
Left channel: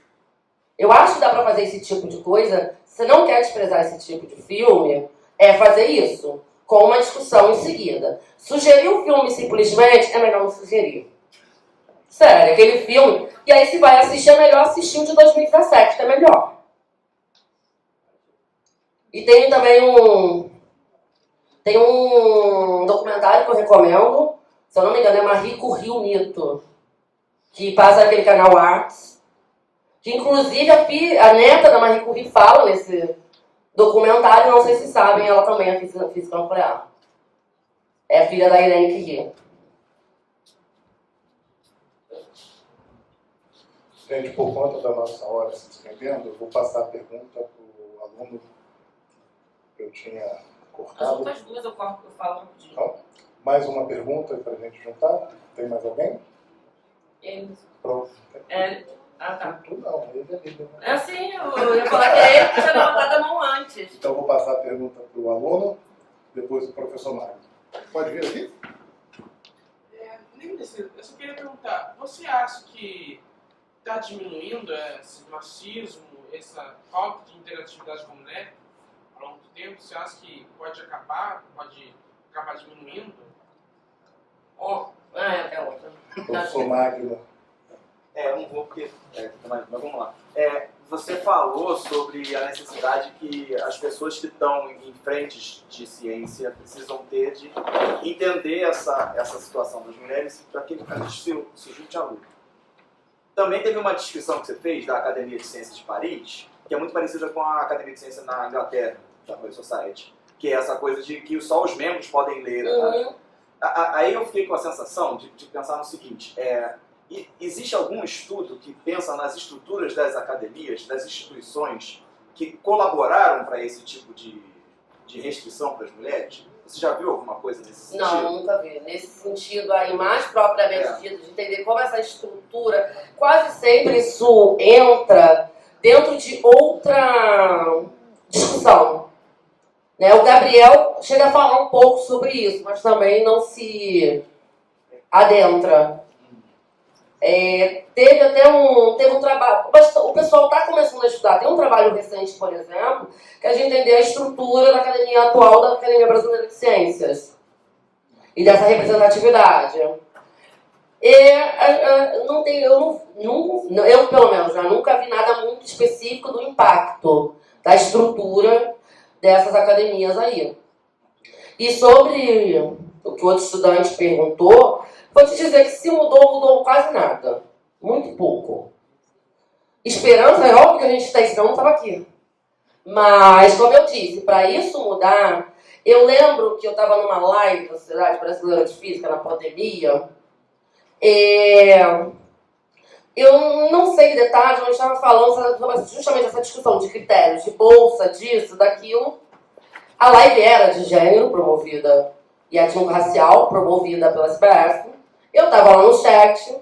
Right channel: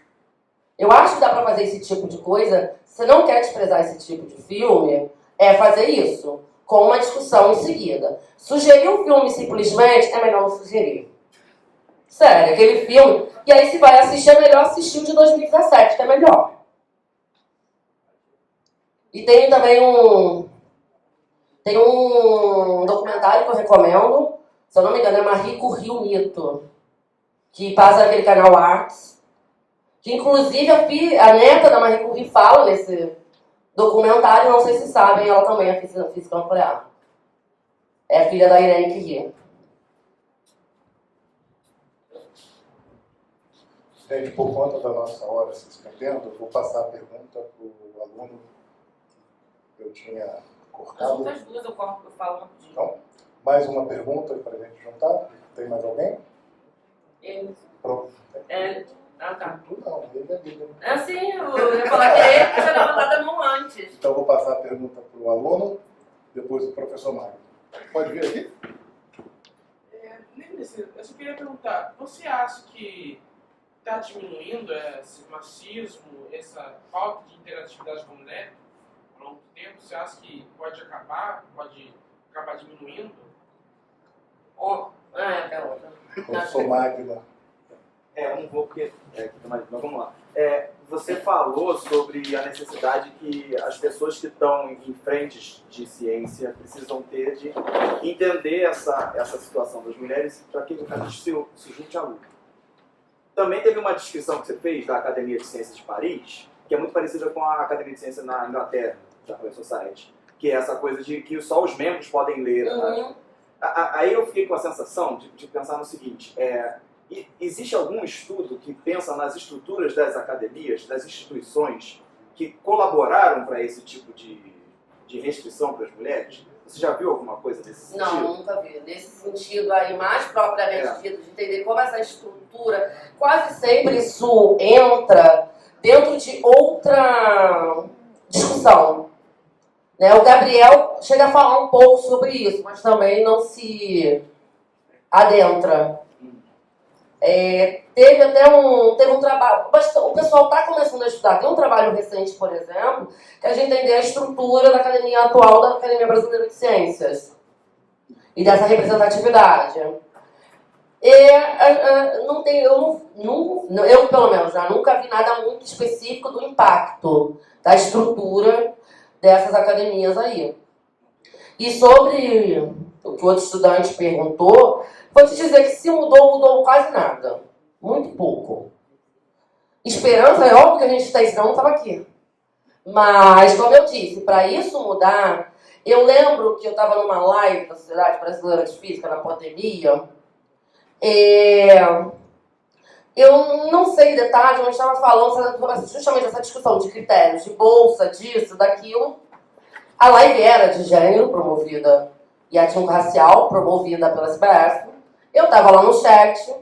Eu acho que dá para fazer esse tipo de coisa. Se você não quer desprezar esse tipo de filme, é fazer isso, com uma discussão em seguida. Sugerir o filme simplesmente é melhor não sugerir. Sério, aquele filme. E aí, se vai assistir, é melhor assistir o de 2017, que é melhor. E tem também um documentário que eu recomendo. Se eu não me engano, é Marie Curie o Mito, que passa naquele canal Arts. Que, inclusive, a neta da Marie Curie fala nesse documentário. Não sei se sabem, ela também é física nuclear. É filha da Irene Curie. Gente, por conta da nossa hora se estendendo, eu vou passar a pergunta para o aluno que eu tinha As cortado. outras duas eu falo rapidinho. Então, mais uma pergunta para a gente juntar? Tem mais alguém? Pronto. Tá. Tu não, ele é líder. Né? É sim, eu ia falar que é ele que tinha levantado a mão antes. Então, eu vou passar a pergunta para o aluno, depois o professor Mário. Pode vir aqui? Eu só queria perguntar, você acha que está diminuindo esse machismo, essa falta de interatividade com a mulher ao longo do tempo? Você acha que pode acabar diminuindo? Até outra. Professor Magno. Eu não vou porque... mas vamos lá. Você falou sobre a necessidade que as pessoas que estão em frentes de ciência precisam ter de entender essa situação das mulheres para que a gente se junte à luta. Também teve uma descrição que você fez da Academia de Ciências de Paris, que é muito parecida com a Academia de Ciências na Inglaterra, da Royal Society, que é essa coisa de que só os membros podem ler. Uhum. Aí eu fiquei com a sensação de pensar no seguinte, existe algum estudo que pensa nas estruturas das academias, das instituições, que colaboraram para esse tipo de restrição para as mulheres? Você já viu alguma coisa nesse sentido? Não, nunca vi. Nesse sentido aí, mais propriamente dito, de entender como essa estrutura, quase sempre isso entra dentro de outra discussão. Né? O Gabriel chega a falar um pouco sobre isso, mas também não se adentra. Teve um trabalho, o pessoal está começando a estudar, tem um trabalho recente, por exemplo, que a gente entender a estrutura da academia atual da Academia Brasileira de Ciências e dessa representatividade. Eu pelo menos, nunca vi nada muito específico do impacto da estrutura dessas academias aí. E sobre o que o outro estudante perguntou, vou te dizer que se mudou quase nada. Muito pouco. Esperança, é óbvio que a gente tem, senão não estava aqui. Mas, como eu disse, para isso mudar, eu lembro que eu estava numa live da Sociedade Brasileira de Física na pandemia. Eu não sei detalhes, mas estava falando sobre justamente essa discussão de critérios, de bolsa, disso, daquilo. A live era de gênero, promovida, e étnico-racial, promovida pela SBF. Eu estava lá no chat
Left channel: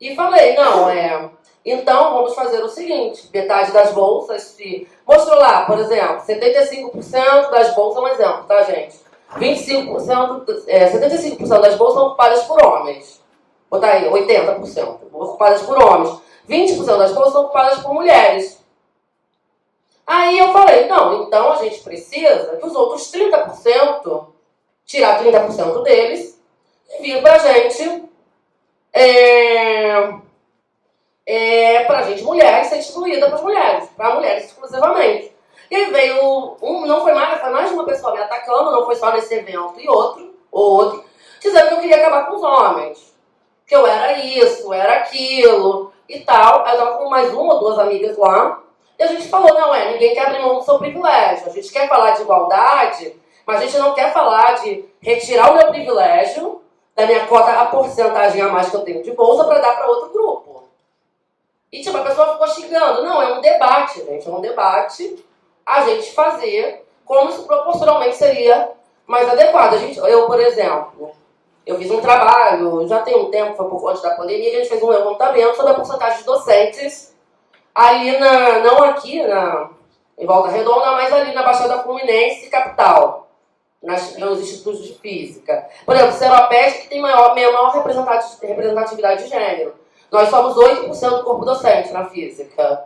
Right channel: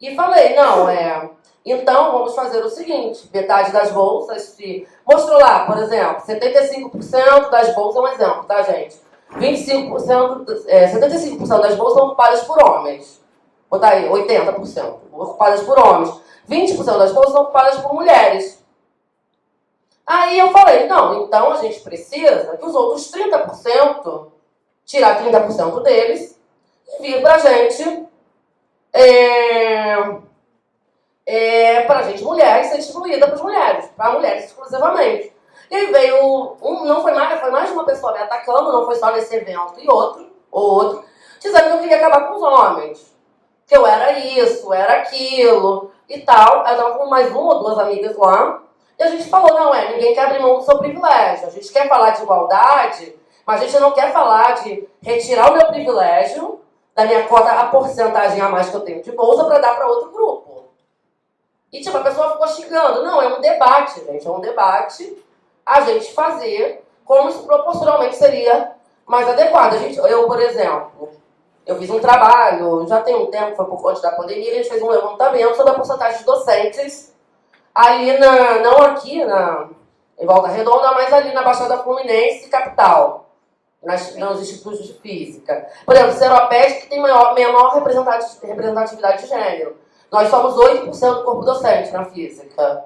e falei, então vamos fazer o seguinte, metade das bolsas, mostrou lá, por exemplo, 75% das bolsas, um exemplo, tá, gente? 75% das bolsas são ocupadas por homens. Vou botar aí, 80% ocupadas por homens. 20% das bolsas são ocupadas por mulheres. Aí eu falei, não, então a gente precisa que os outros 30%, tirar 30% deles e vir pra gente, pra gente mulher, ser distribuída para mulheres exclusivamente. E aí veio, foi mais de uma pessoa me atacando, não foi só nesse evento e outro, dizendo que eu queria acabar com os homens. Que eu era isso, era aquilo e tal. Aí eu tava com mais uma ou duas amigas lá. E a gente falou, ninguém quer abrir mão do seu privilégio. A gente quer falar de igualdade, mas a gente não quer falar de retirar o meu privilégio da minha cota, a porcentagem a mais que eu tenho de bolsa para dar para outro grupo. E tipo, a pessoa ficou xingando. Não, é um debate, gente. É um debate a gente fazer como isso proporcionalmente seria mais adequado. Eu, por exemplo, eu fiz um trabalho, já tem um tempo, foi pouco antes da pandemia, a gente fez um levantamento sobre a porcentagem de docentes ali não aqui em Volta Redonda, mas ali na Baixada Fluminense, capital, nos institutos de física. Por exemplo, o Seropeste, que tem menor representatividade de gênero. Nós somos 8% do corpo docente na física.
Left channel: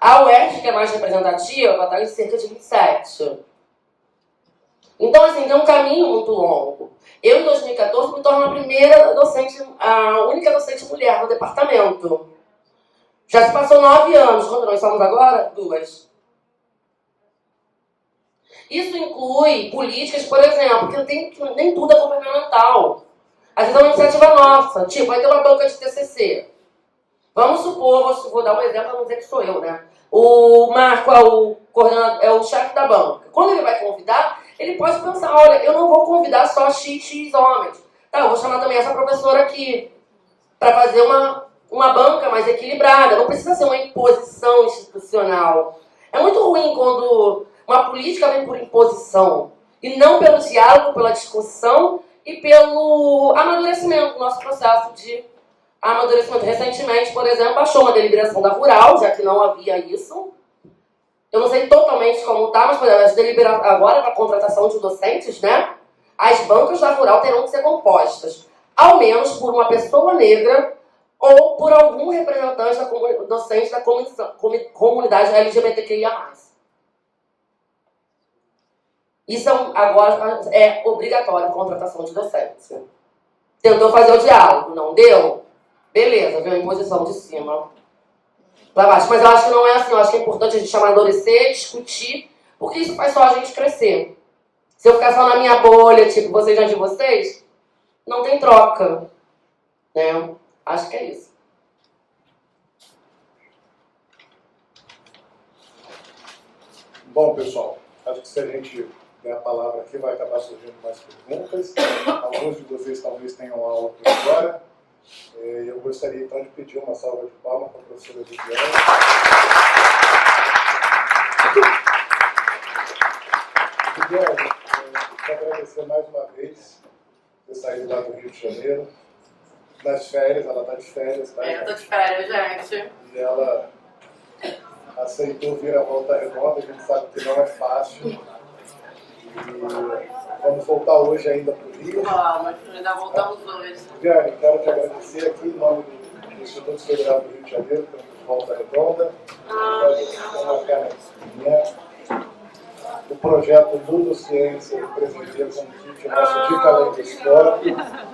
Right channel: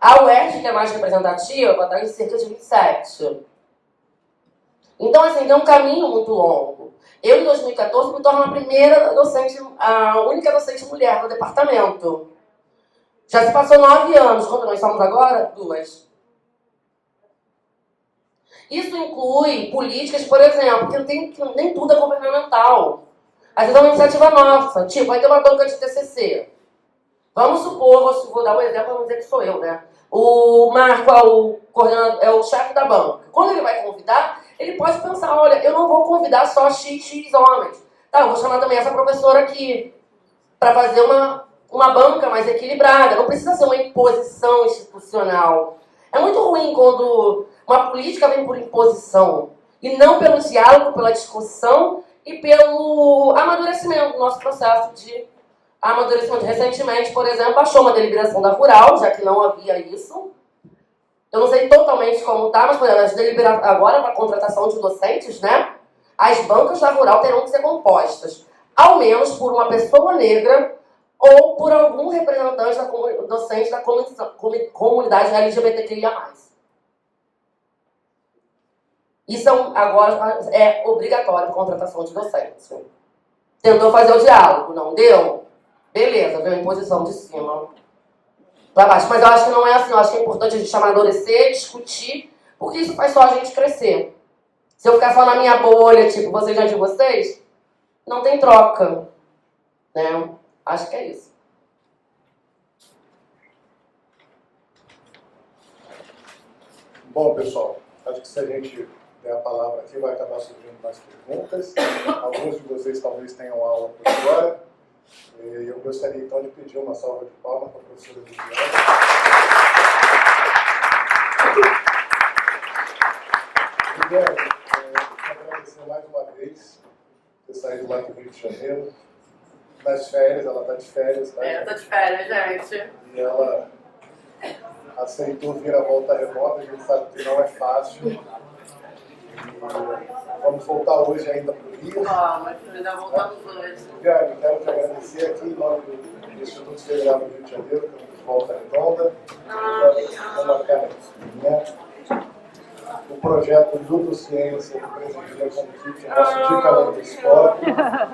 A UERJ, que é mais representativa, está em cerca de 27%. Então, assim, tem um caminho muito longo. Eu, em 2014, me torno a única docente mulher no departamento. Já se passou 9 anos. Quanto nós somos agora? 2. Isso inclui políticas, por exemplo, que nem tudo é governamental. Às vezes é uma iniciativa nossa. Tipo, vai ter uma banca de TCC. Vamos supor, vou dar um exemplo para não dizer que sou eu, né? O Marco é o chefe da banca. Quando ele vai convidar, ele pode pensar, olha, eu não vou convidar só XX homens. Tá, eu vou chamar também essa professora aqui para fazer uma banca mais equilibrada. Não precisa ser uma imposição institucional. É muito ruim quando uma política vem por imposição e não pelo diálogo, pela discussão e pelo amadurecimento do nosso processo de amadurecimento. Recentemente, por exemplo, baixou uma deliberação da Rural, já que não havia isso. Eu não sei totalmente como está, mas, por exemplo, agora para a contratação de docentes, né? As bancas da Rural terão que ser compostas, ao menos por uma pessoa negra ou por algum representante docente da comunidade LGBTQIA+. Isso agora é obrigatório a contratação de docentes. Tentou fazer o diálogo, não deu? Beleza, veio a imposição de cima para baixo. Mas eu acho que não é assim. Eu acho que é importante a gente amadurecer, discutir, porque isso faz só a gente crescer. Se eu ficar só na minha bolha, tipo, vocês já de vocês, não tem troca. Né? Acho que é isso. Bom, pessoal, acho que se a gente der a palavra aqui, vai acabar surgindo mais perguntas. Alguns de vocês talvez tenham aula por agora. Eu gostaria então de pedir uma salva de palmas para a professora Viviane. Viviane, quero agradecer mais uma vez por ter saído lá do Rio de Janeiro. Nas férias, ela está de férias, tá? Eu tô de férias, gente. E ela aceitou vir a Volta Redonda, a gente sabe que não é fácil. E vamos voltar hoje ainda para o Rio. Mas ainda voltamos hoje. Viviane, quero te agradecer aqui em nome do Instituto Federal do Rio de Janeiro, pelo Volta Redonda. Uma canequinha. O projeto Nudo Ciência, do presidente como kit, nosso Dica Além da História.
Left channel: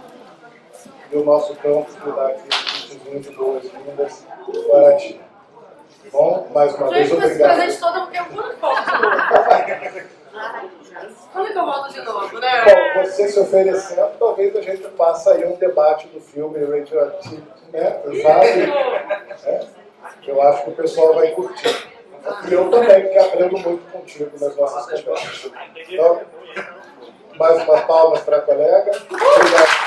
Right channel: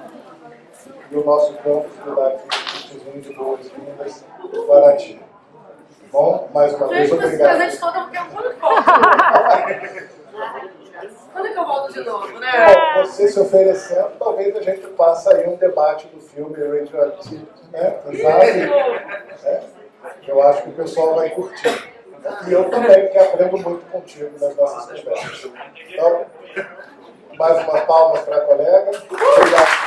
E o nosso campus que dá aqui um kitzinho de boas-vindas para ti. Bom, mais uma vez, obrigado. Esse presente todo porque eu quando que volto? Quando que eu volto de novo, né? Bom, você se oferecendo, talvez a gente faça aí um debate do filme Radioactive, né? Exato. Eu acho que o pessoal vai curtir. E eu também, que aprendo muito contigo nas nossas conversas. Então, mais umas palmas para a colega. Obrigado.